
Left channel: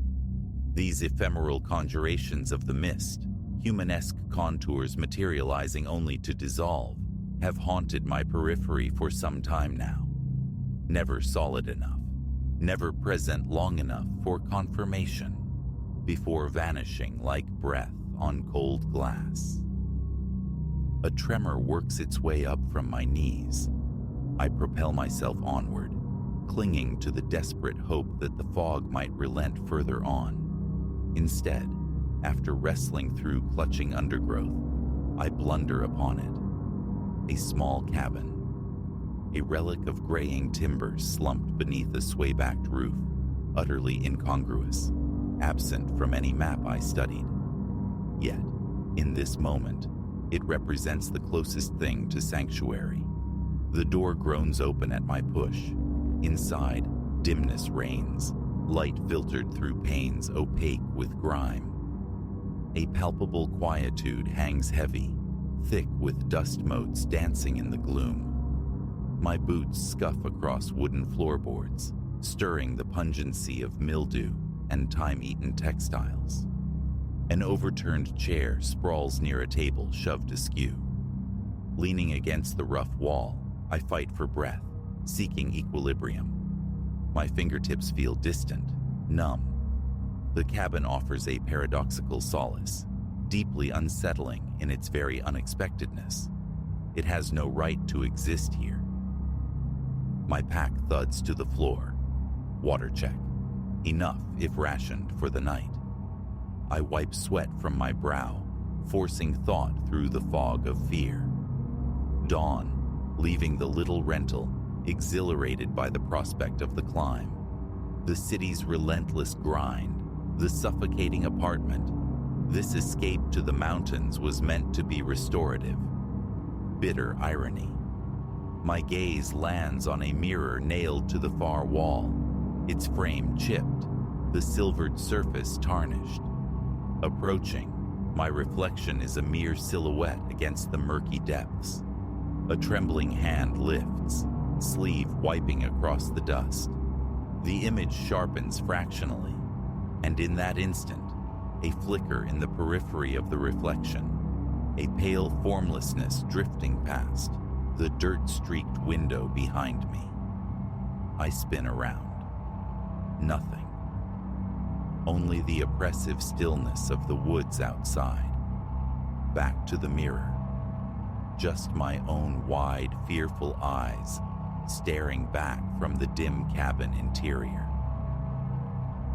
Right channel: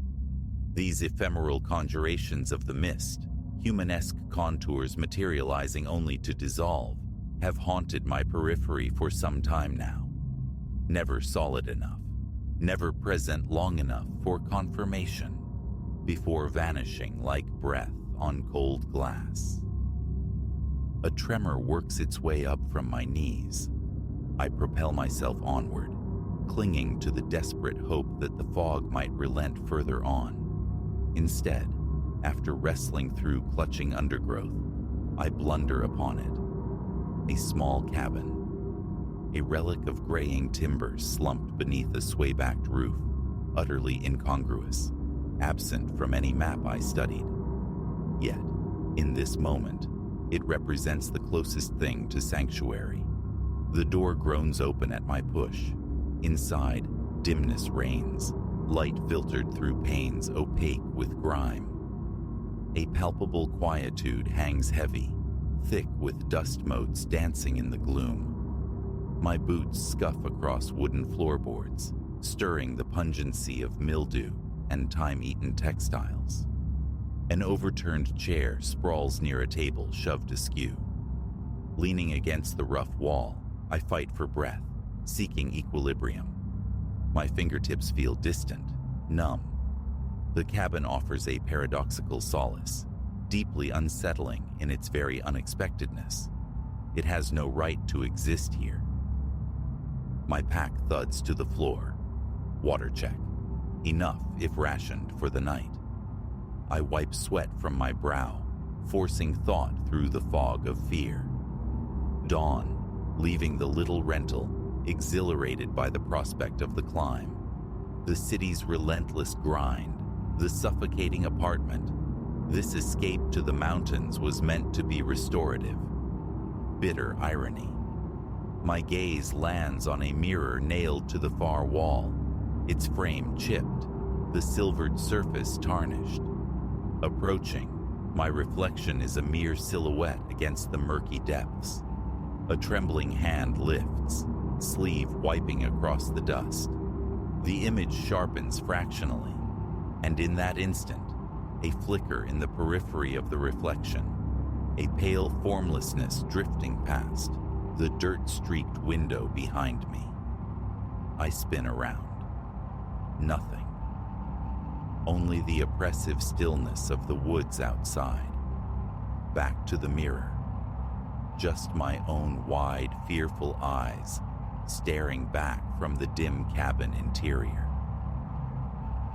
These ephemeral conjurations of the mist, humanesque contours materializing only to dissolve, have haunted my periphery for some time now. Never solid enough, never present long enough for confirmation, before vanishing like breath on cold glass. A tremor works its way up from my knees. I propel myself onward, clinging to the desperate hope that the fog might relent further on. Instead, after wrestling through clutching undergrowth, I blunder upon it. A small cabin, a relic of graying timber slumped beneath a sway-backed roof, utterly incongruous, absent from any map I studied. Yet, in this moment, it represents the closest thing to sanctuary. The door groans open at my push. Inside, dimness reigns, light filtered through panes opaque with grime. A palpable quietude hangs heavy, thick with dust motes dancing in the gloom. My boots scuff across wooden floorboards, stirring the pungency of mildew and time-eaten textiles. An overturned chair sprawls near a table shoved askew. Leaning against the rough wall, I fight for breath, seeking equilibrium. My fingertips feel distant, numb. The cabin offers a paradoxical solace, deeply unsettling in its very unexpectedness. It has no right to exist here. My pack thuds to the floor. Water check. Enough if rationed for the night. I wipe sweat from my brow, forcing thought through the fog of fear. Dawn, leaving the little rental, exhilarated by the prospect of the climb. The city's relentless grind, the suffocating apartment. This escape to the mountains was meant to be restorative. Bitter irony. My gaze lands on a mirror nailed to the far wall, its frame chipped, the silvered surface tarnished. Approaching, my reflection is a mere silhouette against the murky depths. A trembling hand lifts, sleeve wiping across the dust. The image sharpens fractionally, and in that instant, a flicker in the periphery of the reflection, a pale formlessness drifting past the dirt-streaked window behind me. I spin around. Nothing. Only the oppressive stillness of the woods outside. Back to the mirror. Just my own wide, fearful eyes staring back from the dim cabin interior.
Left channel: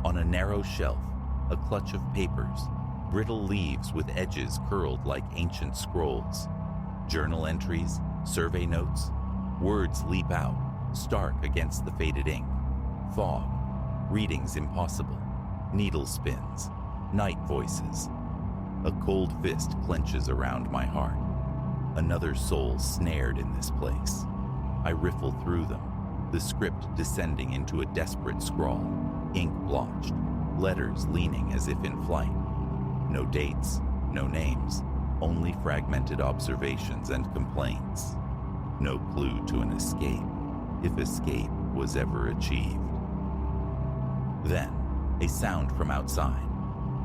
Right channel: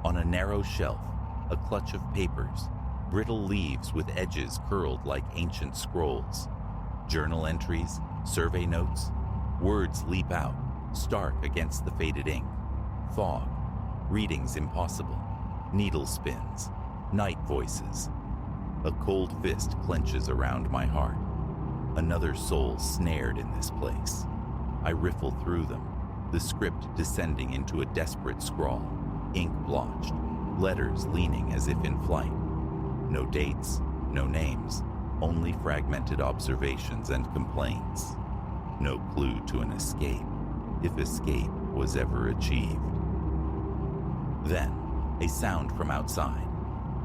On a narrow shelf, a clutch of papers, brittle leaves with edges curled like ancient scrolls. Journal entries, survey notes, words leap out, stark against the faded ink. Fog, readings impossible. Needle spins, night voices. A cold fist clenches around my heart. Another soul snared in this place. I riffle through them, the script descending into a desperate scrawl, ink blotched, letters leaning as if in flight. No dates, no names, only fragmented observations and complaints. No clue to an escape, if escape was ever achieved. Then, a sound from outside,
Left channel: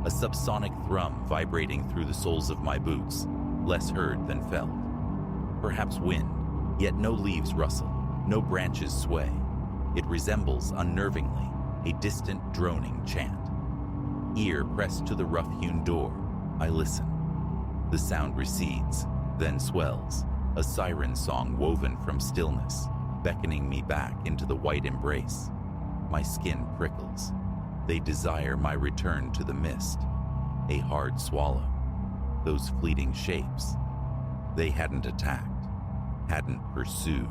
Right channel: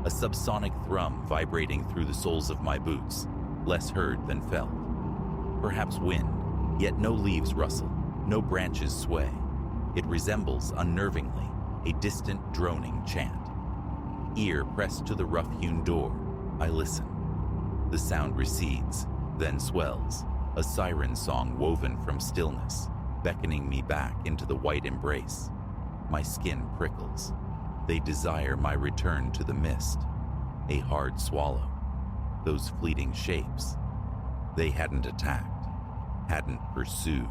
a subsonic thrum vibrating through the soles of my boots, less heard than felt. Perhaps wind, yet no leaves rustle, no branches sway. It resembles, unnervingly, a distant droning chant. Ear pressed to the rough-hewn door, I listen. The sound recedes, then swells, a siren song woven from stillness, beckoning me back into the white embrace. My skin prickles. They desire my return to the mist. A hard swallow. Those fleeting shapes. They hadn't attacked, hadn't pursued.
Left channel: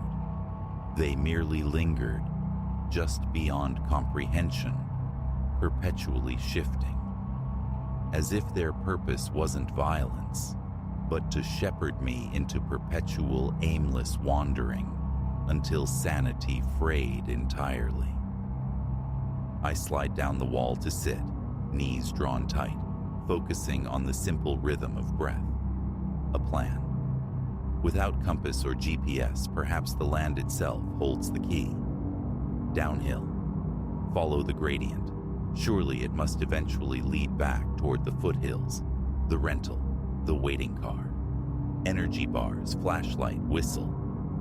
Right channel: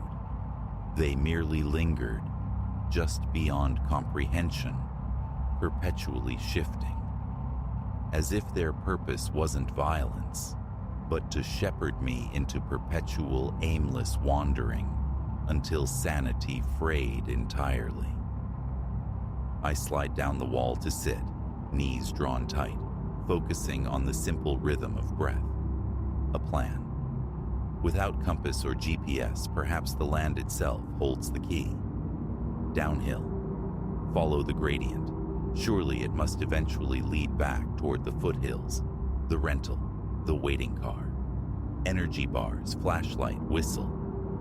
They merely lingered, just beyond comprehension, perpetually shifting. As if their purpose wasn't violence, but to shepherd me into perpetual aimless wandering until sanity frayed entirely. I slide down the wall to sit, knees drawn tight, focusing on the simple rhythm of breath. A plan. Without compass or GPS, perhaps the land itself holds the key. Downhill. Follow the gradient. Surely it must eventually lead back toward the foothills, the rental, the waiting car. Energy bars, flashlight, whistle.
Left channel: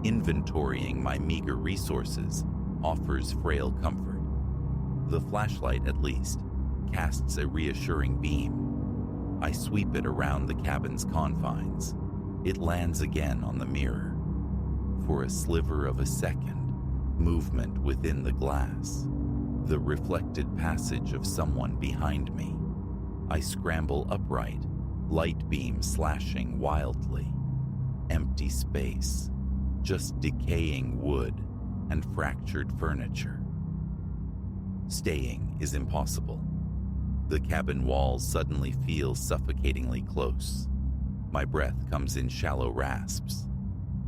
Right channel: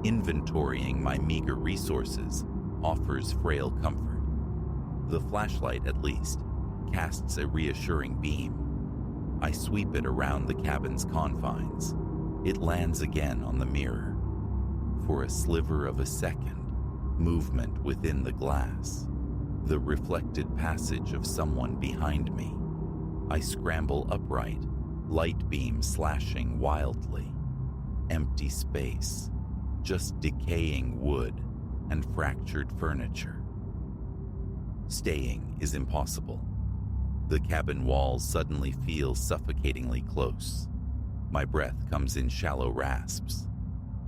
Inventorying my meager resources offers frail comfort. The flashlight, at least, casts a reassuring beam. I sweep it around the cabin's confines. It lands again on the mirror. For a sliver of a second, movement within the glass. The reflected passage of someone behind me. I scramble upright, light beam slashing wildly. Empty space, just decaying wood and fractured furniture. Staying is impossible. The cabin walls suddenly feel suffocatingly close. My breath comes in shallow rasps.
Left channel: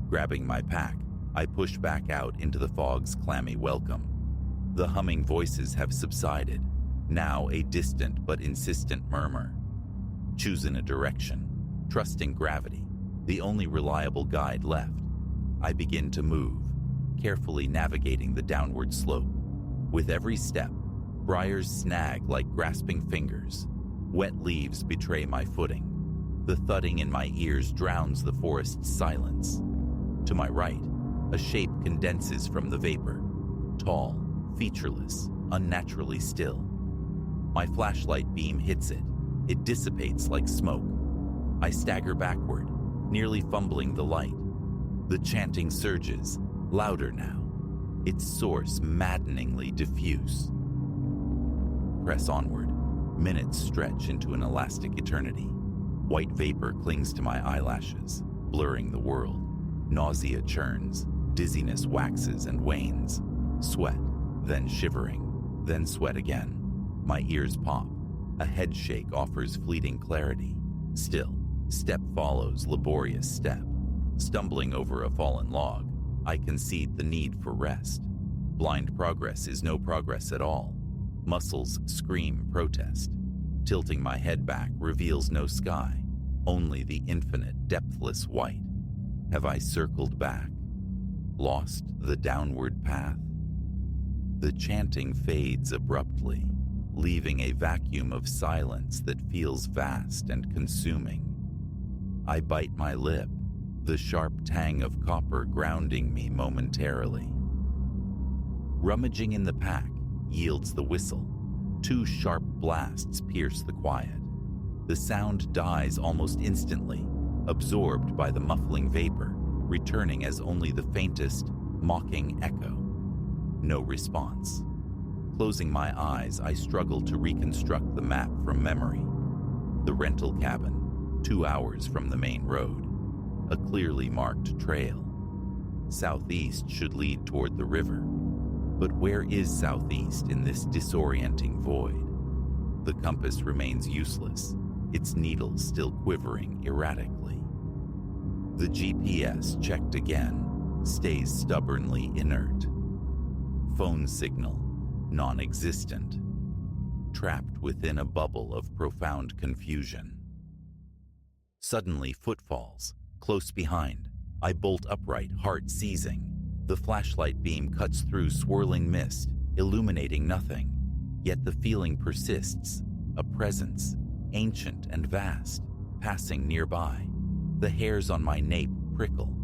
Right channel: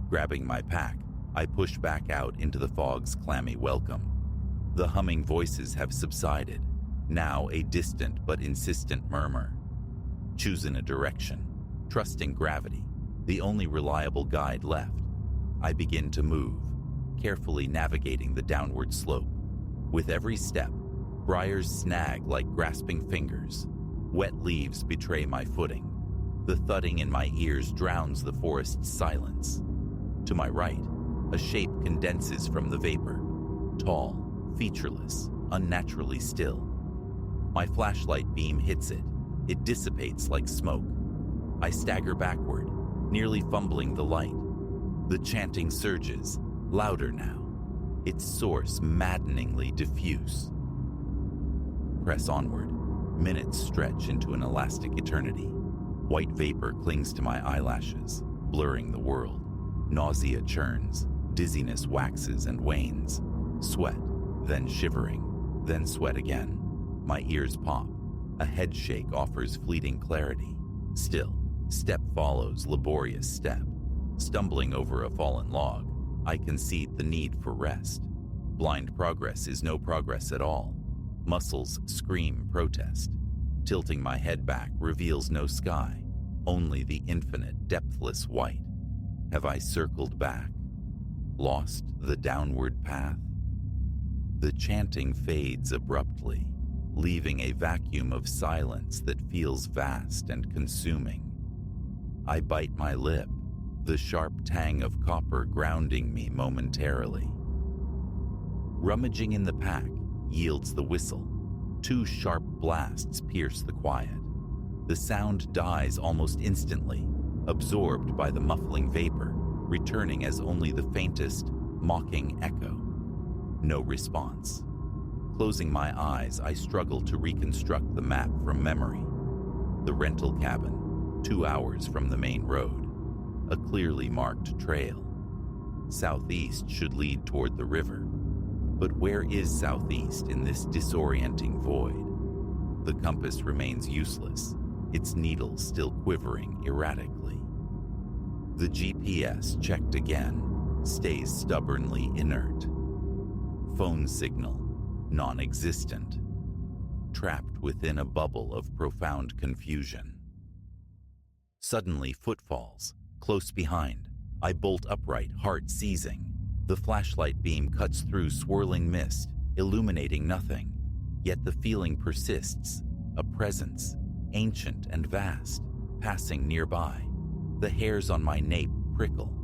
Grabbing my pack, I push back out into the fog's clammy welcome. The humming voices have subsided, now a distant but insistent murmur. Choosing a direction, trusting gravity, the only reliable guide left, I begin to move, carefully navigating the downward slope. With every step, briars snag like grasping fingers. Wet leaves betray my footing. The thudding in my ears drowns the forest's silence. To my right, a shape condenses from the vapor. Tall, featureless, unnaturally still. My flashlight beam hits it. It dissipates like smoke. I stagger backward, nearly fumbling the light. The chanting surges, louder now, its source maddeningly diffuse. Press onward. Minutes stretch into an elastic eternity. White vapor clings to my eyelashes, blurring the world. Nausea churns, dizziness waxes and wanes. Sweat, then shivering, then sweat again. My ears pop. A head shake offers fleeting clarity. Still, step follows laborious step. Stumbling over a fallen log, I concede the need for rest. Blind progress is no progress at all. Muscles scream protest. Tilting my head back reveals no sky, only the infinite, depthless white. Have I circled back? Lost the downward path? The chanting fades abruptly, leaving a vacuum of silence that feels vast and consuming. I bite my lip, the sharp tang of copper grounding me momentarily. Rummaging in the pack yields the whistle. 2 sharp blasts pierce the quiet. The sound dies almost instantly, absorbed by the muffling vapor, returning as only the faintest, mocking echo. No response. Closing my eyes, I struggle to reconstruct the map from memory. The rental cabin, 2 hours from the main road. A clearly marked trail. Southeast should lead toward the river. But where is southeast in this disorienting void? The compass remains useless, its needle still quivering erratically. The GPS, checked again, stays stubbornly inert. Phone signal, non-existent, trapped within a bubble of profound confusion. Suddenly, footfalls, close behind. I bolt upright, heart seizing. The flashlight beam cuts through swirling mist, illuminating nothing. Yet the feeling persists, a presence, ancient and vast, passing nearby. The hairs on my nape prickle.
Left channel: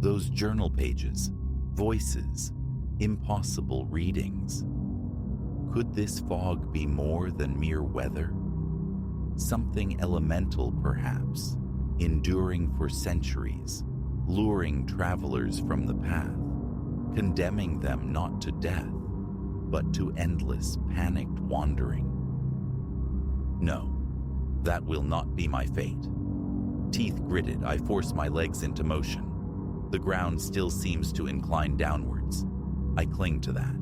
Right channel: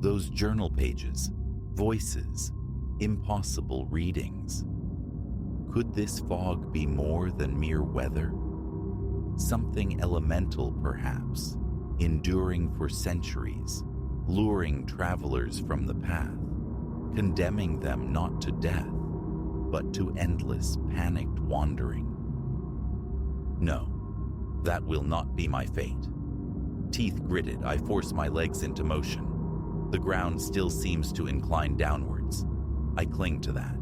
Those journal pages, voices, impossible readings. Could this fog be more than mere weather? Something elemental, perhaps, enduring for centuries, luring travelers from the path, condemning them not to death, but to endless, panicked wandering. No, that will not be my fate. Teeth gritted, I force my legs into motion. The ground still seems to incline downwards. I cling to that.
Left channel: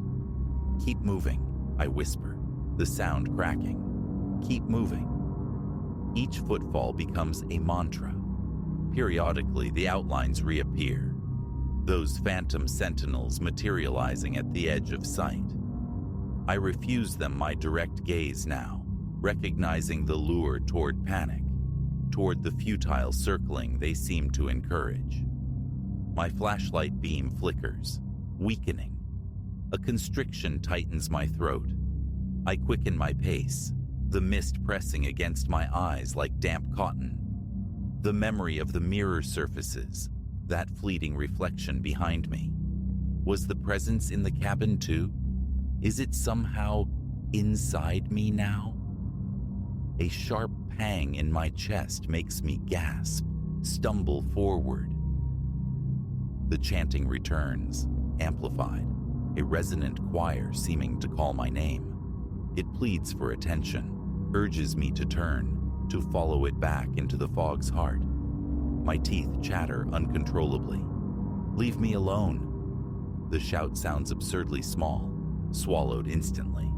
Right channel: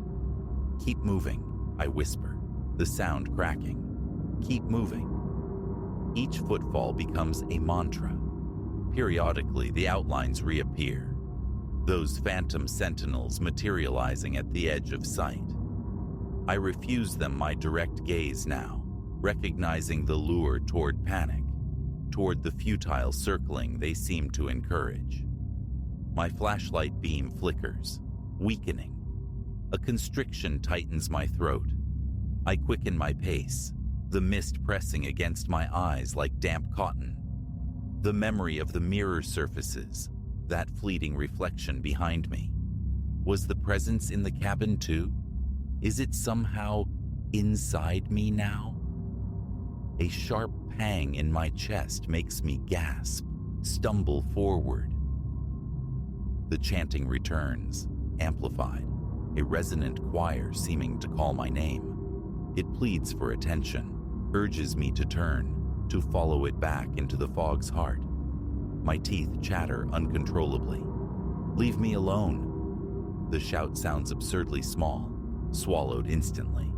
Keep moving, I whisper, the sound cracking. Keep moving. Each footfall becomes a mantra. Periodically, the outlines reappear, those phantom sentinels materializing at the edge of sight. I refuse them my direct gaze now, recognizing the lure toward panic, toward the futile circling they seem to encourage. My flashlight beam flickers, weakening. A constriction tightens my throat. I quicken my pace, the mist pressing against my eyes like damp cotton. The memory of the mirror surfaces, that fleeting reflection behind me. Was the presence in the cabin too? Is it somehow inside me now? A sharp pang in my chest makes me gasp, stumble forward. The chanting returns, amplified, a resonant choir seeming to call my name. It pleads for attention, urges me to turn, to follow it back into the fog's heart. My teeth chatter uncontrollably. Leave me alone. The shout sounds absurdly small, swallowed instantly.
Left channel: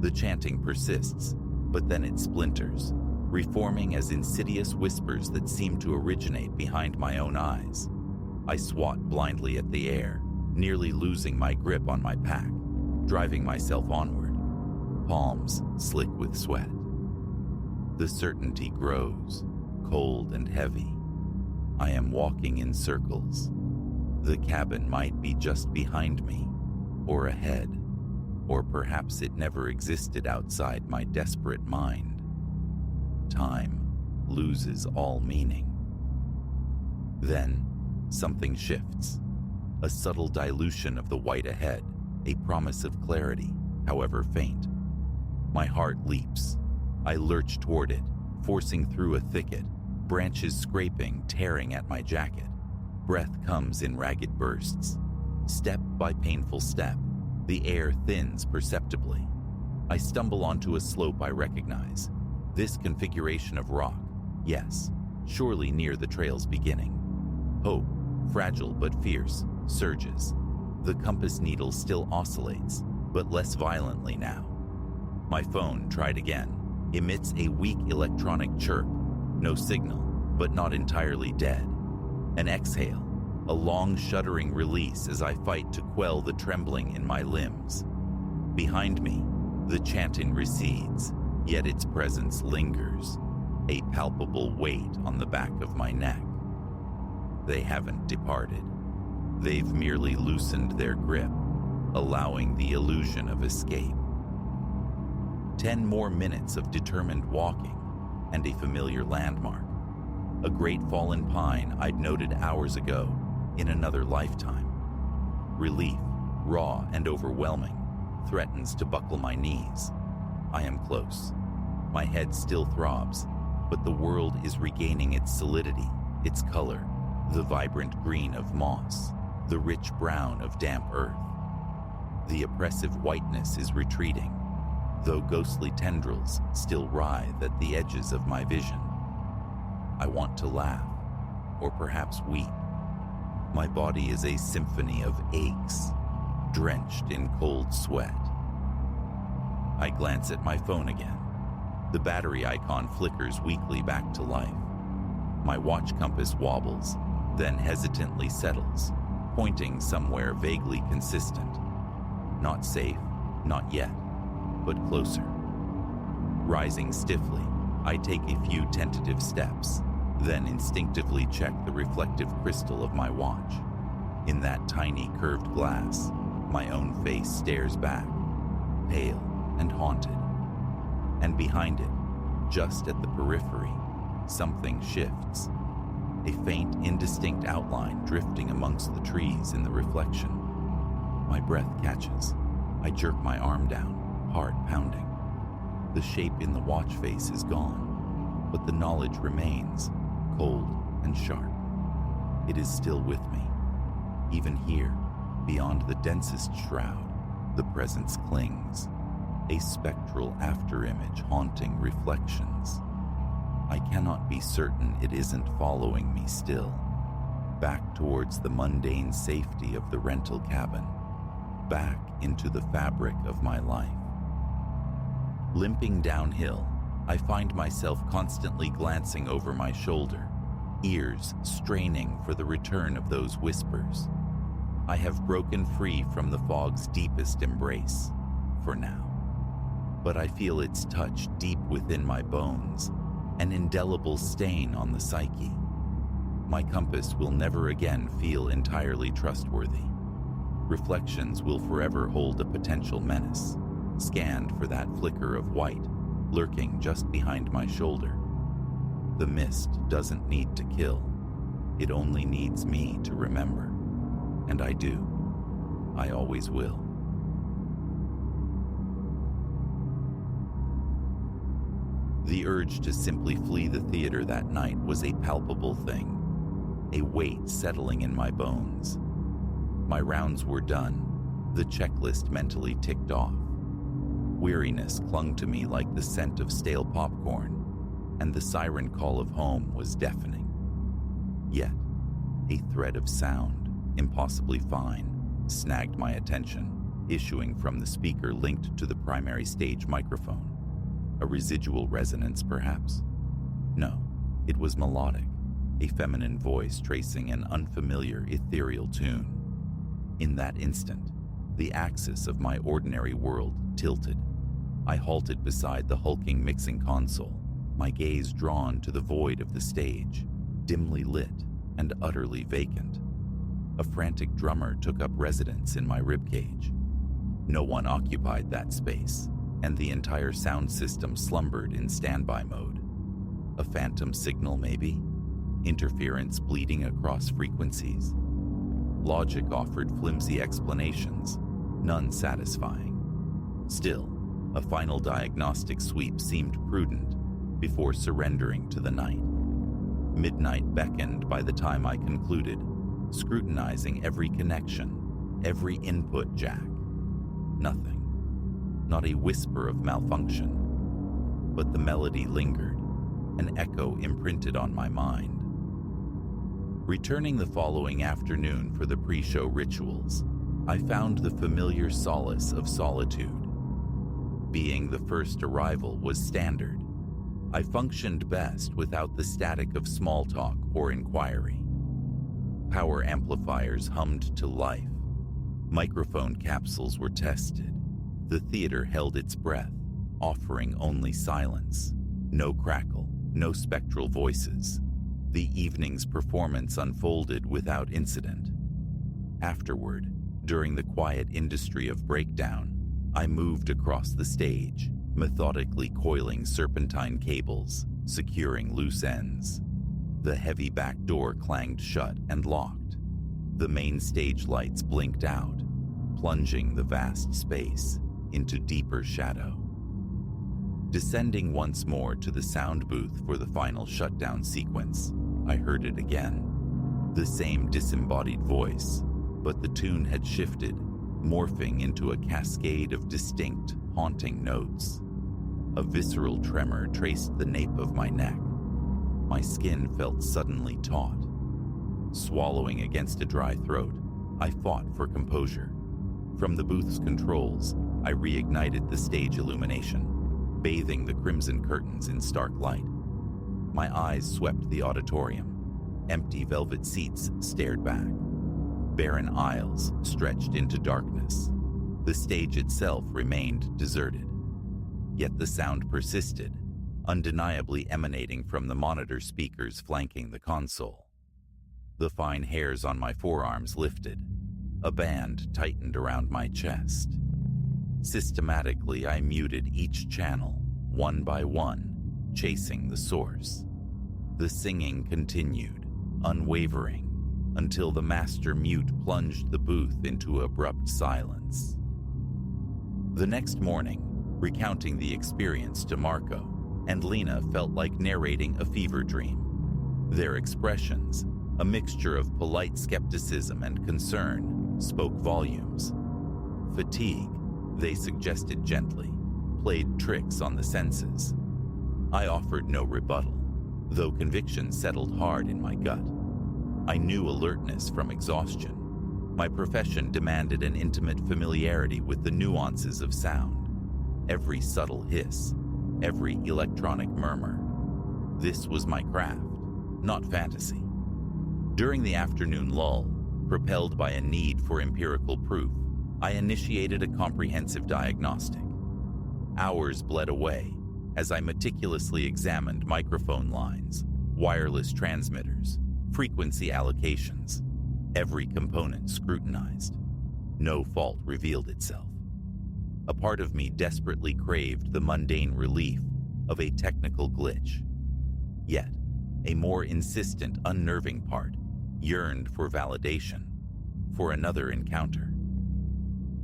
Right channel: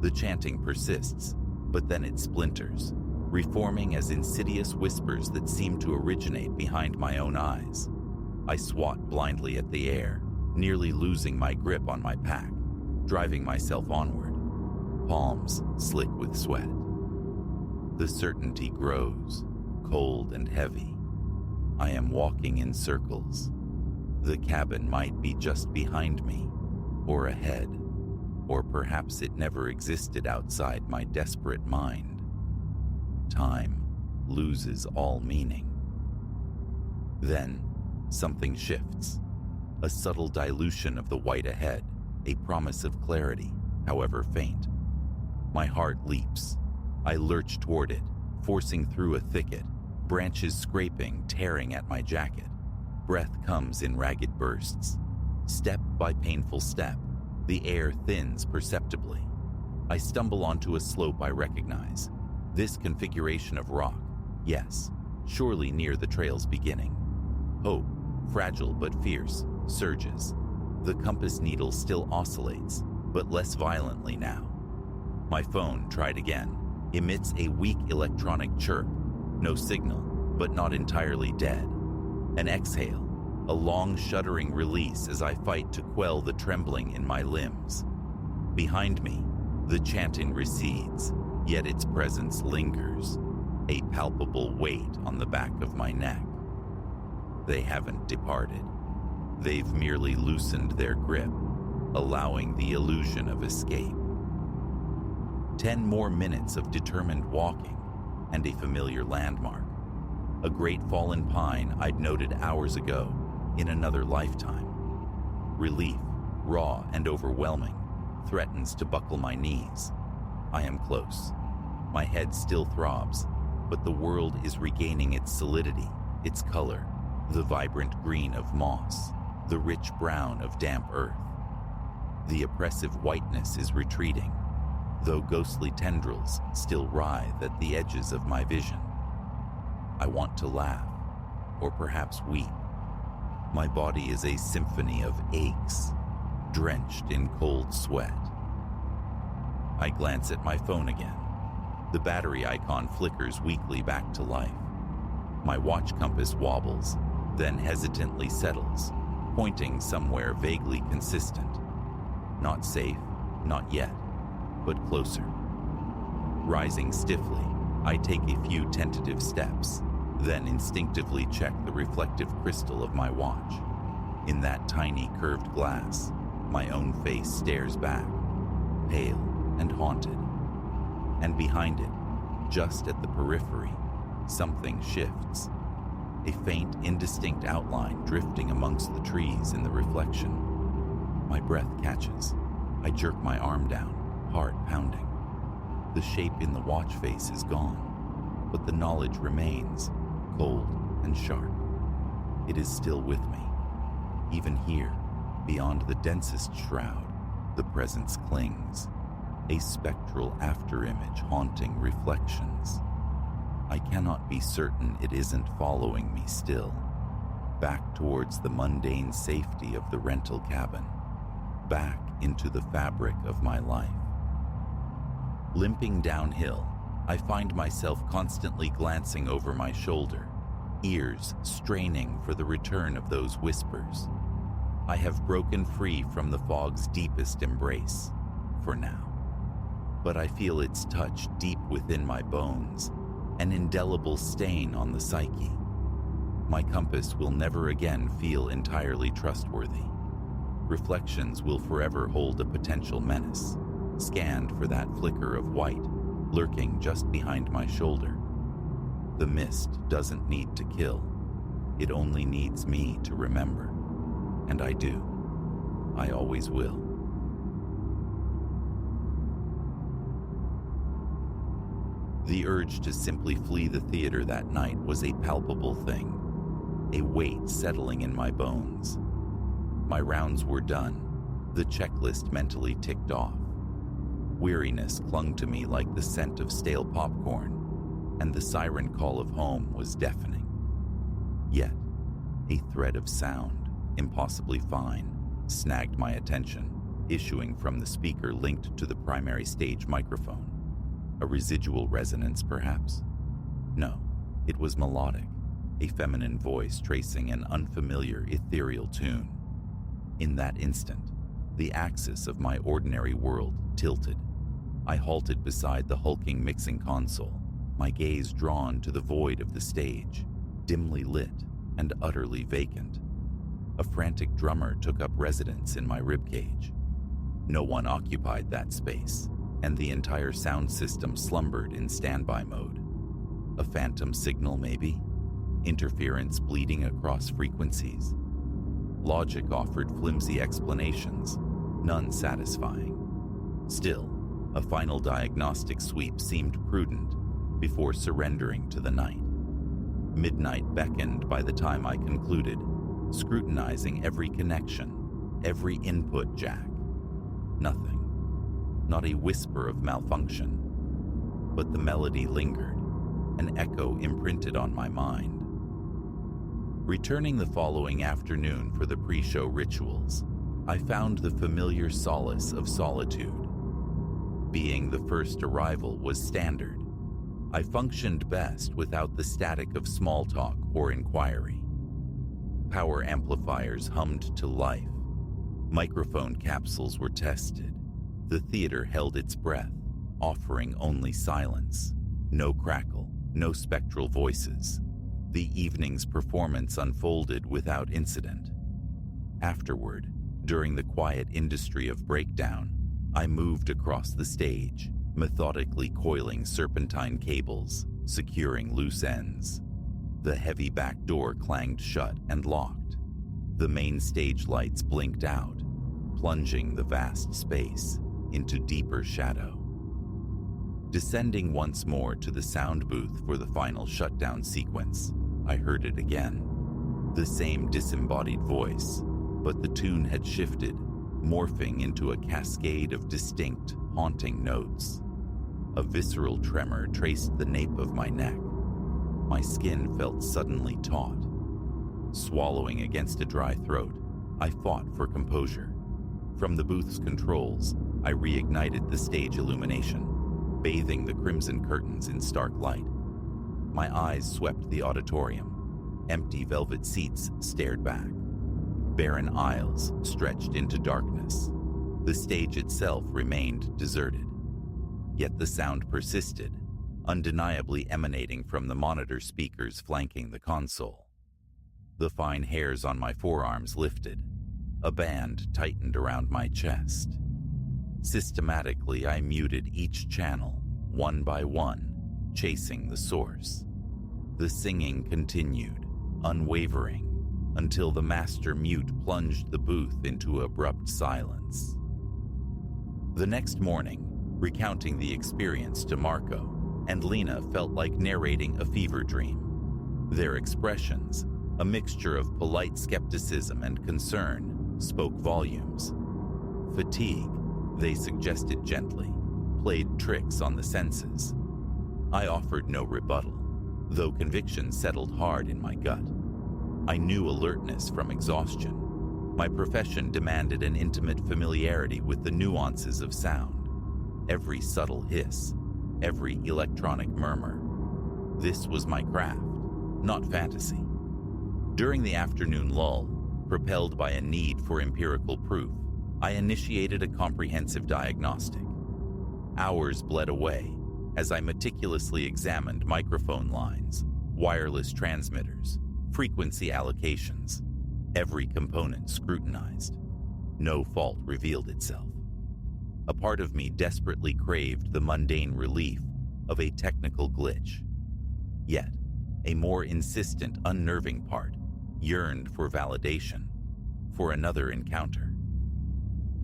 The chanting persists, but then it splinters, reforming as insidious whispers that seem to originate behind my own eyes. I swat blindly at the air, nearly losing my grip on my pack, driving myself onward, palms slick with sweat. The certainty grows, cold and heavy. I am walking in circles. The cabin might be just behind me, or ahead, or perhaps it never existed outside my desperate mind. Time loses all meaning. Then, something shifts. A subtle dilution of the white ahead, a promise of clarity, however faint. My heart leaps. I lurch toward it, forcing through a thicket, branches scraping, tearing at my jacket. Breath comes in ragged bursts. Step by painful step, the air thins perceptibly. I stumble onto a slope I recognize. This configuration of rock, yes, surely near the trail's beginning. Hope, fragile but fierce, surges. The compass needle still oscillates, but less violently now. My phone, tried again, emits a weak electronic chirp. No signal, but not entirely dead. An exhale, a long shuddering release as I fight to quell the trembling in my limbs. Behind me, the chanting recedes, yet its presence lingers, a palpable weight on the back of my neck. They haven't departed. They've merely loosened their grip, allowing the illusion of escape. 10 more minutes of determined walking, and a familiar landmark. A great fallen pine I'd noted hours ago, in another lifetime. Relief, raw and overwhelming, threatens to buckle my knees. I am close. My head still throbs, but the world is regaining its solidity, its color, the vibrant green of moss, the rich brown of damp earth. The oppressive whiteness is retreating, though ghostly tendrils still writhe at the edges of my vision. I want to laugh, or perhaps weep. My body is a symphony of aches, drenched in cold sweat. I glance at my phone again. The battery icon flickers weakly back to life. My watch compass wobbles, then hesitantly settles, pointing somewhere vaguely consistent. Not safe, not yet, but closer. Rising stiffly, I take a few tentative steps, then instinctively check the reflective crystal of my watch. In that tiny curved glass, my own face stares back, pale and haunted. And behind it, just at the periphery, something shifts. A faint, indistinct outline drifting amongst the trees in the reflection. My breath catches. I jerk my arm down, heart pounding. The shape in the watch face is gone, but the knowledge remains, cold and sharp. It is still with me. Even here, beyond the densest shroud, the presence clings. A spectral afterimage haunting reflections. I cannot be certain it isn't following me still, back towards the mundane safety of the rental cabin, back into the fabric of my life. Limping downhill, I find myself constantly glancing over my shoulder, ears straining for the return of those whispers. I have broken free from the fog's deepest embrace, for now. But I feel its touch deep within my bones, an indelible stain on the psyche. My compass will never again feel entirely trustworthy. Reflections will forever hold a potential menace, scanned for that flicker of white, lurking just behind my shoulder. The mist doesn't need to kill. It only needs me to remember. And I do. I always will. The urge to simply flee the theater that night was a palpable thing, a weight settling in my bones. My rounds were done, the checklist mentally ticked off. Weariness clung to me like the scent of stale popcorn, and the siren call of home was deafening. Yet, a thread of sound, impossibly fine, snagged my attention, issuing from the speaker linked to the primary stage microphone. A residual resonance, perhaps? No, it was melodic, a feminine voice tracing an unfamiliar, ethereal tune. In that instant, the axis of my ordinary world tilted. I halted beside the hulking mixing console, my gaze drawn to the void of the stage, dimly lit and utterly vacant. A frantic drummer took up residence in my ribcage. No one occupied that space, and the entire sound system slumbered in standby mode. A phantom signal, maybe? Interference bleeding across frequencies? Logic offered flimsy explanations, none satisfying. Still, a final diagnostic sweep seemed prudent before surrendering to the night. Midnight beckoned by the time I concluded, scrutinizing every connection, every input jack. Nothing. Not a whisper of malfunction. But the melody lingered, an echo imprinted on my mind. Returning the following afternoon for the pre-show rituals, I found the familiar solace of solitude. Being the first arrival was standard. I functioned best without the static of small talk or inquiry. Power amplifiers hummed to life. Microphone capsules were tested. The theater held its breath, offering only silence. No crackle, no spectral voices. The evening's performance unfolded without incident. Afterward, during the quiet industry of breakdown, I moved across the stage, methodically coiling serpentine cables, securing loose ends. The heavy back door clanged shut and locked. The main stage lights blinked out, plunging the vast space into deeper shadow. Descending once more to the sound booth for the final shutdown sequence, I heard it again. The same disembodied voice, but the tune had shifted, morphing into a cascade of distinct, haunting notes. A visceral tremor traced the nape of my neck. My skin felt suddenly taut. Swallowing against a dry throat, I fought for composure. From the booth's controls, I reignited the stage illumination. bathing the crimson curtains in stark light. My eyes swept the auditorium. Empty velvet seats stared back. Barren aisles stretched into darkness. The stage itself remained deserted. Yet the sound persisted, undeniably emanating from the monitor speakers flanking the console. The fine hairs on my forearms lifted. A band tightened around my chest. Systematically, I muted each channel, one by one, chasing the source. The singing continued, unwavering, until the master mute plunged the booth into abrupt silence. The next morning, recounting the experience to Marco and Lena felt like narrating a fever dream. Their expressions, a mixture of polite skepticism and concern, spoke volumes. Fatigue, they suggested gently, played tricks on the senses. I offered no rebuttal, though conviction settled hard in my gut. I knew alertness from exhaustion. My profession demanded an intimate familiarity with the nuances of sound, every subtle hiss, every electronic murmur. This was my craft, not fantasy. During the afternoon lull, propelled by a need for empirical proof, I initiated a comprehensive diagnostic. Hours bled away as I meticulously examined microphone lines, wireless transmitters, frequency allocations, every component scrutinized. No fault revealed itself. A part of me desperately craved the mundane relief of a technical glitch. Yet, a more insistent, unnerving part yearned for validation, for another encounter.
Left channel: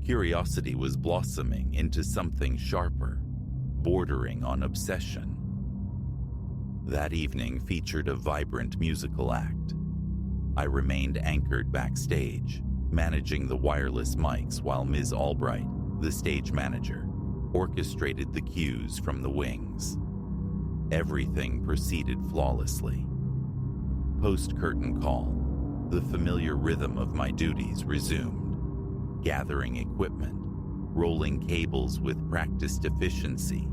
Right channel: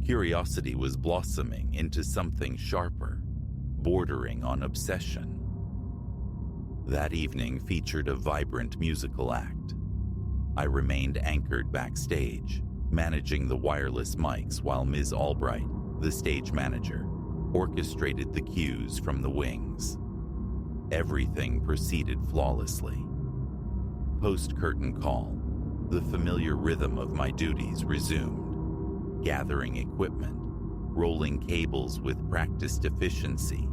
Curiosity was blossoming into something sharper, bordering on obsession. That evening featured a vibrant musical act. I remained anchored backstage, managing the wireless mics while Ms. Albright, the stage manager, orchestrated the cues from the wings. Everything proceeded flawlessly. Post-curtain call, the familiar rhythm of my duties resumed, gathering equipment, rolling cables with practiced efficiency,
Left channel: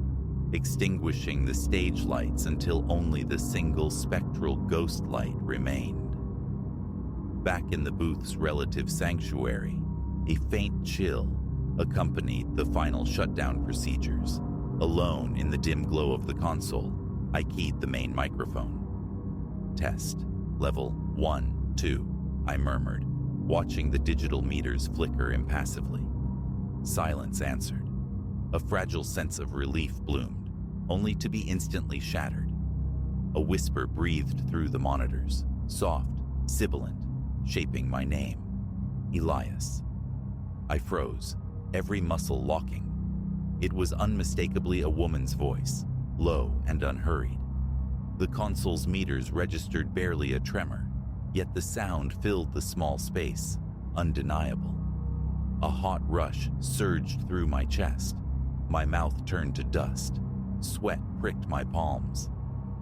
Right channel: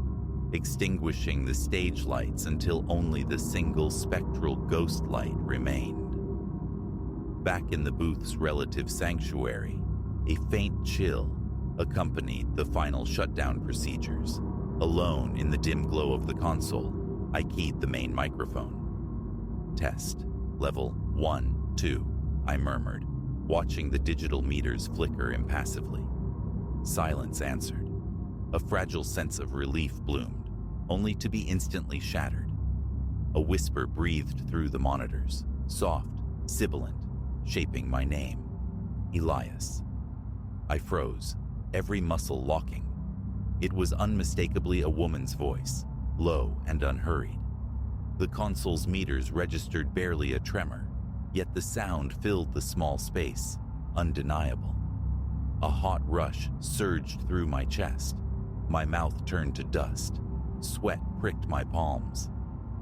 extinguishing the stage lights until only the single spectral ghost light remained. Back in the booth's relative sanctuary, a faint chill accompanied the final shutdown procedures. Alone in the dim glow of the console, I keyed the main microphone. Test. Level 1, 2, I murmured, watching the digital meters flicker impassively. Silence answered. A fragile sense of relief bloomed, only to be instantly shattered. A whisper breathed through the monitors, soft, sibilant, shaping my name. Elias. I froze, every muscle locking. It was unmistakably a woman's voice, low and unhurried. The console's meters registered barely a tremor, yet the sound filled the small space, undeniable. A hot rush surged through my chest. My mouth turned to dust. Sweat pricked my palms.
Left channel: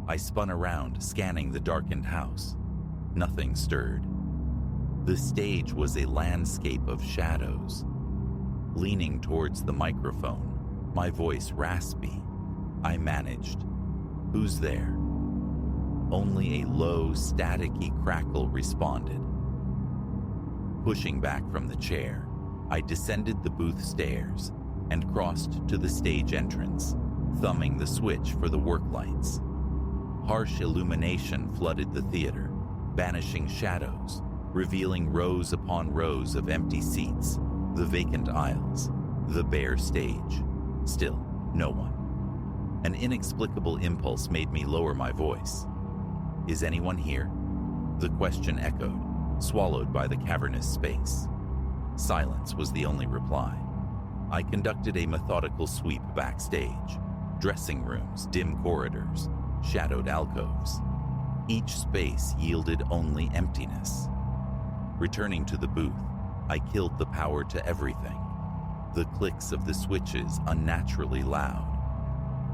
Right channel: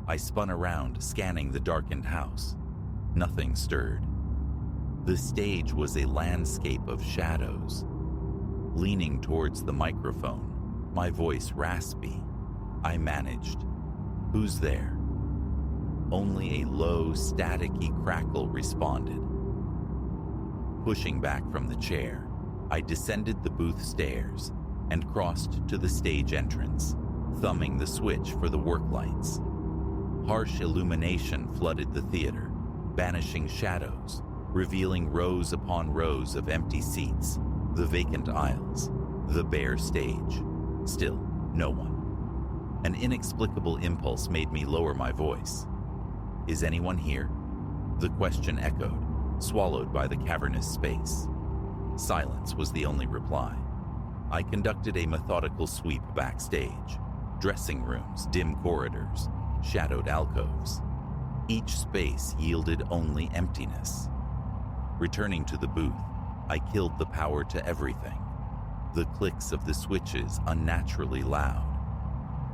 I spun around, scanning the darkened house. Nothing stirred. The stage was a landscape of shadows. Leaning towards the microphone, my voice raspy, I managed, "Who's there?" Only a low, staticky crackle responded. Pushing back from the chair, I descended the booth stairs and crossed to the stage entrance, thumbing the switch for the work lights. Harsh illumination flooded the theater, banishing shadows, revealing rows upon rows of empty seats, the vacant aisles, the bare stage. Still, no one. An inexplicable impulse made me lower my voice. "Is anyone here?" The question echoed, swallowed by the cavernous space. Silence was the only reply. I conducted a methodical sweep backstage. Dressing rooms, dim corridors, shadowed alcoves. Each space yielded only emptiness. Returning to the booth, I killed the power to everything. The clicks of the switches unnaturally loud.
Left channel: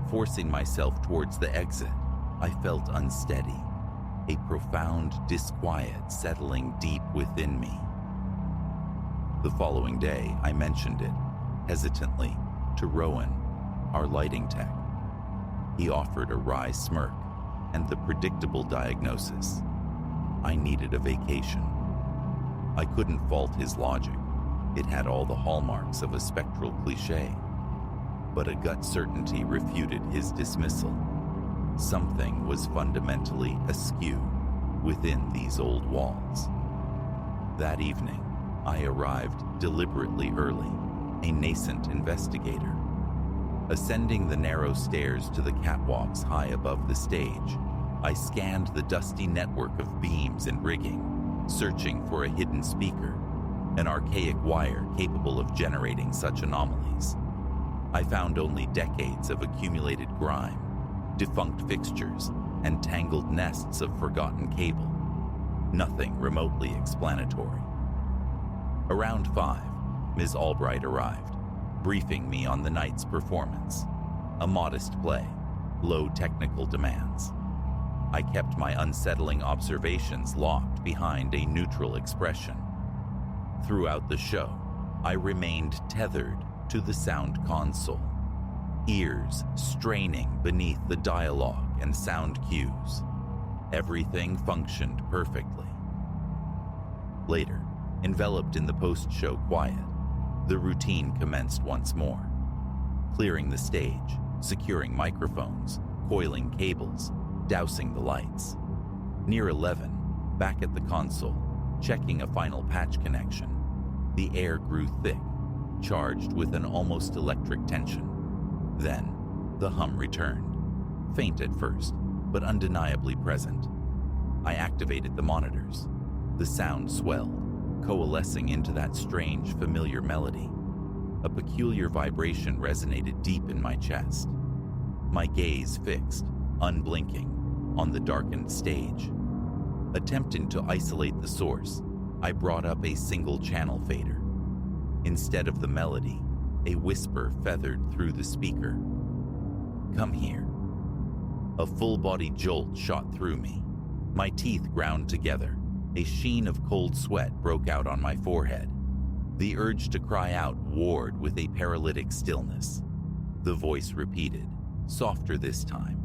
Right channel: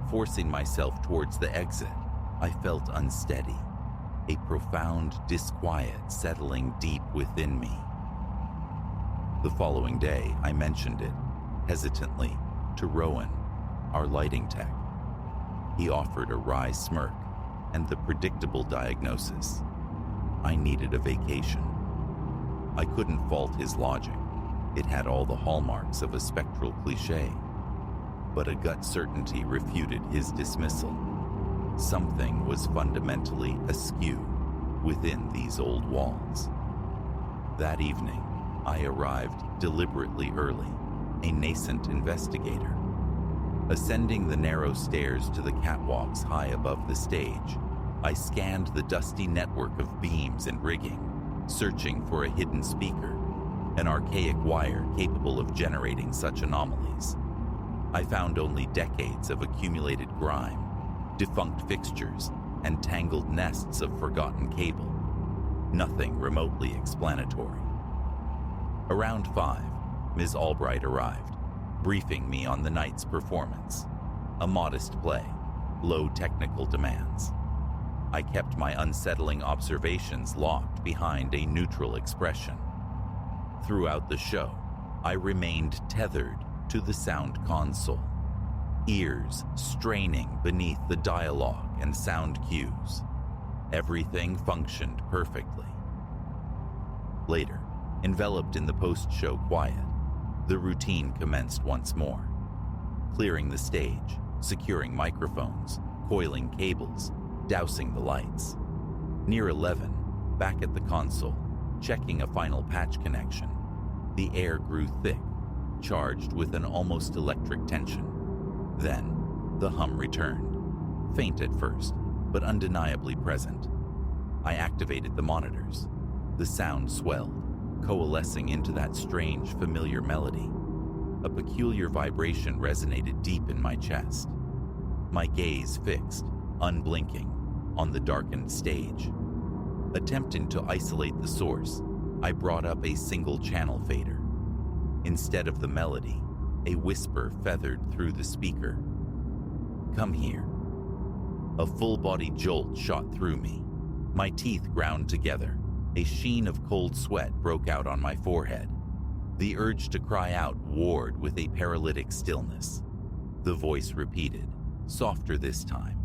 Forcing myself towards the exit, I felt unsteady, a profound disquiet settling deep within me. The following day, I mentioned it, hesitantly, to Rowan, our lighting tech. He offered a wry smirk and the predictable diagnosis. I needed a vacation. I couldn't fault his logic. It had all the hallmarks of a spectral cliché. But a gut certainty refuted his dismissal. Something was fundamentally askew within these old walls. That evening, I arrived deliberately early, a nascent investigator. Ascending the narrow stairs to the catwalks high above the stage, I scanned the dusty network of beams and rigging, searching for a hidden speaker, an archaic wire capable of generating such anomalies. I found only decades of accumulated grime, defunct fixtures, and tangled nests of forgotten cable. Nothing remotely explanatory. Around 5, Ms. Albright arrived, briefing me on the night's performance. A modest play, low technical demands. I kept my unsettling observations locked behind a neutral expression. Throughout the show, I remained tethered to the sound console, ears straining beneath the dialogue and sound cues. Everything functioned perfectly. Later, enveloped in the post-show quiet, the routine commenced once more. Clearing the stage, securing microphones, coiling cables, dousing the lights. Near 11, back at the console, checking a final patch connection, the air grew thick, charged with an almost electric tension. Then, the hum returned, faint at first, but undeniably present. I activated the monitors. The sound swelled, coalescing into that strange, familiar melody. A peculiar vibration resonated deep in my chest. My gaze fixed, unblinking, on the darkened stage. Attempting to isolate the source, I brought up a single channel fader. Instead of the melody, a whisper feathered through the speaker. "Come here." A full-body jolt shot through me. My teeth ground together. A sheen of cold sweat broke out on my forehead. The urge to cry out warred with a paralytic stillness. The voice repeated, softer this time,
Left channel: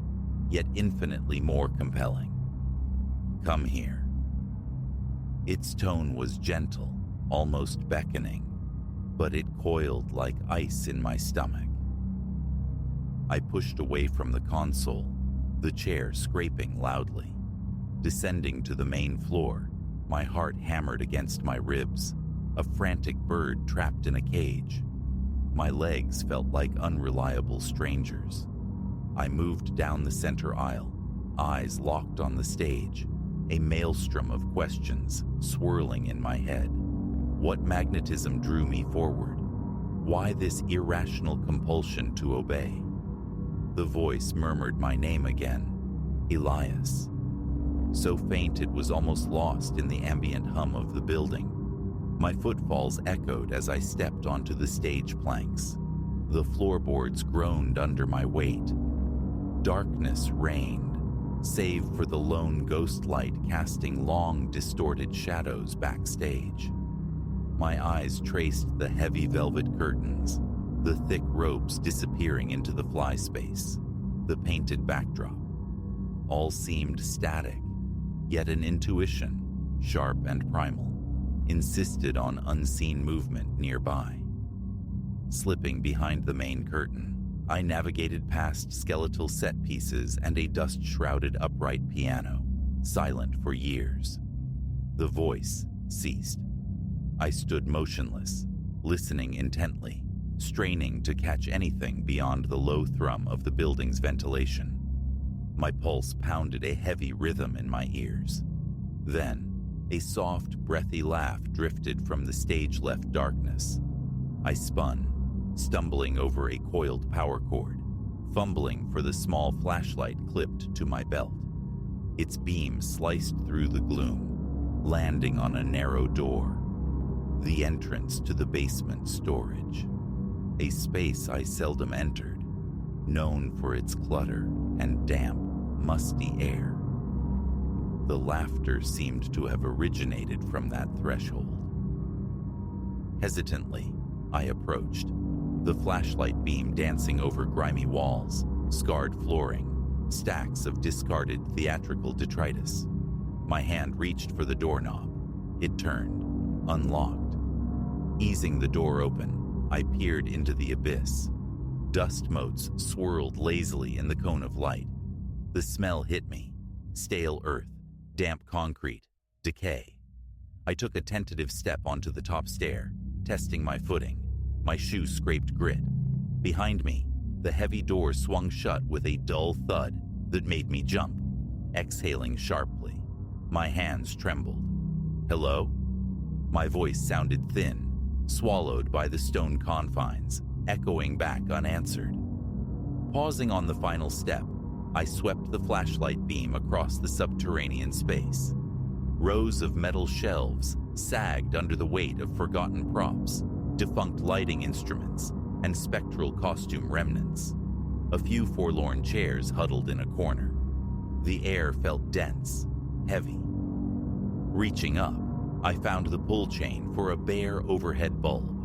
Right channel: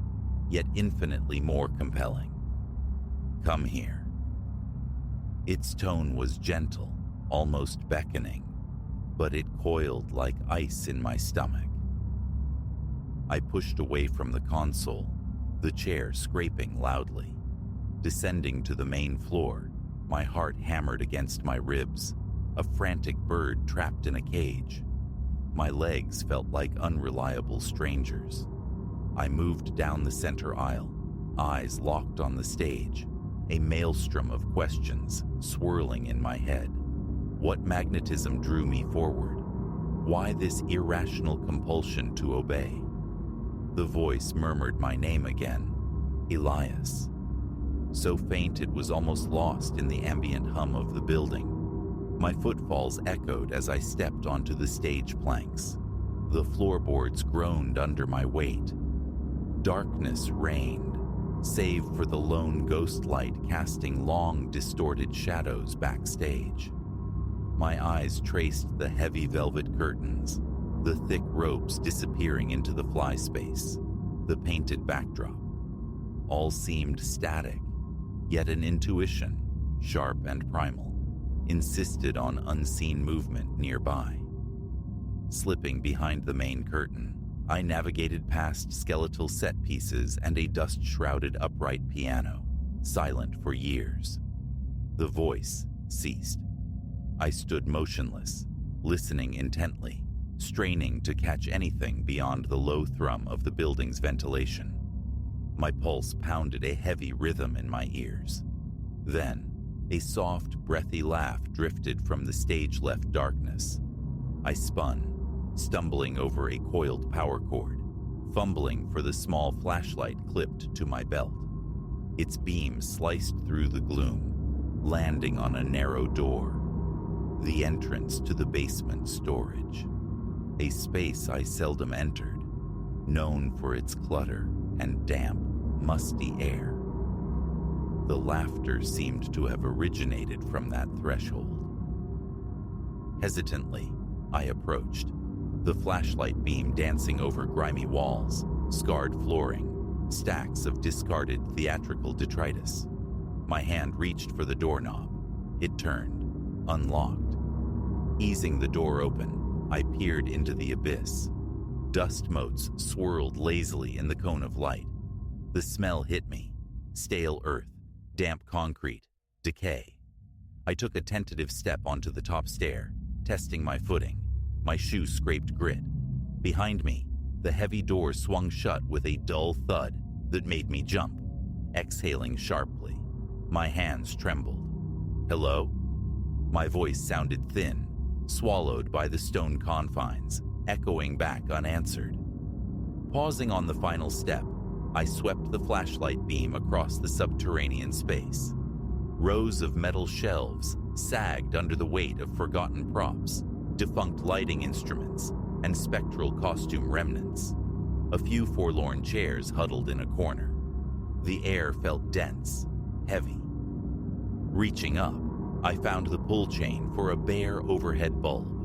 yet infinitely more compelling. "Come here." Its tone was gentle, almost beckoning, but it coiled like ice in my stomach. I pushed away from the console, the chair scraping loudly. Descending to the main floor, my heart hammered against my ribs, a frantic bird trapped in a cage. My legs felt like unreliable strangers. I moved down the center aisle, eyes locked on the stage, a maelstrom of questions swirling in my head. What magnetism drew me forward? Why this irrational compulsion to obey? The voice murmured my name again, Elias. So faint it was almost lost in the ambient hum of the building. My footfalls echoed as I stepped onto the stage planks. The floorboards groaned under my weight. Darkness reigned, save for the lone ghost light casting long, distorted shadows backstage. My eyes traced the heavy velvet curtains, the thick ropes disappearing into the fly space, the painted backdrop. All seemed static, yet an intuition, sharp and primal, insisted on unseen movement nearby. Slipping behind the main curtain, I navigated past skeletal set pieces and a dust-shrouded upright piano, silent for years. The voice ceased. I stood motionless, listening intently, straining to catch anything beyond the low thrum of the building's ventilation. My pulse pounded a heavy rhythm in my ears. Then, a soft, breathy laugh drifted from the stage-left darkness. I spun, stumbling over a coiled power cord, fumbling for the small flashlight clipped to my belt. Its beam sliced through the gloom, landing on a narrow door, the entrance to the basement storage, a space I seldom entered, known for its clutter and damp, musty air. The laughter seemed to have originated from that threshold. Hesitantly, I approached, the flashlight beam dancing over grimy walls, scarred flooring, stacks of discarded theatrical detritus. My hand reached for the doorknob. It turned, unlocked. Easing the door open, I peered into the abyss. Dust motes swirled lazily in the cone of light. The smell hit me. Stale earth, damp concrete, decay. I took a tentative step onto the top stair, testing my footing. My shoe scraped grit. Behind me, the heavy door swung shut with a dull thud that made me jump, exhaling sharply. My hands trembled. "Hello?" My voice sounded thin, swallowed by the stone confines, echoing back unanswered. Pausing on the final step, I swept the flashlight beam across the subterranean space. Rows of metal shelves sagged under the weight of forgotten props, defunct lighting instruments, and spectral costume remnants. A few forlorn chairs huddled in a corner. The air felt dense, heavy. Reaching up, I found the pull chain for a bare overhead bulb.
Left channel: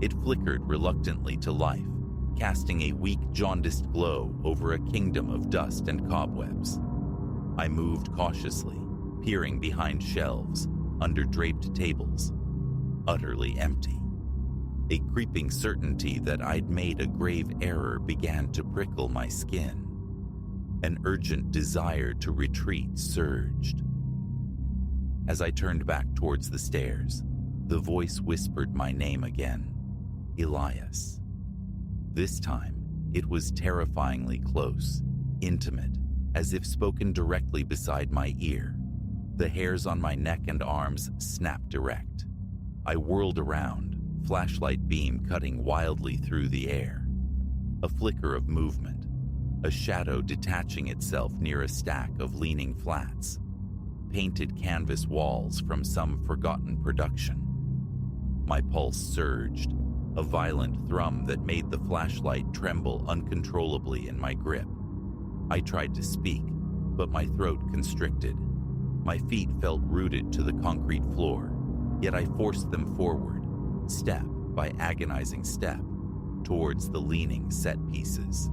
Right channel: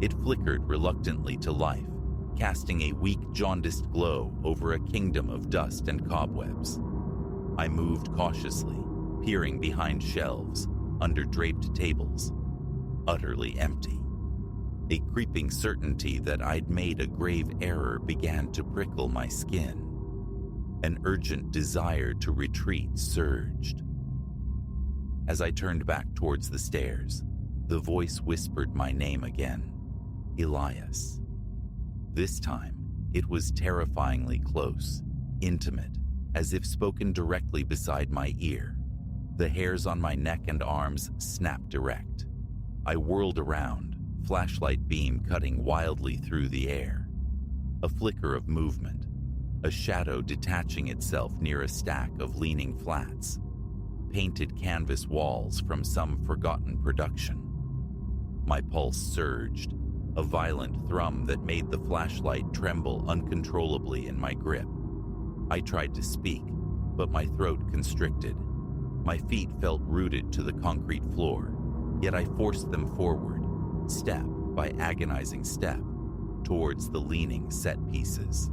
It flickered reluctantly to life, casting a weak, jaundiced glow over a kingdom of dust and cobwebs. I moved cautiously, peering behind shelves, under draped tables, utterly empty. A creeping certainty that I'd made a grave error began to prickle my skin. An urgent desire to retreat surged. As I turned back towards the stairs, the voice whispered my name again, Elias. This time, it was terrifyingly close, intimate, as if spoken directly beside my ear. The hairs on my neck and arms snapped erect. I whirled around, flashlight beam cutting wildly through the air. A flicker of movement, a shadow detaching itself near a stack of leaning flats, painted canvas walls from some forgotten production. My pulse surged, a violent thrum that made the flashlight tremble uncontrollably in my grip. I tried to speak, but my throat constricted. My feet felt rooted to the concrete floor, yet I forced them forward, step by agonizing step, towards the leaning set pieces.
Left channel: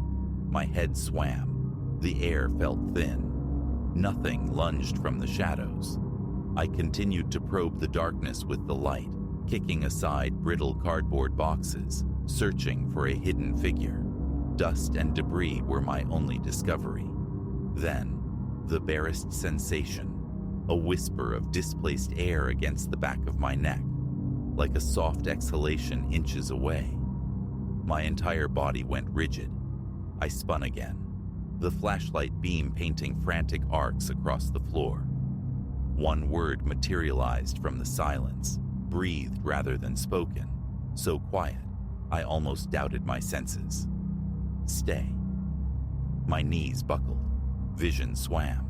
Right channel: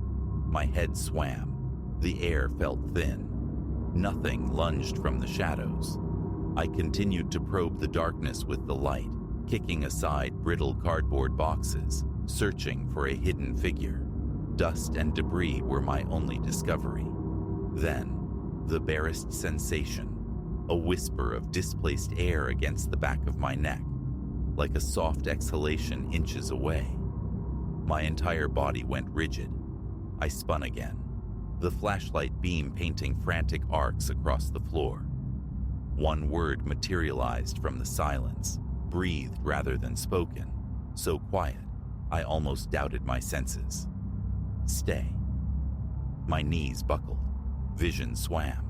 My head swam. The air felt thin. Nothing lunged from the shadows. I continued to probe the darkness with the light, kicking aside brittle cardboard boxes, searching for a hidden figure. Dust and debris were my only discovery. Then, the barest sensation, a whisper of displaced air against the back of my neck, like a soft exhalation inches away. My entire body went rigid. I spun again, the flashlight beam painting frantic arcs across the floor. One word materialized from the silence, breathed rather than spoken, so quiet, I almost doubted my senses. Stay. My knees buckled. Vision swam.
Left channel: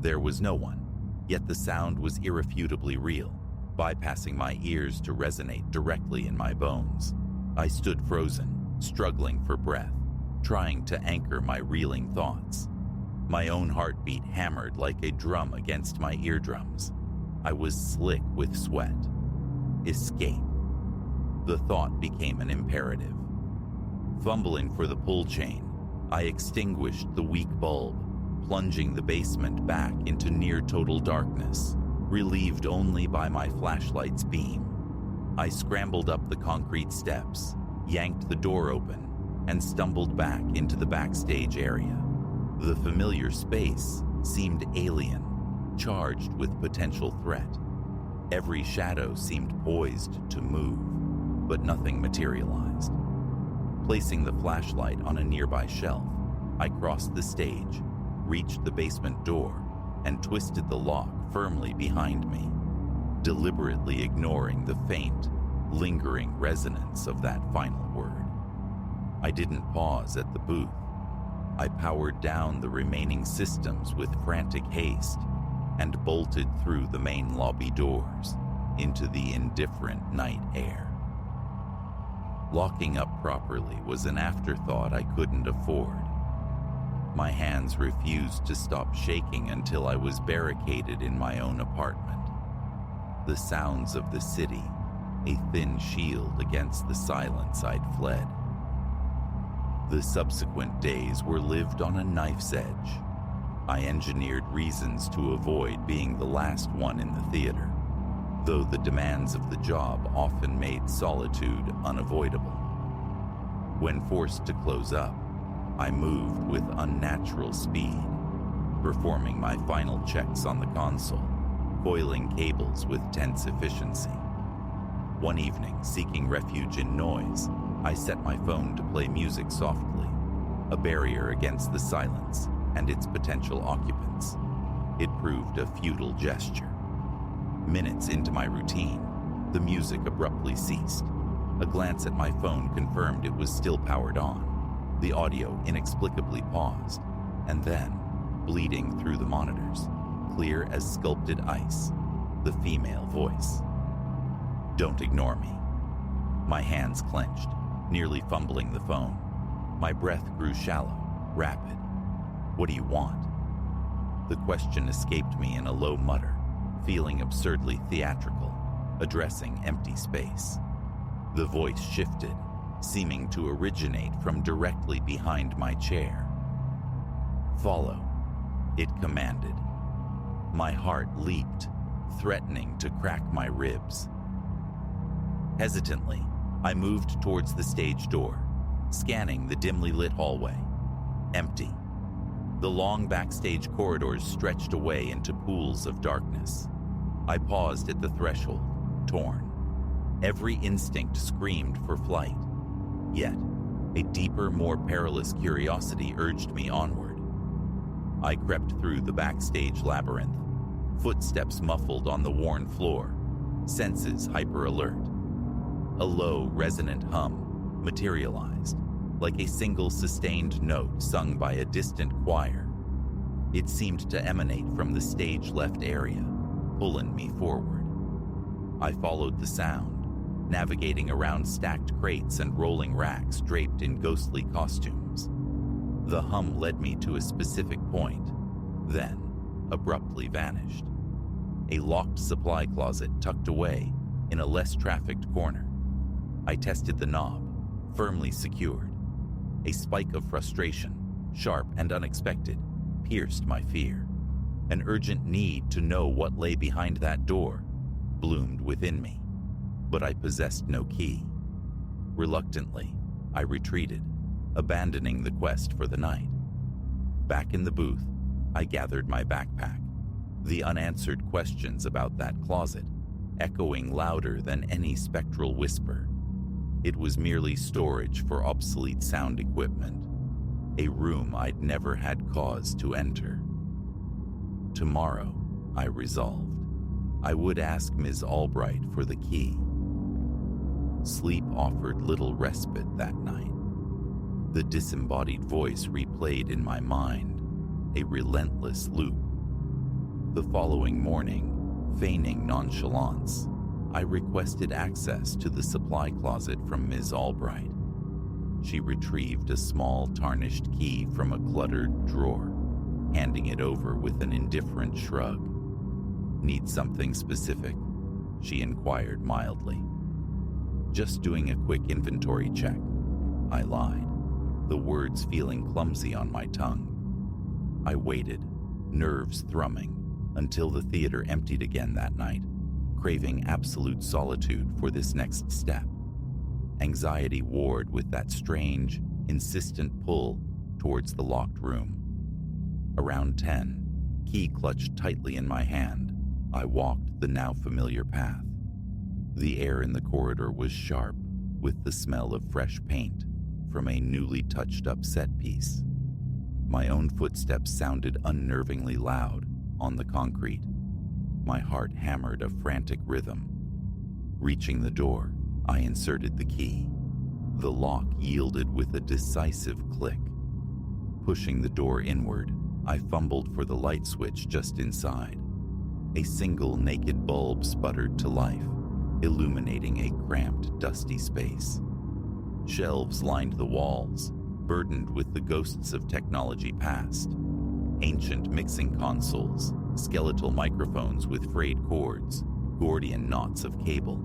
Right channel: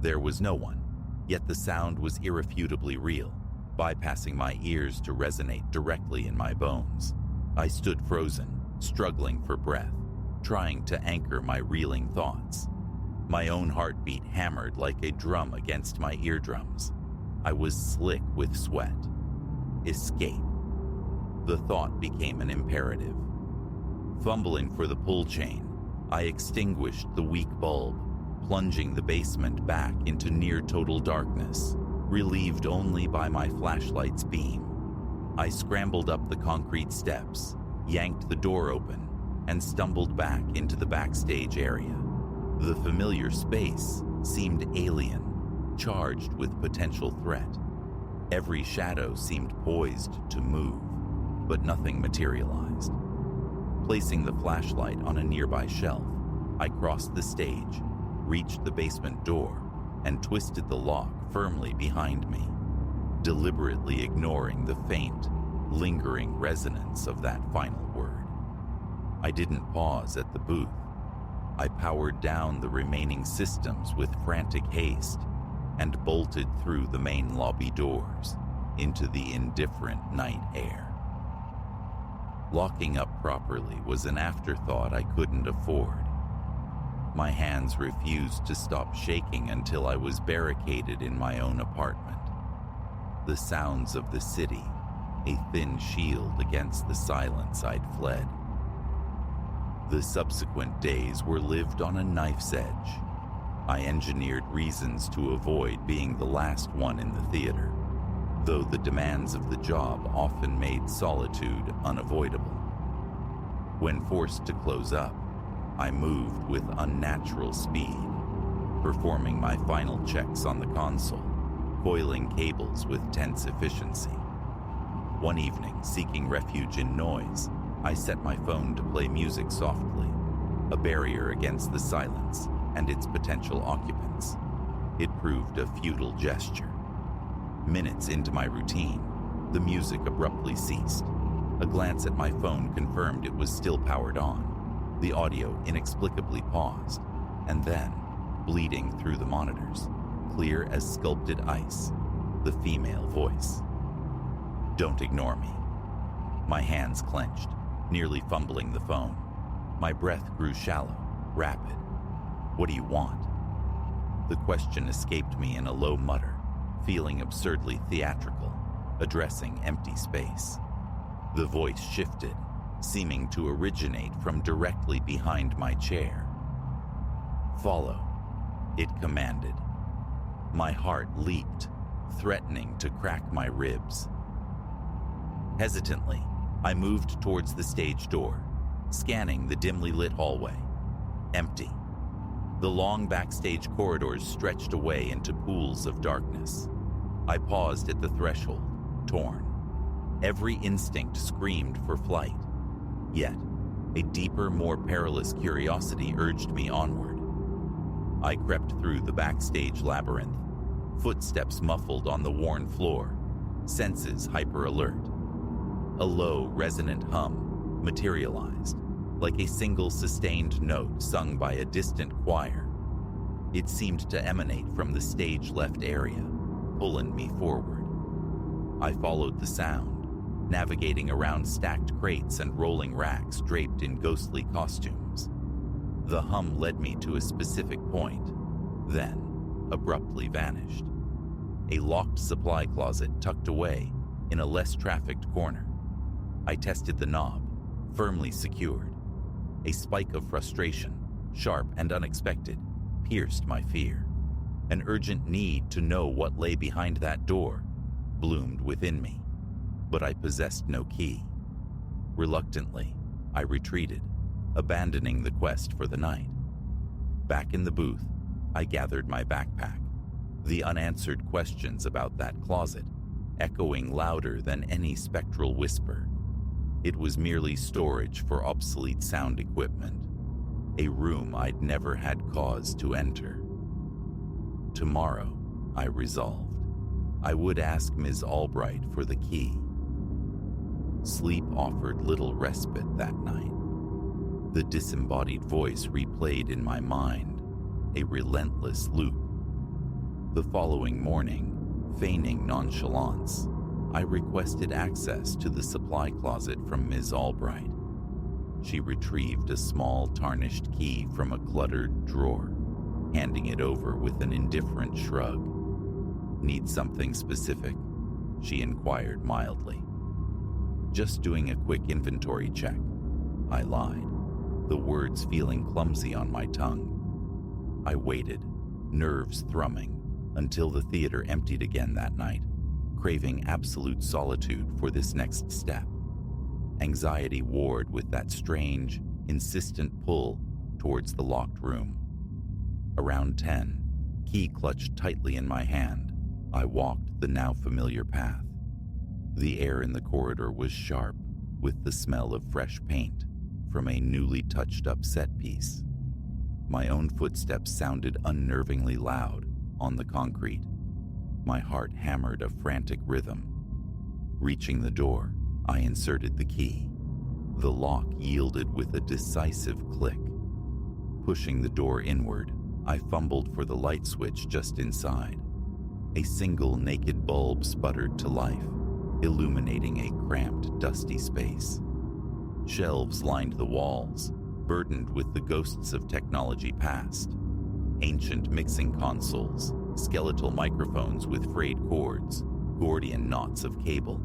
There was no one, yet the sound was irrefutably real, bypassing my ears to resonate directly in my bones. I stood frozen, struggling for breath, trying to anchor my reeling thoughts. My own heartbeat hammered like a drum against my eardrums. I was slick with sweat. Escape. The thought became an imperative. Fumbling for the pull chain, I extinguished the weak bulb, plunging the basement back into near-total darkness, relieved only by my flashlight's beam. I scrambled up the concrete steps, yanked the door open, and stumbled back into the backstage area. The familiar space seemed alien, charged with potential threat. Every shadow seemed poised to move, but nothing materialized. Placing the flashlight on a nearby shelf, I crossed the stage, reached the basement door, and twisted the lock firmly behind me, deliberately ignoring the faint, lingering resonance of that final word. I didn't pause at the booth. I powered down the remaining systems with frantic haste and bolted through the main lobby doors into the indifferent night air. Locking up properly was an afterthought I couldn't afford. My hands refused to stop shaking until I was barricaded in my own apartment. The sounds of the city, a thin shield against the silence I'd fled. The subsequent days were lived on a knife's edge. I engineered reasons to avoid being the last one in the theater, though the demands of the job often made solitude unavoidable. When forced to close up, I moved with unnatural speed, performing my final checks on the console, coiling cables with tense efficiency. One evening, seeking refuge in noise, I set my phone to play music softly, a barrier against the silence and its potential occupants. It proved a futile gesture. Minutes into my routine, the music abruptly ceased. A glance at my phone confirmed it was still powered on. The audio inexplicably paused, and then, bleeding through the monitors, clear as sculpted ice, the female voice. "Don't ignore me." My hands clenched, nearly fumbling the phone. My breath grew shallow, rapid. "What do you want?" The question escaped me in a low mutter, feeling absurdly theatrical, addressing empty space. The voice shifted, seeming to originate from directly behind my chair. "Follow," it commanded. My heart leaped, threatening to crack my ribs. Hesitantly, I moved towards the stage door, scanning the dimly lit hallway. Empty. The long backstage corridors stretched away into pools of darkness. I paused at the threshold, torn. Every instinct screamed for flight. Yet, a deeper, more perilous curiosity urged me onward. I crept through the backstage labyrinth, footsteps muffled on the worn floor, senses hyper-alert. A low, resonant hum materialized, like a single sustained note sung by a distant choir. It seemed to emanate from the stage-left area, pulling me forward. I followed the sound, navigating around stacked crates and rolling racks draped in ghostly costumes. The hum led me to a specific point, then abruptly vanished. A locked supply closet tucked away in a less trafficked corner. I tested the knob, firmly secured. A spike of frustration, sharp and unexpected, pierced my fear. An urgent need to know what lay behind that door bloomed within me, but I possessed no key. Reluctantly, I retreated, abandoning the quest for the night. Back in the booth, I gathered my backpack, the unanswered questions about that closet echoing louder than any spectral whisper. It was merely storage for obsolete sound equipment, a room I'd never had cause to enter. Tomorrow, I resolved, I would ask Ms. Albright for the key. Sleep offered little respite that night. The disembodied voice replayed in my mind, a relentless loop. The following morning, feigning nonchalance, I requested access to the supply closet from Ms. Albright. She retrieved a small tarnished key from a cluttered drawer, handing it over with an indifferent shrug. "Need something specific?" she inquired mildly. "Just doing a quick inventory check," I lied, the words feeling clumsy on my tongue. I waited, nerves thrumming, until the theater emptied again that night, craving absolute solitude for this next step. Anxiety warred with that strange, insistent pull towards the locked room. Around 10, key clutched tightly in my hand, I walked the now familiar path. The air in the corridor was sharp, with the smell of fresh paint from a newly touched-up set piece. My own footsteps sounded unnervingly loud on the concrete. My heart hammered a frantic rhythm. Reaching the door, I inserted the key. The lock yielded with a decisive click. Pushing the door inward, I fumbled for the light switch just inside. A single naked bulb sputtered to life, illuminating a cramped, dusty space. Shelves lined the walls, burdened with the ghosts of technology past. Ancient mixing consoles, skeletal microphones with frayed cords, Gordian knots of cable.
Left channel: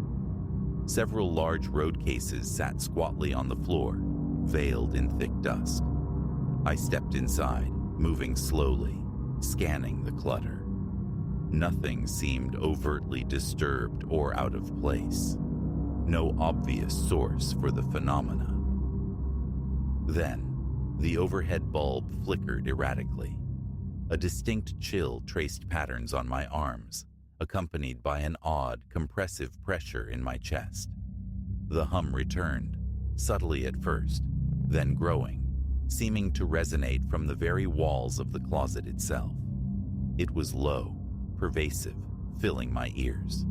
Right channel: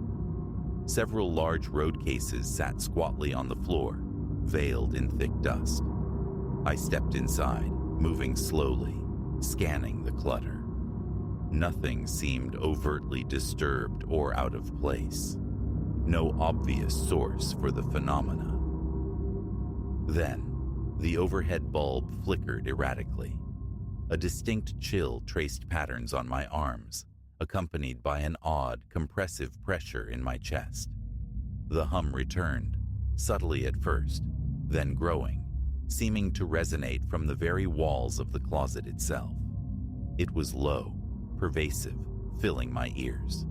Several large road cases sat squatly on the floor, veiled in thick dust. I stepped inside, moving slowly, scanning the clutter. Nothing seemed overtly disturbed or out of place. No obvious source for the phenomena. Then, the overhead bulb flickered erratically. A distinct chill traced patterns on my arms, accompanied by an odd, compressive pressure in my chest. The hum returned, subtly at first, then growing, seeming to resonate from the very walls of the closet itself. It was low, pervasive, filling my ears.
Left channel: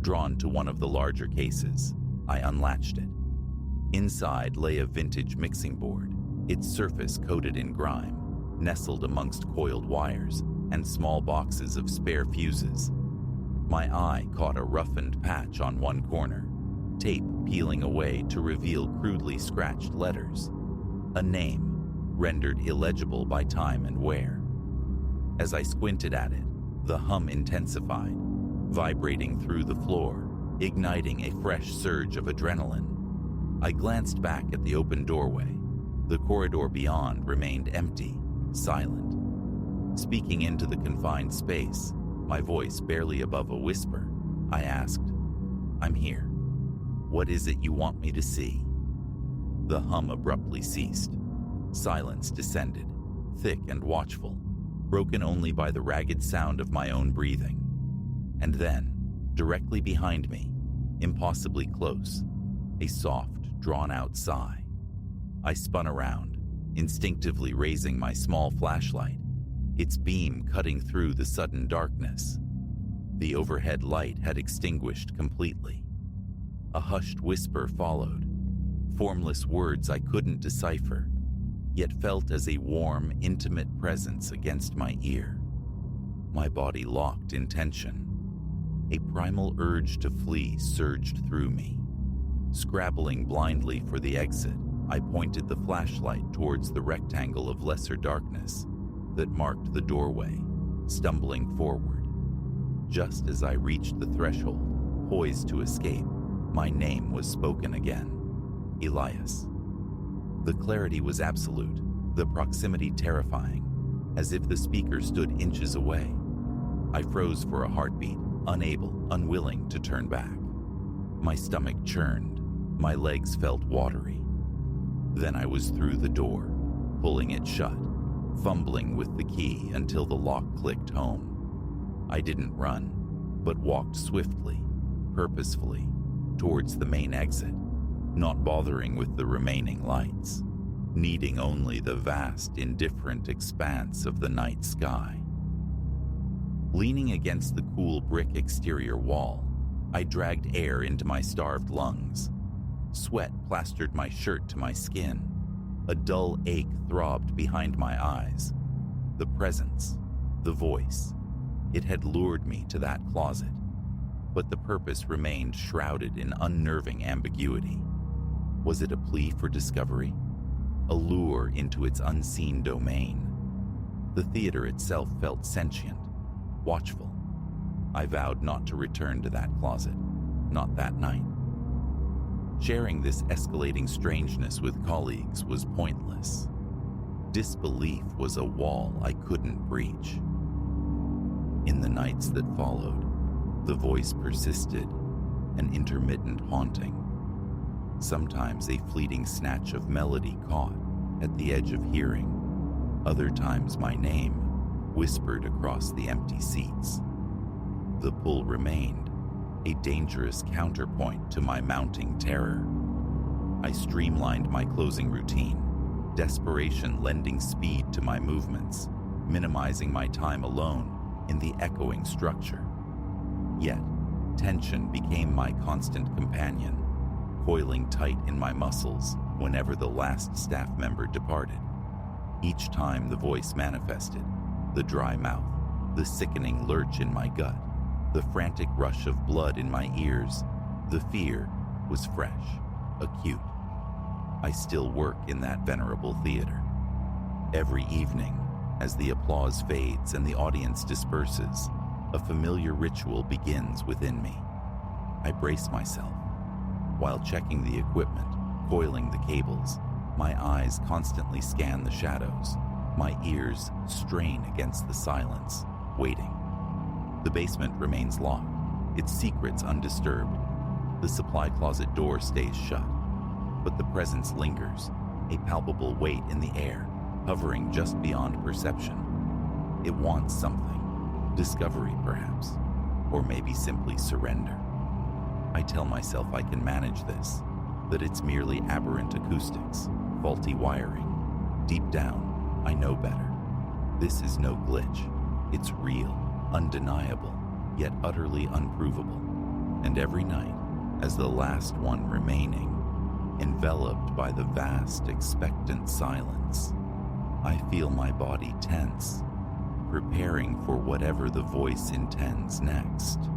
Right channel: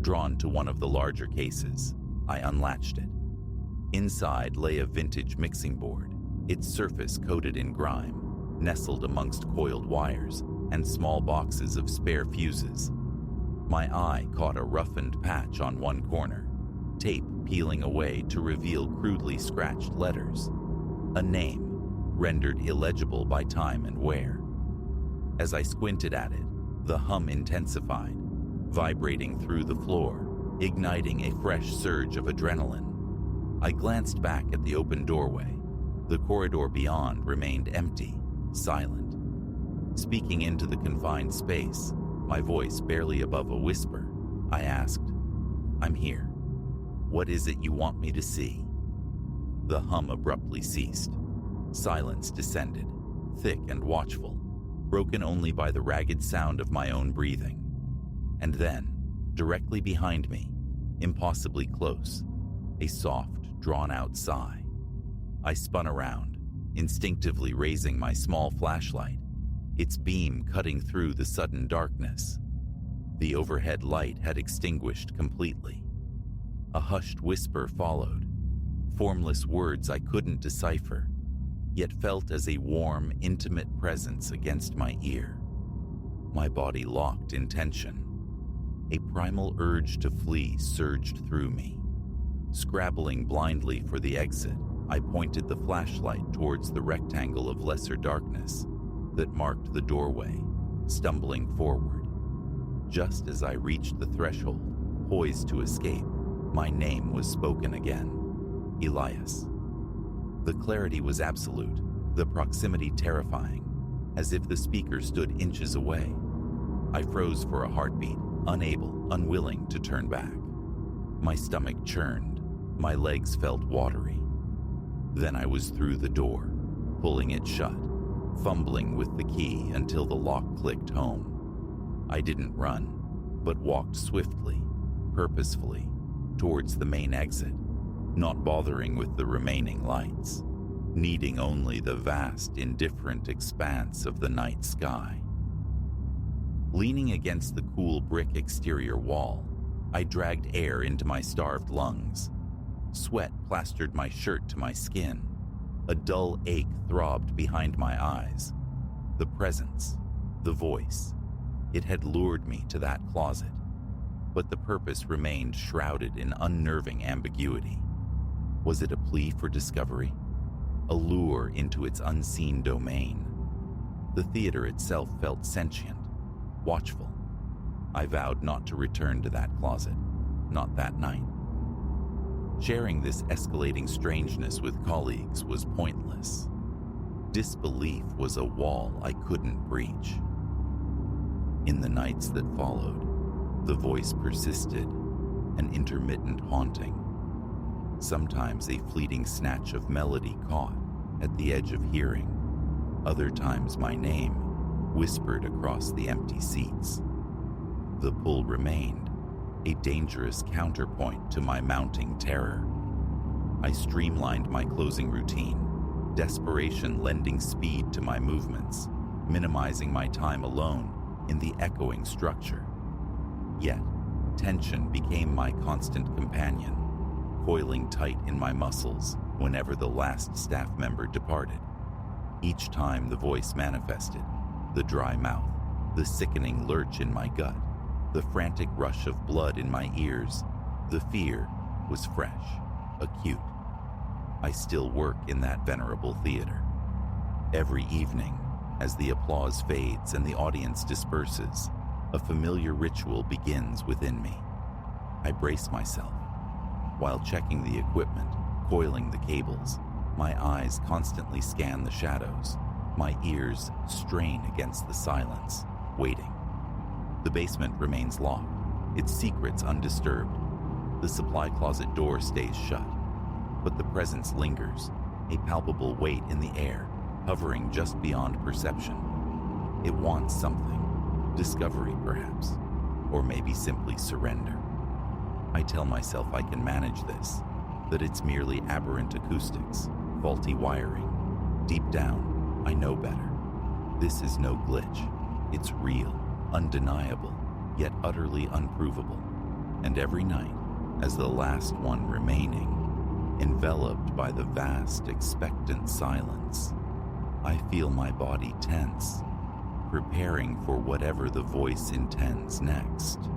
Drawn to one of the larger cases, I unlatched it. Inside lay a vintage mixing board, its surface coated in grime, nestled amongst coiled wires and small boxes of spare fuses. My eye caught a roughened patch on one corner, tape peeling away to reveal crudely scratched letters. A name, rendered illegible by time and wear. As I squinted at it, the hum intensified, vibrating through the floor, igniting a fresh surge of adrenaline. I glanced back at the open doorway. The corridor beyond remained empty, silent. Speaking into the confined space, my voice barely above a whisper, I asked, "I'm here. What is it you want me to see?" The hum abruptly ceased. Silence descended, thick and watchful, broken only by the ragged sound of my own breathing. And then, directly behind me, impossibly close, a soft, drawn-out sigh. I spun around, instinctively raising my small flashlight, its beam cutting through the sudden darkness. The overhead light had extinguished completely. A hushed whisper followed, formless words I couldn't decipher, yet felt as a warm, intimate presence against my ear. My body locked in tension. A primal urge to flee surged through me. Scrabbling blindly for the exit, I pointed the flashlight towards the rectangle of lesser darkness that marked the doorway, stumbling forward. Just as I reached the threshold, poised to escape, my name was spoken again. Elias. The clarity was absolute, the proximity terrifying, as if the speaker stood inches away. I froze for a heartbeat, unable, unwilling to turn back. My stomach churned, my legs felt watery. Then I was through the door, pulling it shut, fumbling with the key until the lock clicked home. I didn't run, but walked swiftly, purposefully, towards the main exit, not bothering with the remaining lights, needing only the vast, indifferent expanse of the night sky. Leaning against the cool brick exterior wall, I dragged air into my starved lungs. Sweat plastered my shirt to my skin. A dull ache throbbed behind my eyes. The presence, the voice, it had lured me to that closet, but the purpose remained shrouded in unnerving ambiguity. Was it a plea for discovery? A lure into its unseen domain? The theater itself felt sentient, watchful. I vowed not to return to that closet, not that night. Sharing this escalating strangeness with colleagues was pointless. Disbelief was a wall I couldn't breach. In the nights that followed, the voice persisted, an intermittent haunting. Sometimes a fleeting snatch of melody caught at the edge of hearing. Other times my name whispered across the empty seats. The pull remained, a dangerous counterpoint to my mounting terror. I streamlined my closing routine, desperation lending speed to my movements, minimizing my time alone in the echoing structure. Yet, tension became my constant companion, coiling tight in my muscles whenever the last staff member departed. Each time the voice manifested, the dry mouth, the sickening lurch in my gut, the frantic rush of blood in my ears, the fear was fresh, acute. I still work in that venerable theater. Every evening, as the applause fades and the audience disperses, a familiar ritual begins within me. I brace myself. While checking the equipment, coiling the cables, My eyes constantly scan the shadows. My ears strain against the silence, waiting. The basement remains locked, its secrets undisturbed. The supply closet door stays shut, but the presence lingers, a palpable weight in the air, hovering just beyond perception. It wants something, discovery perhaps, or maybe simply surrender. I tell myself I can manage this, that it's merely aberrant acoustics, faulty wiring. Deep down, I know better. This is no glitch. It's real, undeniable, yet utterly unprovable. And every night, as the last one remaining, enveloped by the vast, expectant silence, I feel my body tense, preparing for whatever the voice intends next.